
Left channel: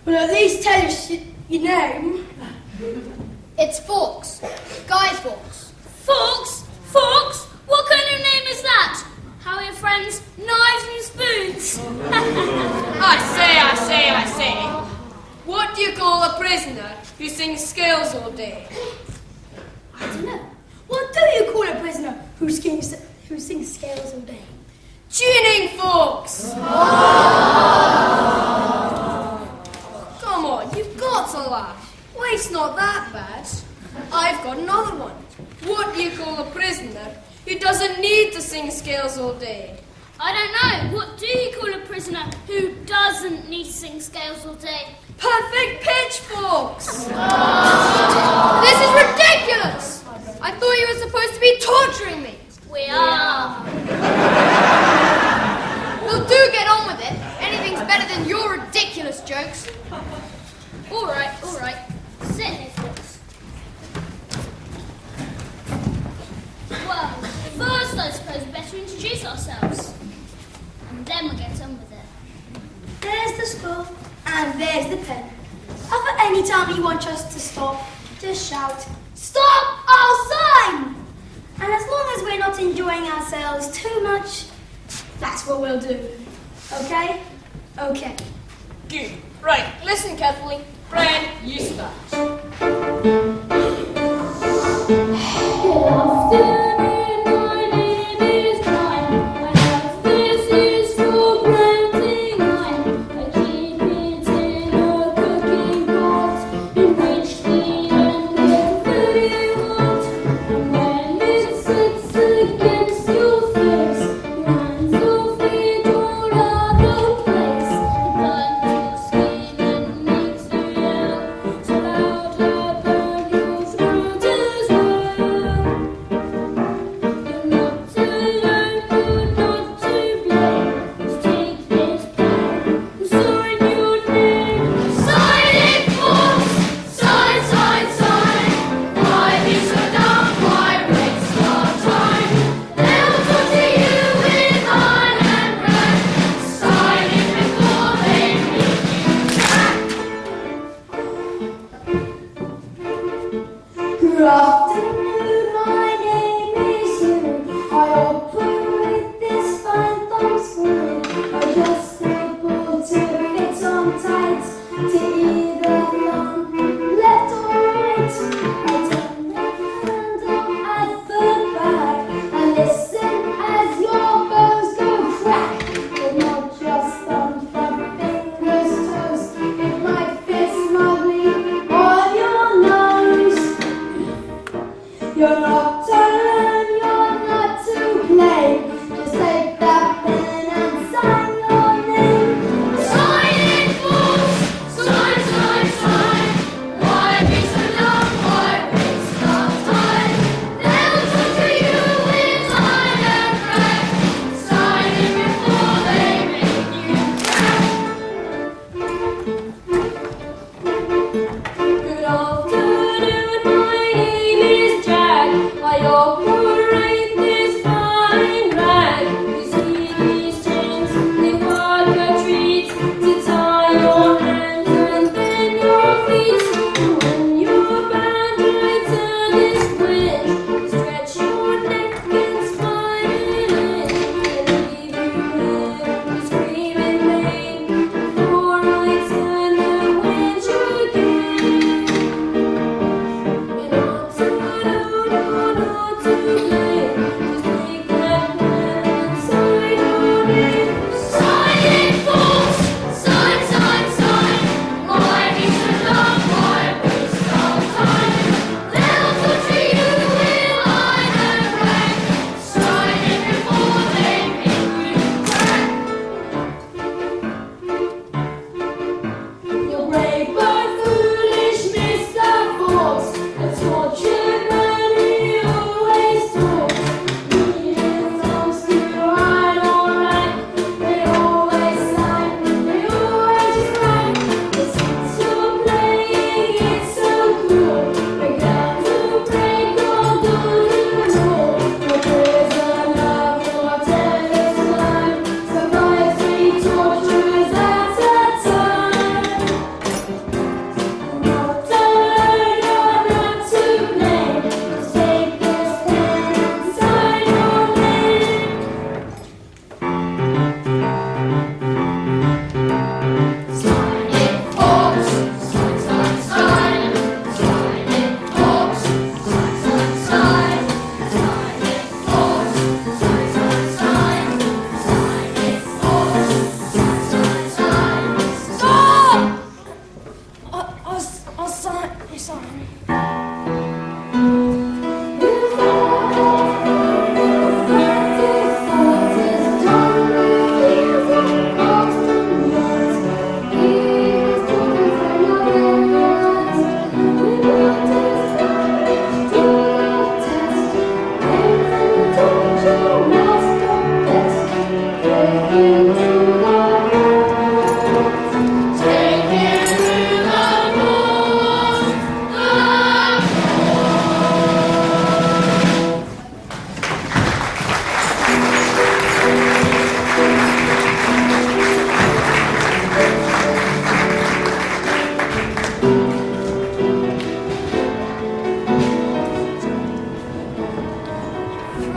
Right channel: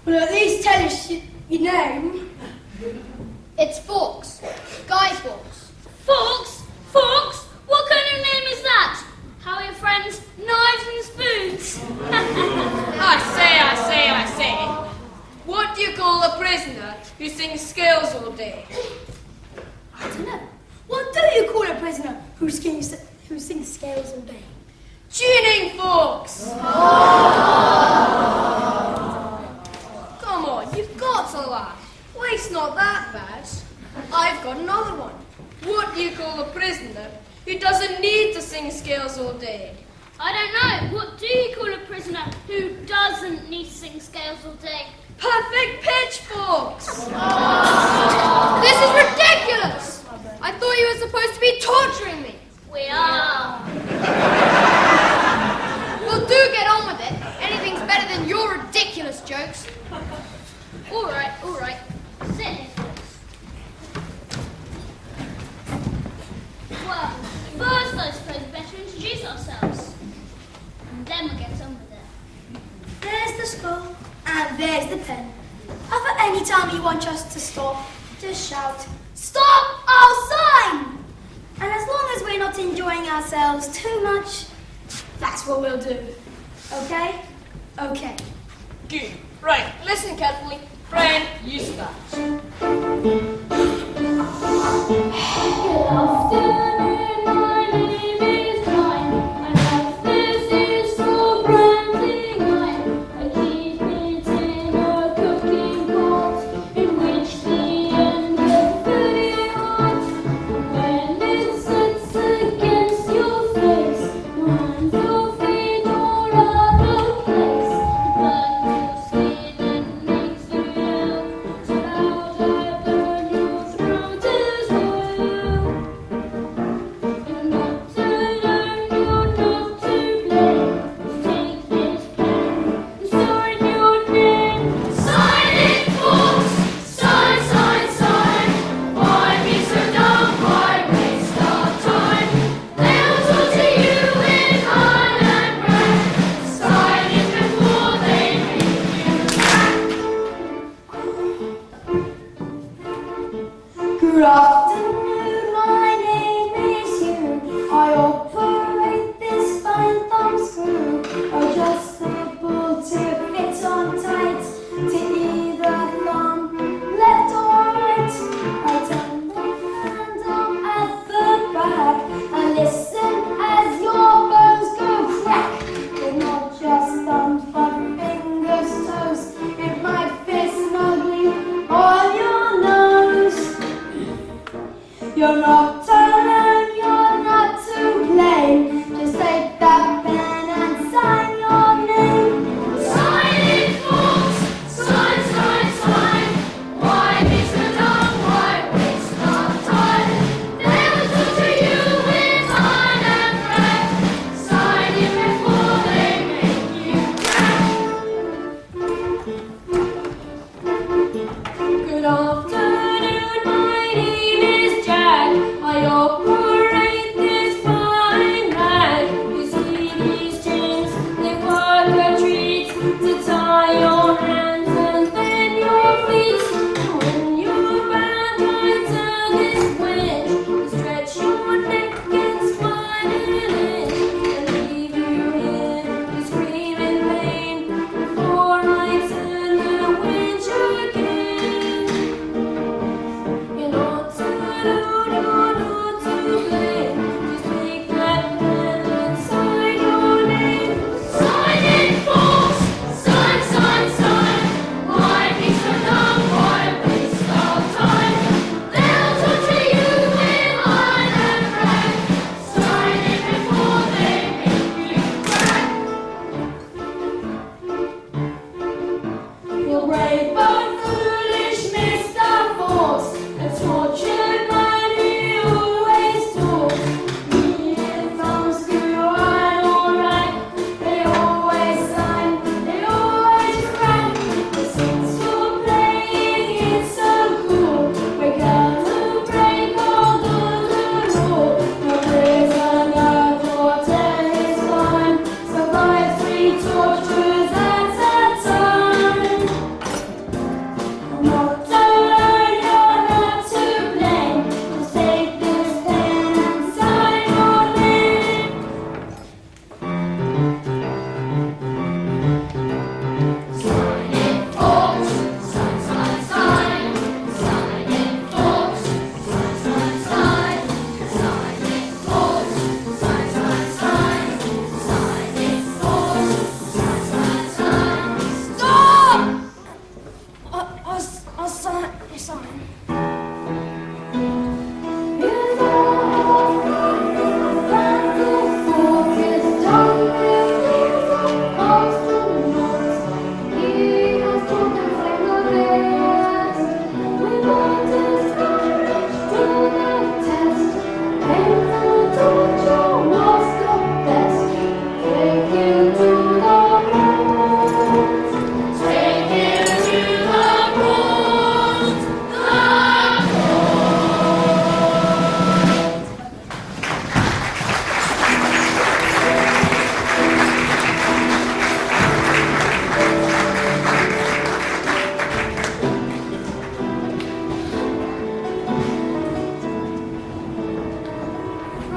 Well, at least tell us your name. It's Fawkes. Guy Fawkes. Fawkes? Fawkes? What kind of name is that? How are your friends? Knives and spoons? I say. What do you call a prisoner who sings scales all day? I don't know. What do you call a prisoner who sings scales all day? Tuning forks! Come on, you've got to laugh. Why, it's not that bad. I've got another one. What do you call a prisoner who doesn't need to sing scales all day? I don't know. What do you call a prisoner who doesn't need to sing scales all day? Perfect pitchforks! This is ridiculous! I thought you were supposed to be torturing me. We are. Well, do get on with it. Anything's better than your ridiculous jokes. All right. Sit here, Fawkes. Well, I suppose we better introduce ourselves. And then we'll get on with it. There's the skull, and there's the pen. If at any time you want us to stop, just shout, "Stop! I'll sign!" And as long as we're not enjoying ourselves too much, that's what we'll do. Okay? Okay. Good. Right, listen carefully. Brian, you start. Good afternoon, my name is Brian. I have this is for granting I keep it in a cooking pot in which the end is very hot. When it sits against your face, lines will fade all over the place. But your skin and makes you yell so loud I burn your throat as well. You're not to learn, you're not to blame. Just take this pen and sign your name. Sign it, folks! Sign, sign, sign! Why be so dumb? Why waste our time? They will torture you with iron and rack. Sign it before they make you crack. Good afternoon, my name is Hugh. I operate this fine thumb screw, adjustable to fit on tight, to either long, left or right. I turn the handle at the back and listen as your bones go crack. With not just thumbs but fingers, toes, it might fit snugly on your nose. You're not alone, you're not to blame. Just take that pen and sign your name. Sign it, folks! Sign, sign, sign! Why be so dumb? Why waste our time? They will torture you with iron and rack. Sign it before they make you crack. Good afternoon, my name is Jack.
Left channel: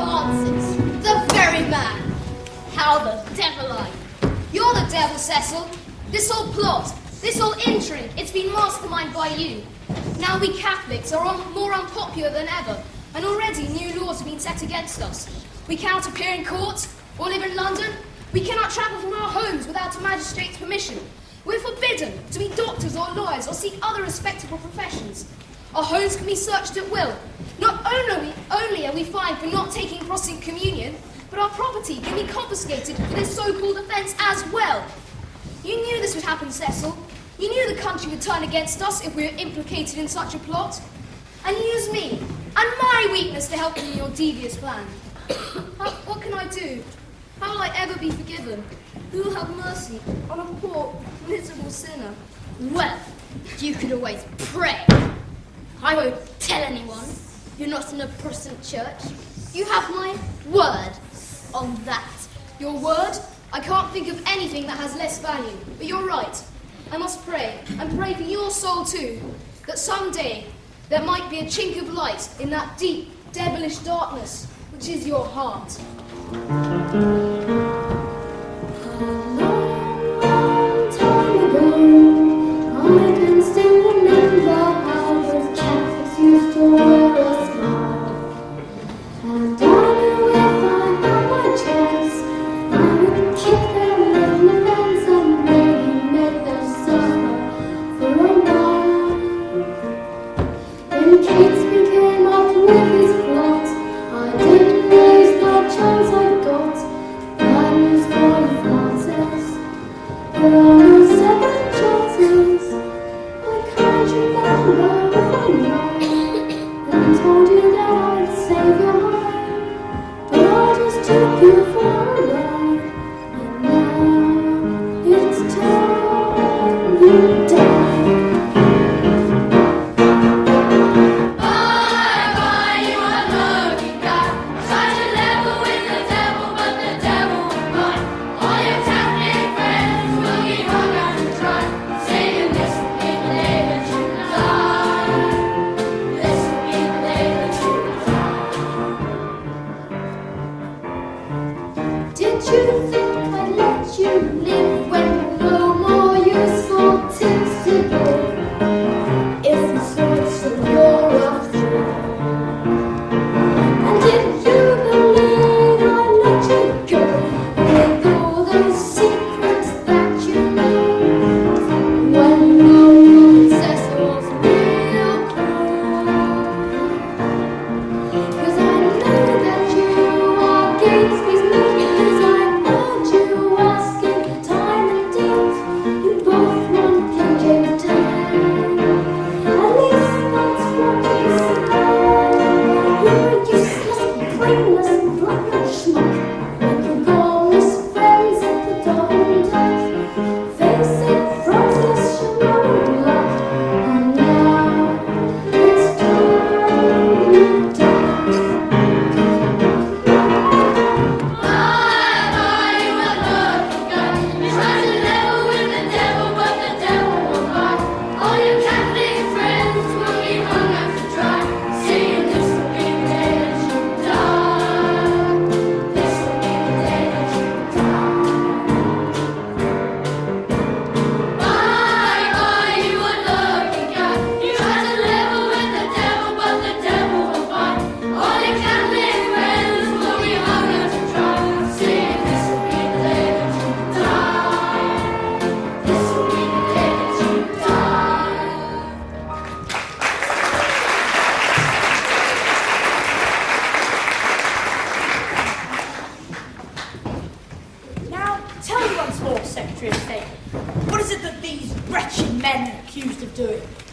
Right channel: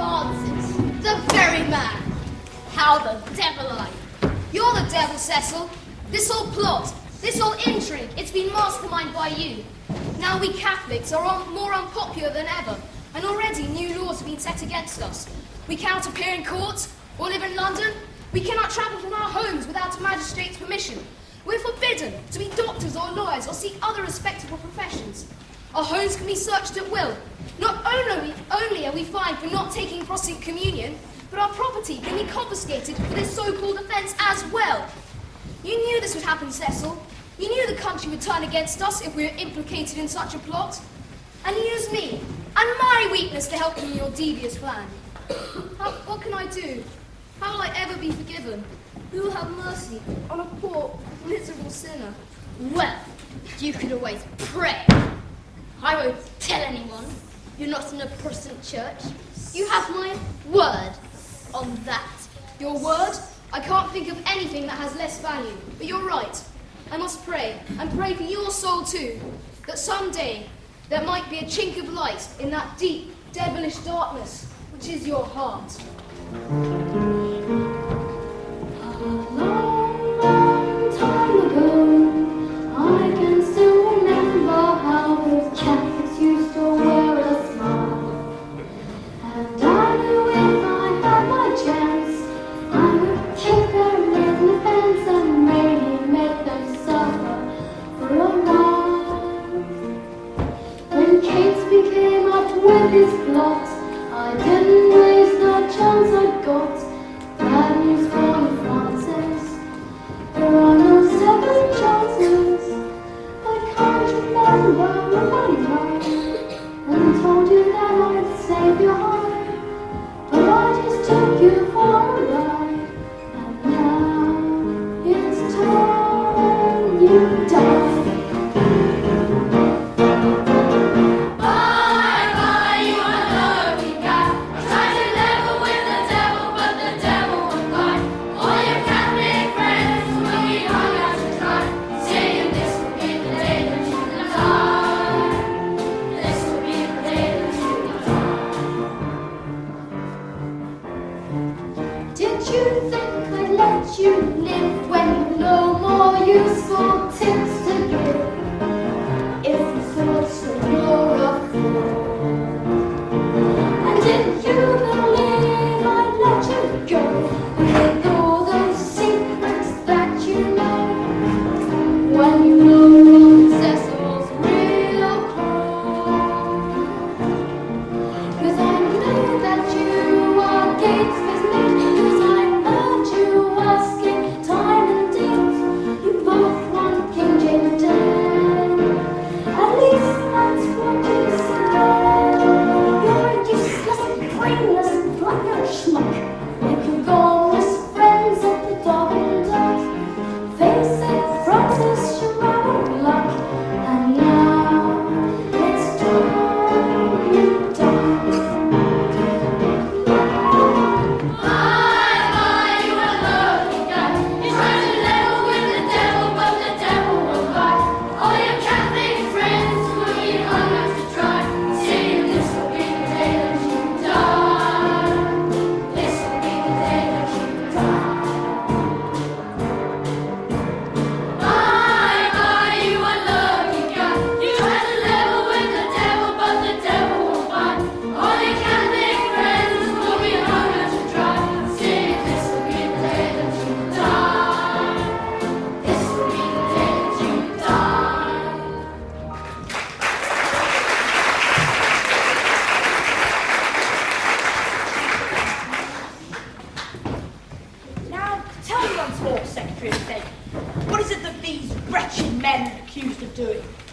answers. The very man. How the devil are you? You're the devil, Cecil. This whole plot, this whole intrigue, it's been masterminded by you. Now we Catholics are more unpopular than ever, and already new laws have been set against us. We cannot appear in court or live in London. We cannot travel from our homes without a magistrate's permission. We're forbidden to be doctors or lawyers or seek other respectable professions. Our homes can be searched at will. Not only are we fined for not taking Protestant communion, but our property can be confiscated for this so-called offence as well. You knew this would happen, Cecil. You knew the country would turn against us if we were implicated in such a plot. And use me and my weakness to help you in your devious plan. What can I do? How will I ever be forgiven? Who will have mercy on a poor, miserable sinner? Well, you could always pray. I won't tell anyone. You're not in a Protestant church. You have my word on that. Your word? I can't think of anything that has less value. But you're right. I must pray, and pray for your soul too, that someday there might be a chink of light in that deep, devilish darkness which is your heart. A long, long time ago, I can still remember how those Catholics used to wear a smile. And I knew if I had my chance, I would kick them in the pants and maybe make them suffer for a while. Then Catesby came up with his plot. I didn't waste the chance I got. Bad news for you, Francis. There are no second chances. I can't remember if I lied and told you that I'd save your life. But I just took you for a ride, and now it's time you die. Did you think I'd let you live when you've no more useful tips to give? If you thought so, you're a fool. And did you believe I'd let you go with all those secrets that you know? When you know Cecil's real cool. 'Cause I knew that you are Gatesby's mate. You asking time and date. You both want King James dead. At least that's what you said. You're a useless, brainless, blackguard schmuck. And you're gone as friends at the Dog and Duck. Face it, Francis, you're not luck. And now it's time you die.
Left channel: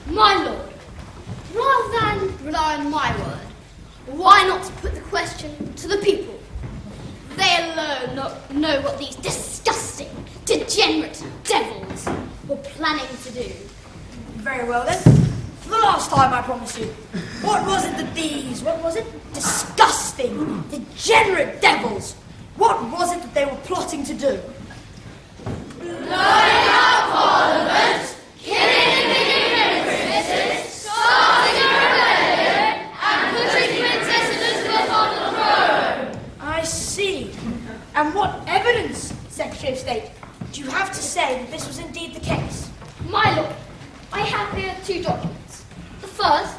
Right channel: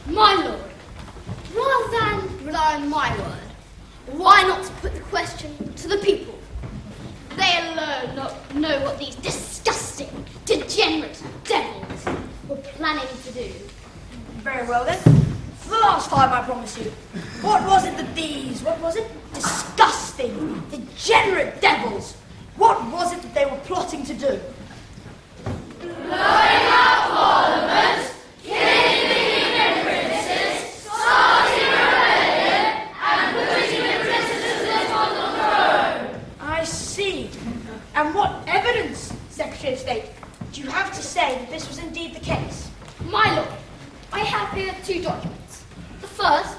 My lord, rather than rely on my word, why not put the question to the people? They alone know what these disgusting, degenerate devils were planning to do. Very well then. For the last time, I promise you. What was it that these, disgusting, degenerate devils, what was it that they were plotting to do? Blowing up Parliament, killing the human princes, starting rebellion, and putting the citizens on the throne. And what evidence, Secretary of State, do you have to say that this was indeed the case? My lord, I have here 2 documents. The first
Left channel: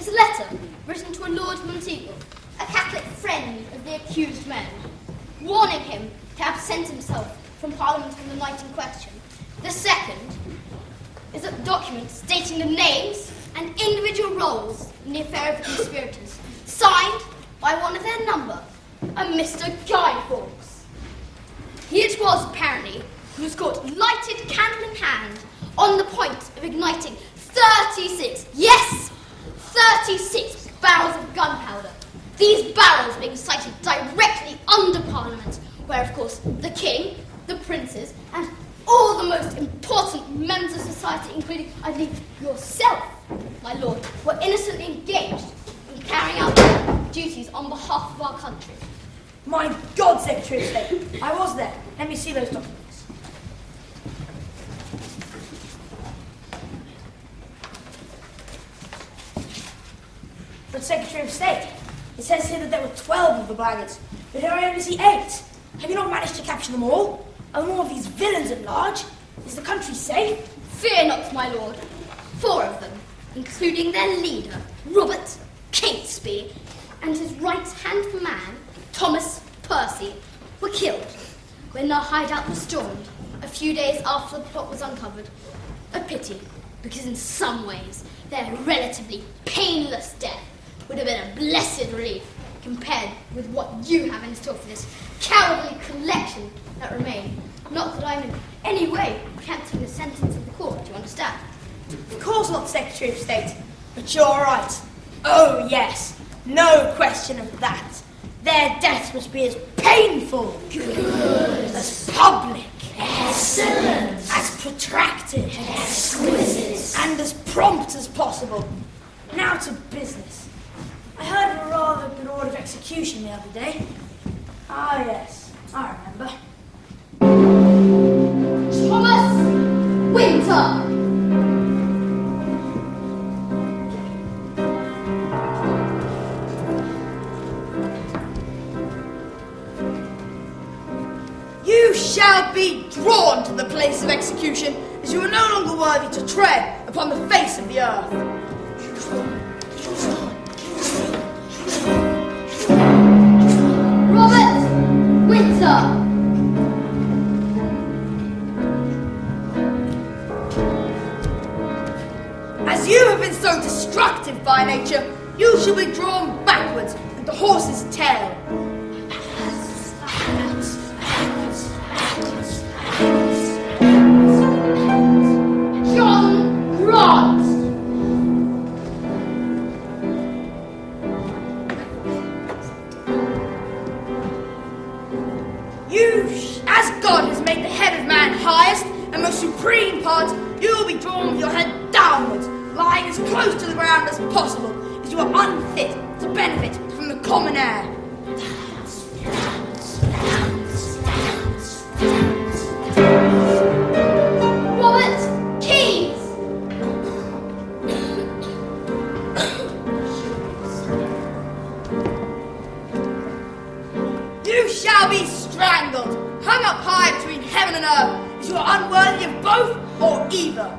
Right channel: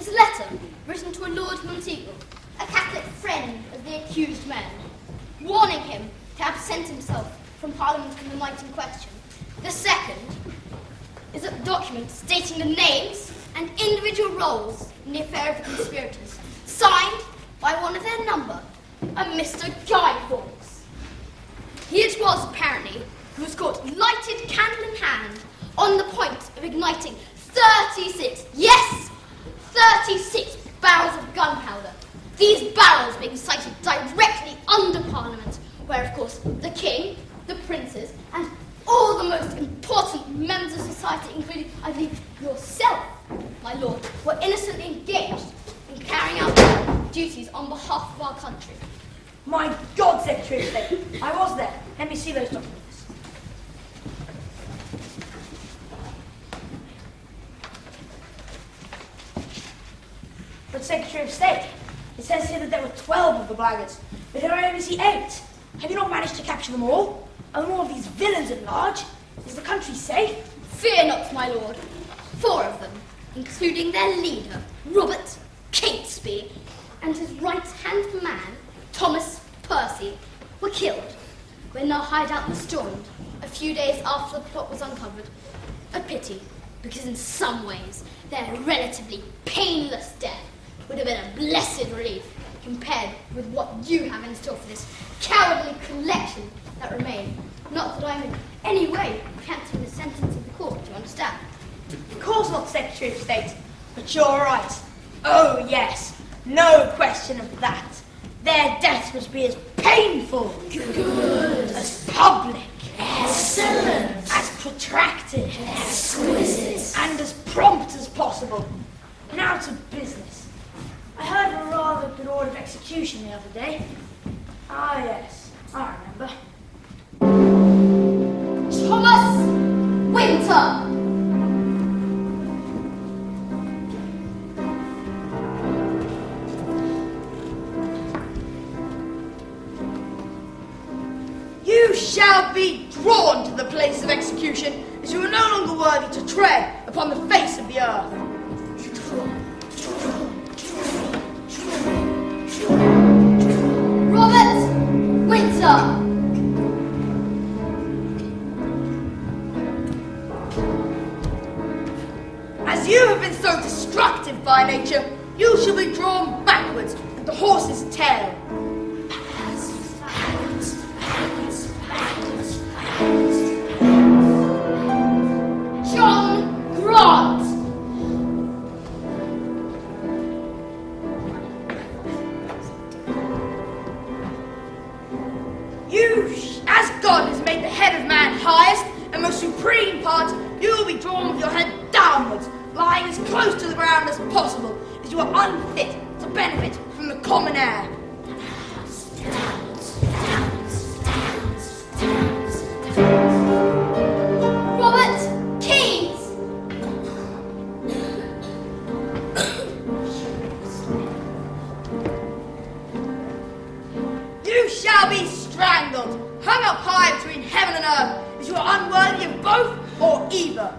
is a letter written to a Lord Monteagle, a Catholic friend of the accused man, warning him to absent himself from Parliament on the night in question. The second is a document stating the names and individual roles in the affair of the conspirators, signed by one of their number, a Mr. Guy Fawkes. He it was, apparently, who was caught lighted candle in hand on the point of igniting 36 barrels of gunpowder. These barrels being sited directly under Parliament, where, of course, the King, the princes, and all the most important members of society, including, I believe, yourself, my lord, were innocently engaged in carrying out their duties on behalf of our country. My God, Secretary of State, I was there. Let me see those documents. But Secretary of State, it says here that there were 12 of the blackguards, but here I only see 8. Have you not managed to capture them all? Are more of these villains at large? Is the country safe? Fear not, my lord. 4 of them, including their leader, Robert Catesby, and his right-hand man, Thomas Percy, were killed when their hideout was stormed a few days after the plot was uncovered. A pity, because in some ways their relatively painless death would have been a blessed relief compared with what you have in store for this cowardly collection that remain. Not that I'm in any way cancelling the sentence of the court, do you understand? Of course not, Secretary of State, but you're right. Oh, yes, no question of that. Their death must be as painful, as public, excellent, as protracted, exquisite, and as prompt as possible. Now to business. I heard of a rather good order of execution the other day. Ah, yes, I remember. Thomas Winter! You shall be drawn to the place of execution, as you are no longer worthy to tread upon the face of the earth. Robert Winter! As you have been so destructive by nature, you shall be drawn backwards at the horse's tail. John Grant! As God has made the head of man highest and most supreme part, you will be drawn with your head downwards, lying as close to the ground as possible, as you are unfit to benefit from the common air. Robert Keyes! You shall be strangled, hung up high between heaven and earth, as you are unworthy of both or either.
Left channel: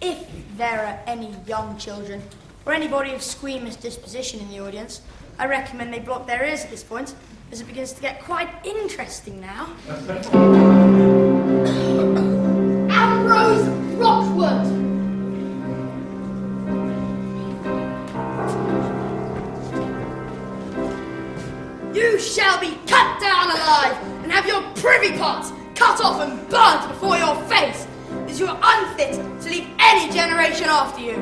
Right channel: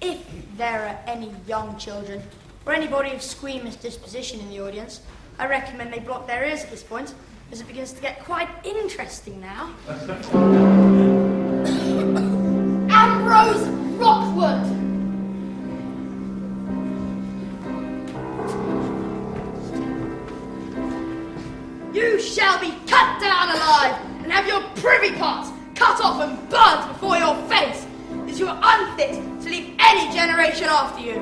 If there are any young children or anybody of squeamish disposition in the audience, I recommend they block their ears at this point, as it begins to get quite interesting now. Ambrose Rockwood! You shall be cut down alive and have your privy parts cut off and burnt before your face, as you are unfit to leave any generation after you.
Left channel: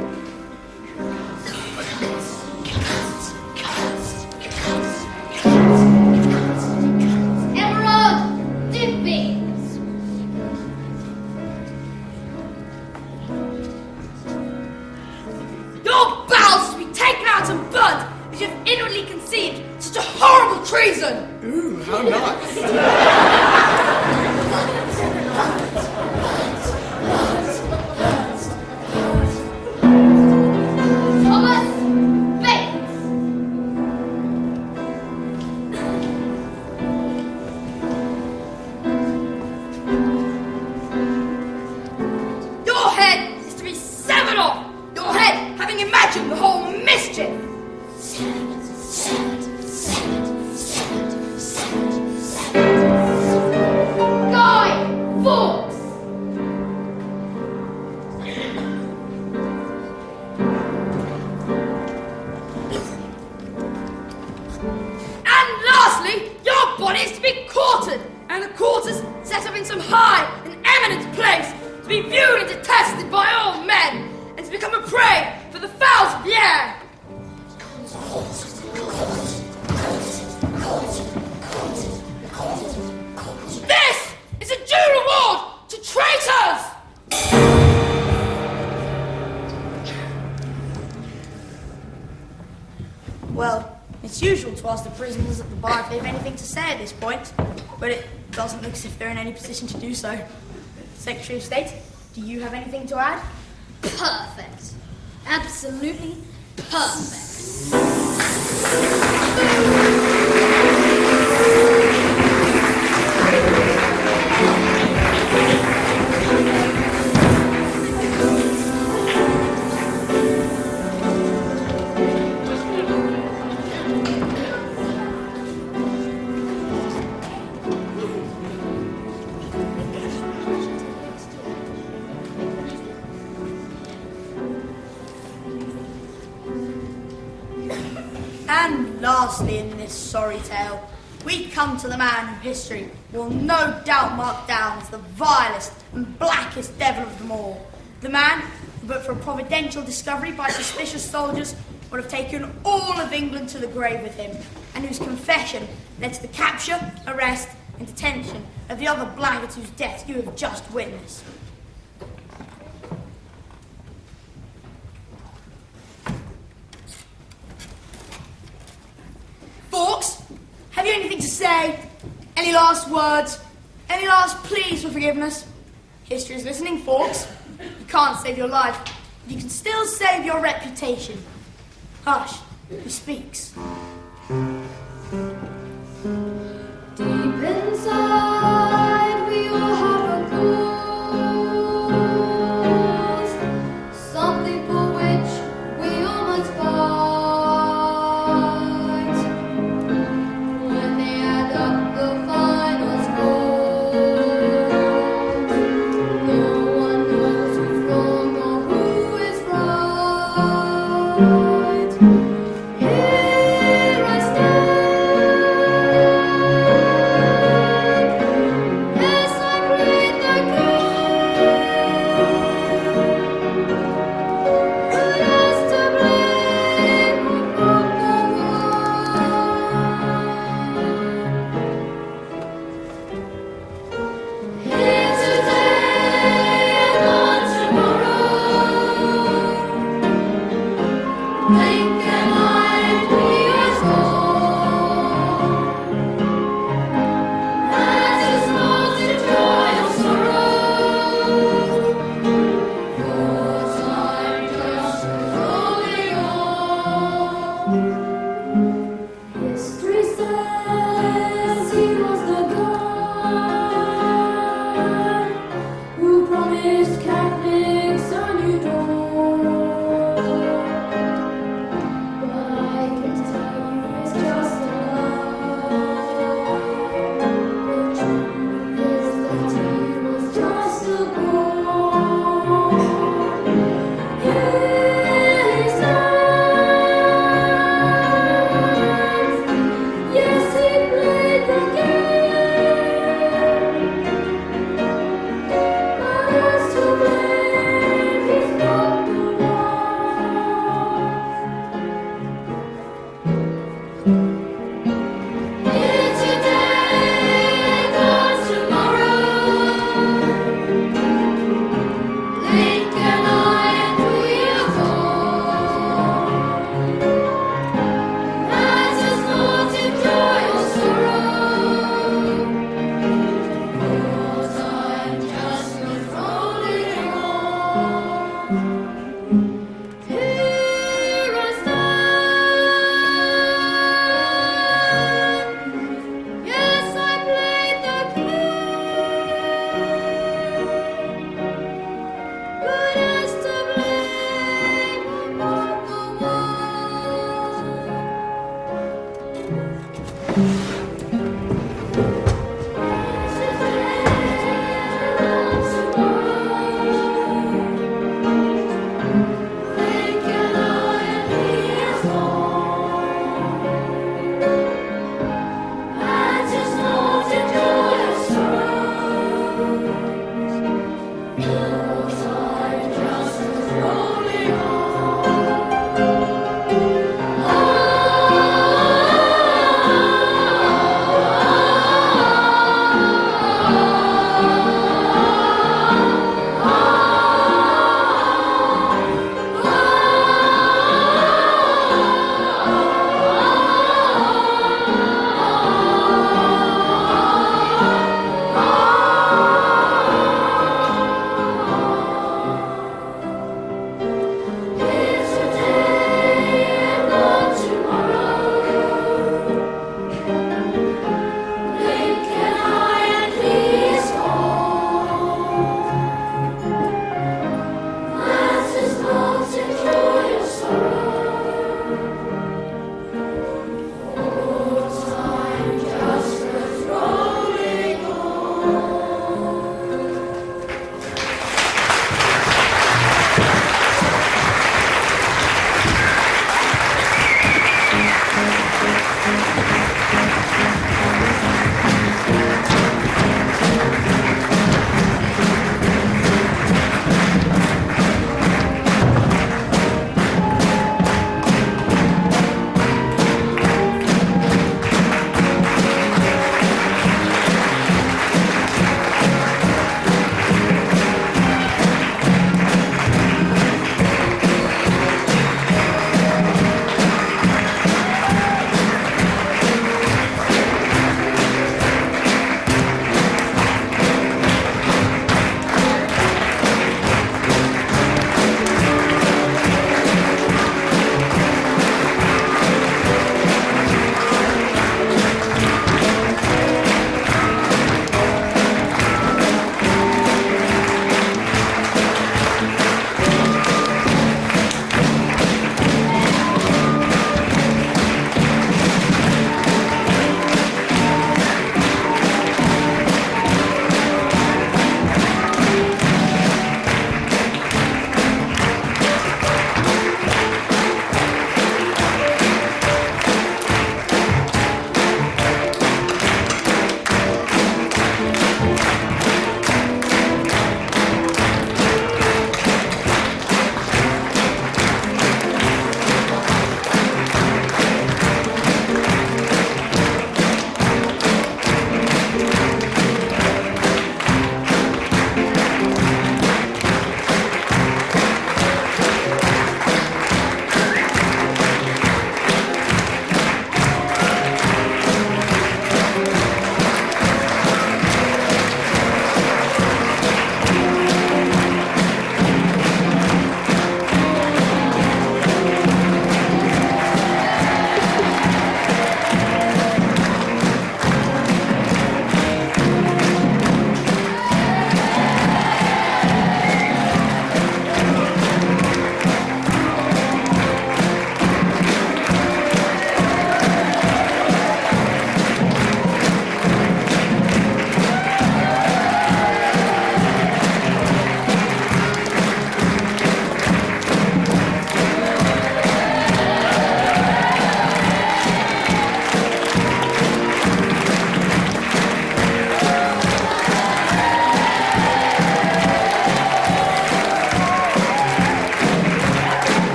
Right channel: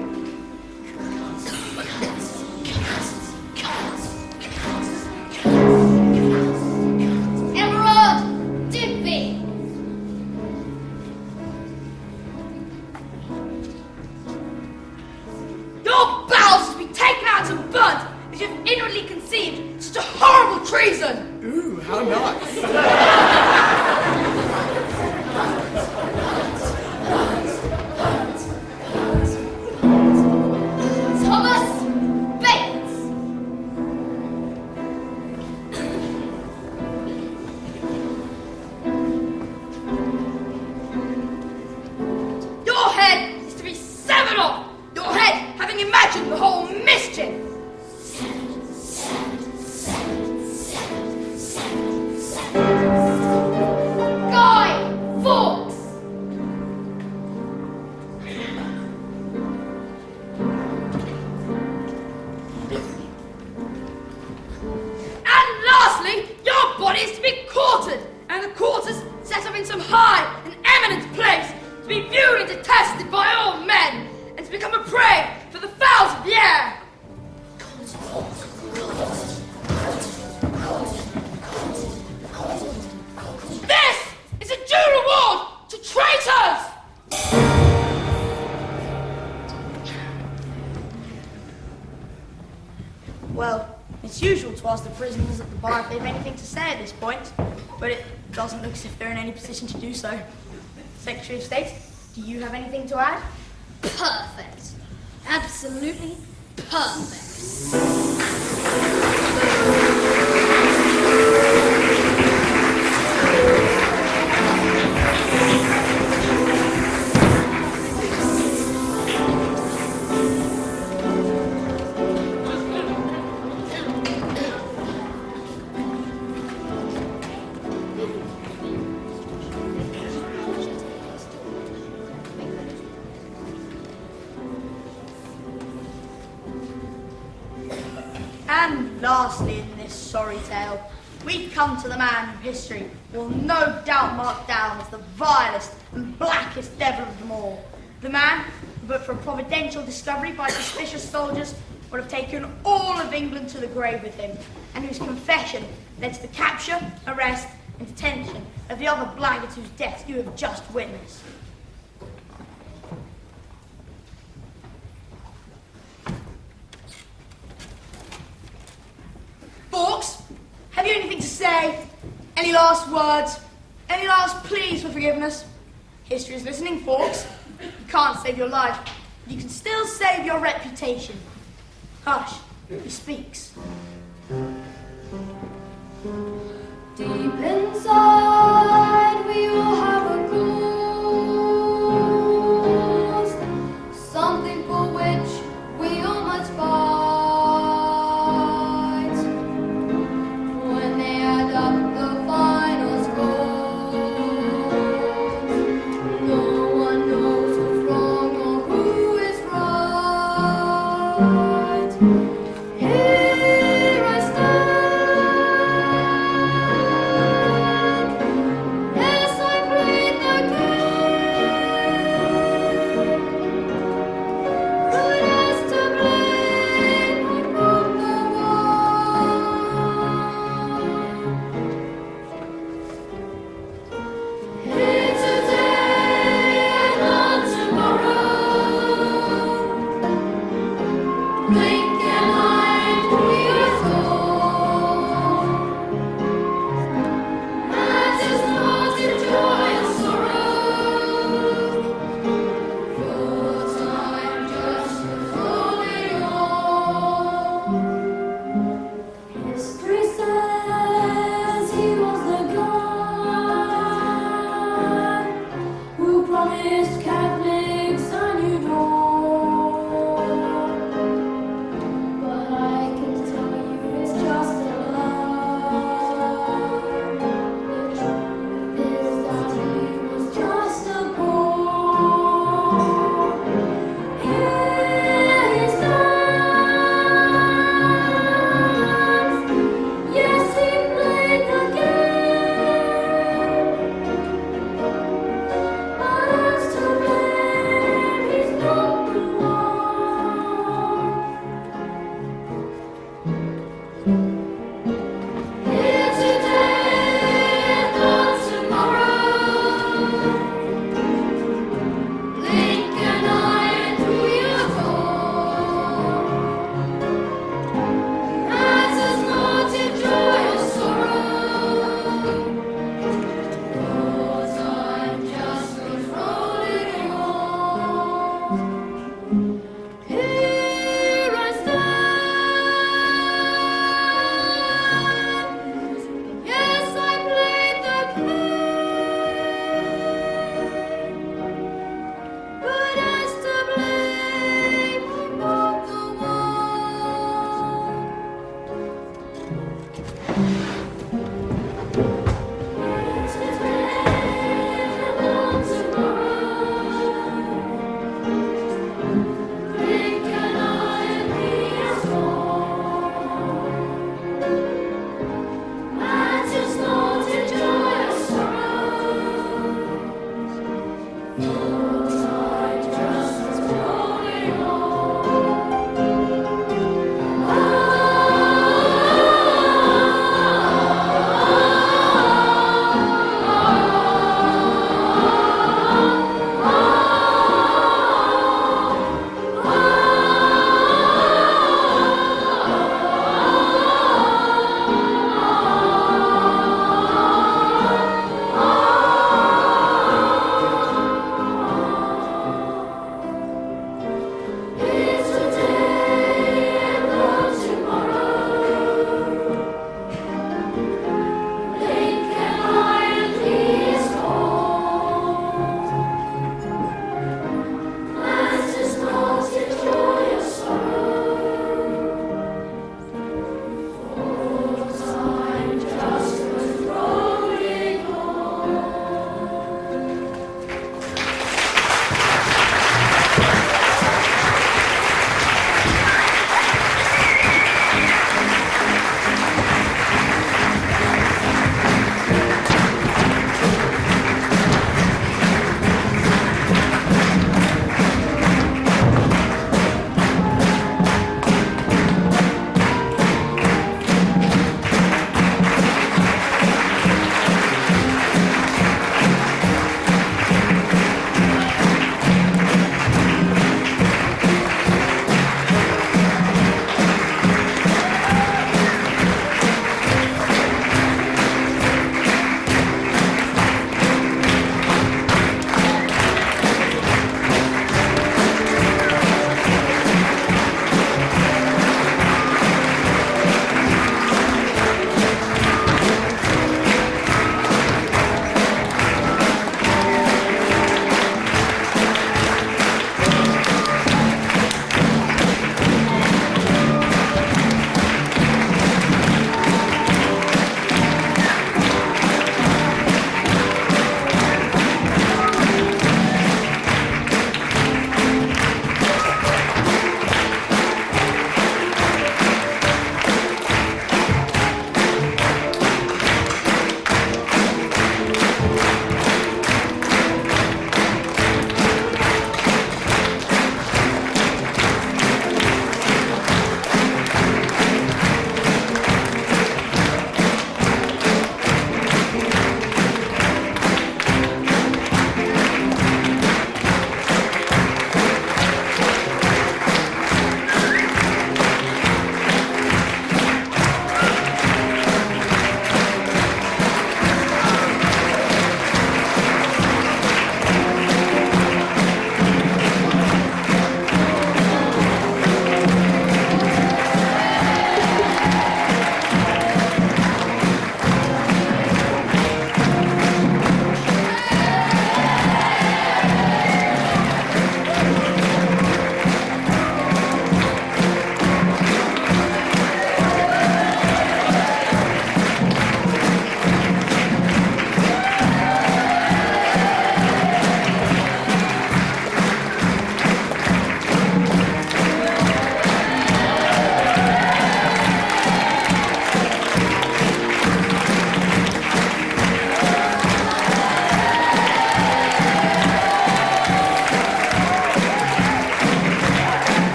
Everard Digby! Your bowels will be taken out and burnt as you have inwardly conceived such a horrible treason. Ooh, how nice. Thomas having imagined the whole mischief. Guy Fawkes! And lastly, your body is to be quartered, and the quarters set up in some high and eminent place, to be viewed and detested by all men, and to become a prey for the fowls of the air. This is a due reward to traitors! Well, it's usual to ask the prisoners at the bar if they have anything to say at this point, but it doesn't look as if they're in any position to do so. Secretary of State, do you have anything to add? Perfect. Absolutely perfect. And lastly in this sorry tale, we come to the man who history will no doubt mark down as the vilest and blackest devil of them all. The man who, but for a providential discovery by suspicious soldiers, would have taken all of England to the grave with him, and whose confession led to the capture, arrest, and detention of the other blackguards whose death you have just witnessed. Fawkes, have you anything to say? Any last words? Any last pleas for forgiveness? History is listening, Fawkes. You can't save your life, but you can still save your reputation. Hush, he speaks. Deep inside, we all have a cause, something for which we all must fight. When they add up the final score, no one knows who's wrong or who is right. Here I stand.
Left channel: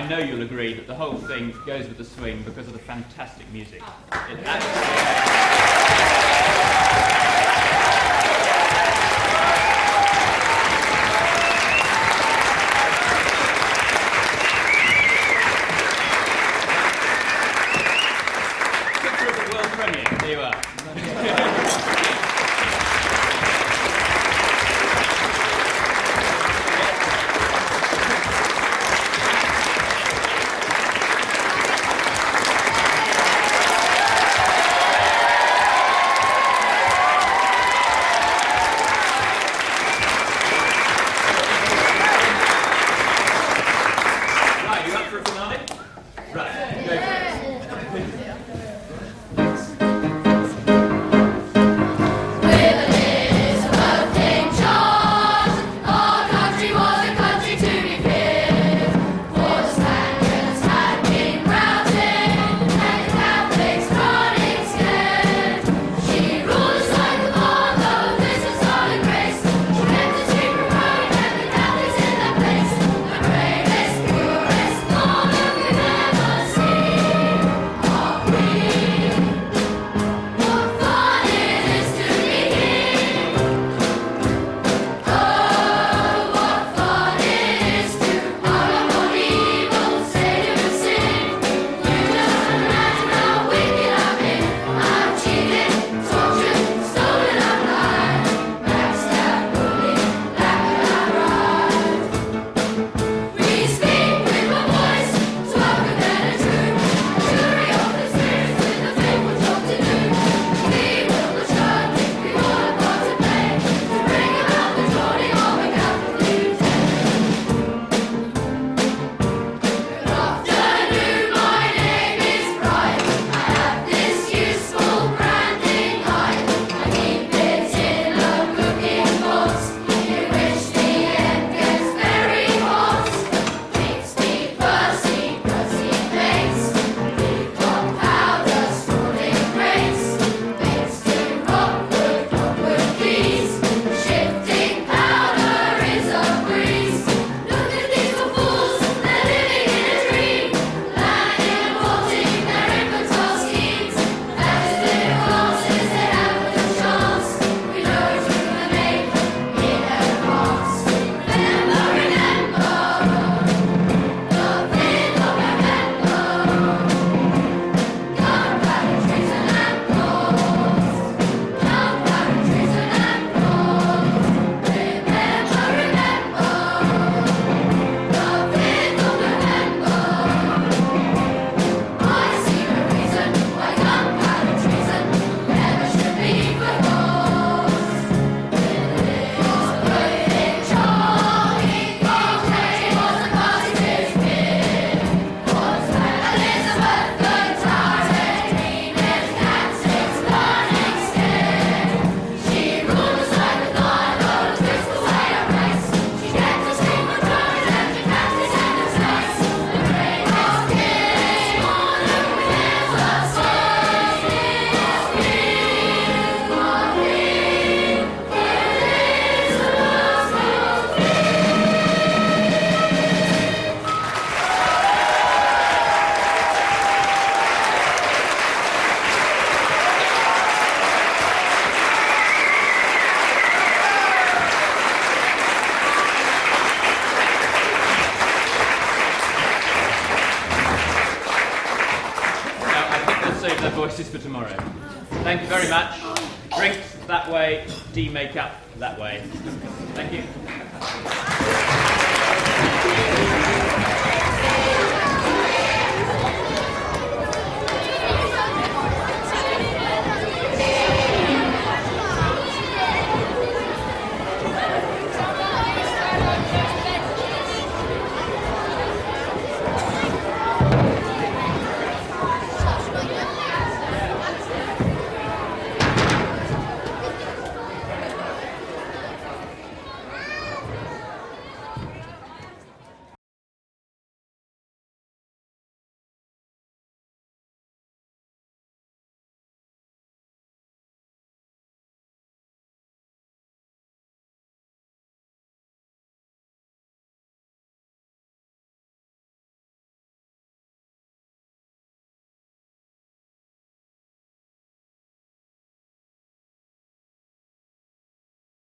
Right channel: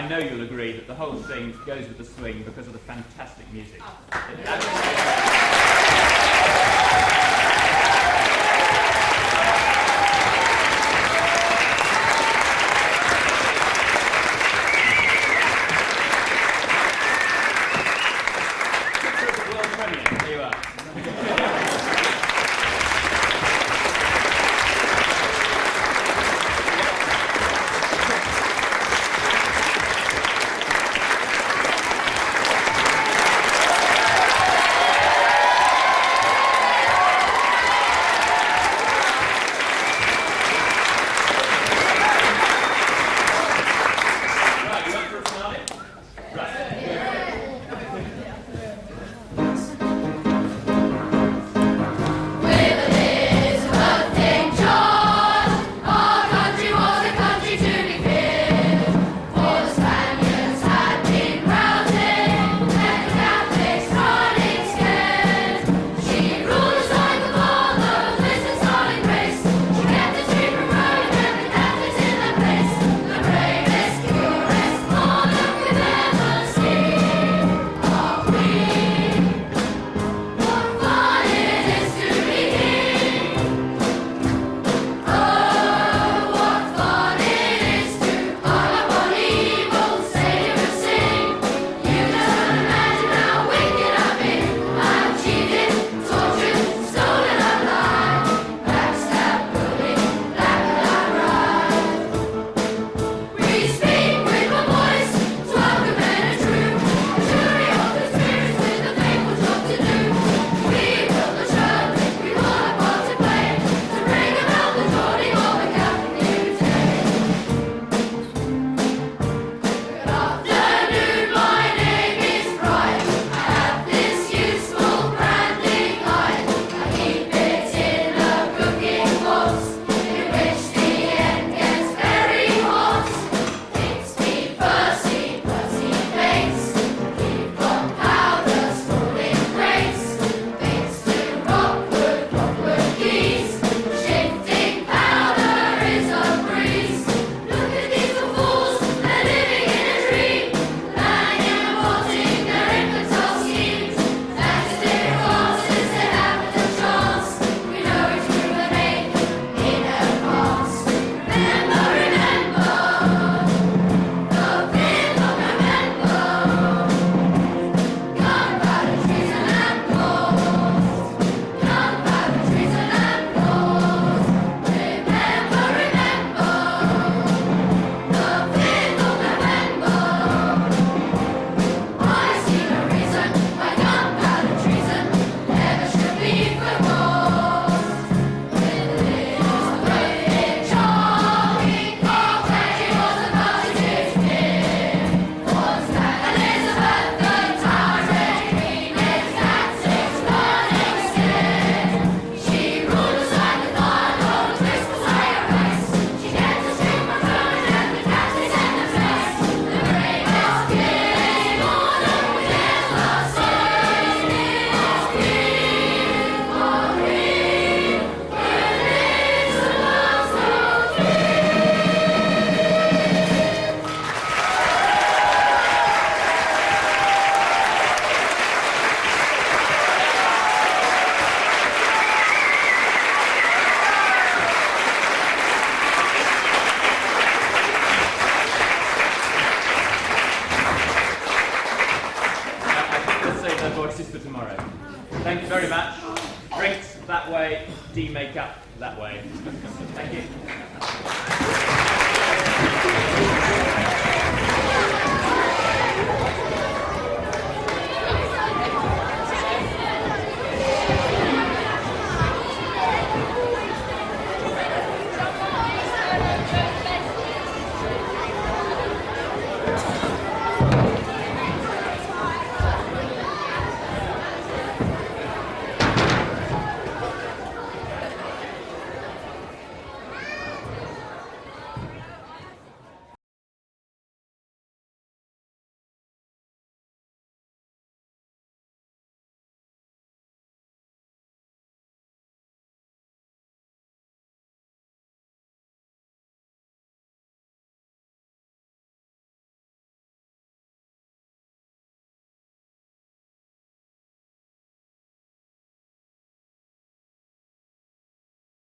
I know you'll agree that the whole thing goes with the swing because of the fantastic music. It picture of the world premiere. There you are. Right, you went for a finale? Right. Save their voices for tomorrow. Thank you very much. Drinks that way, tea makeup that way. Thank you.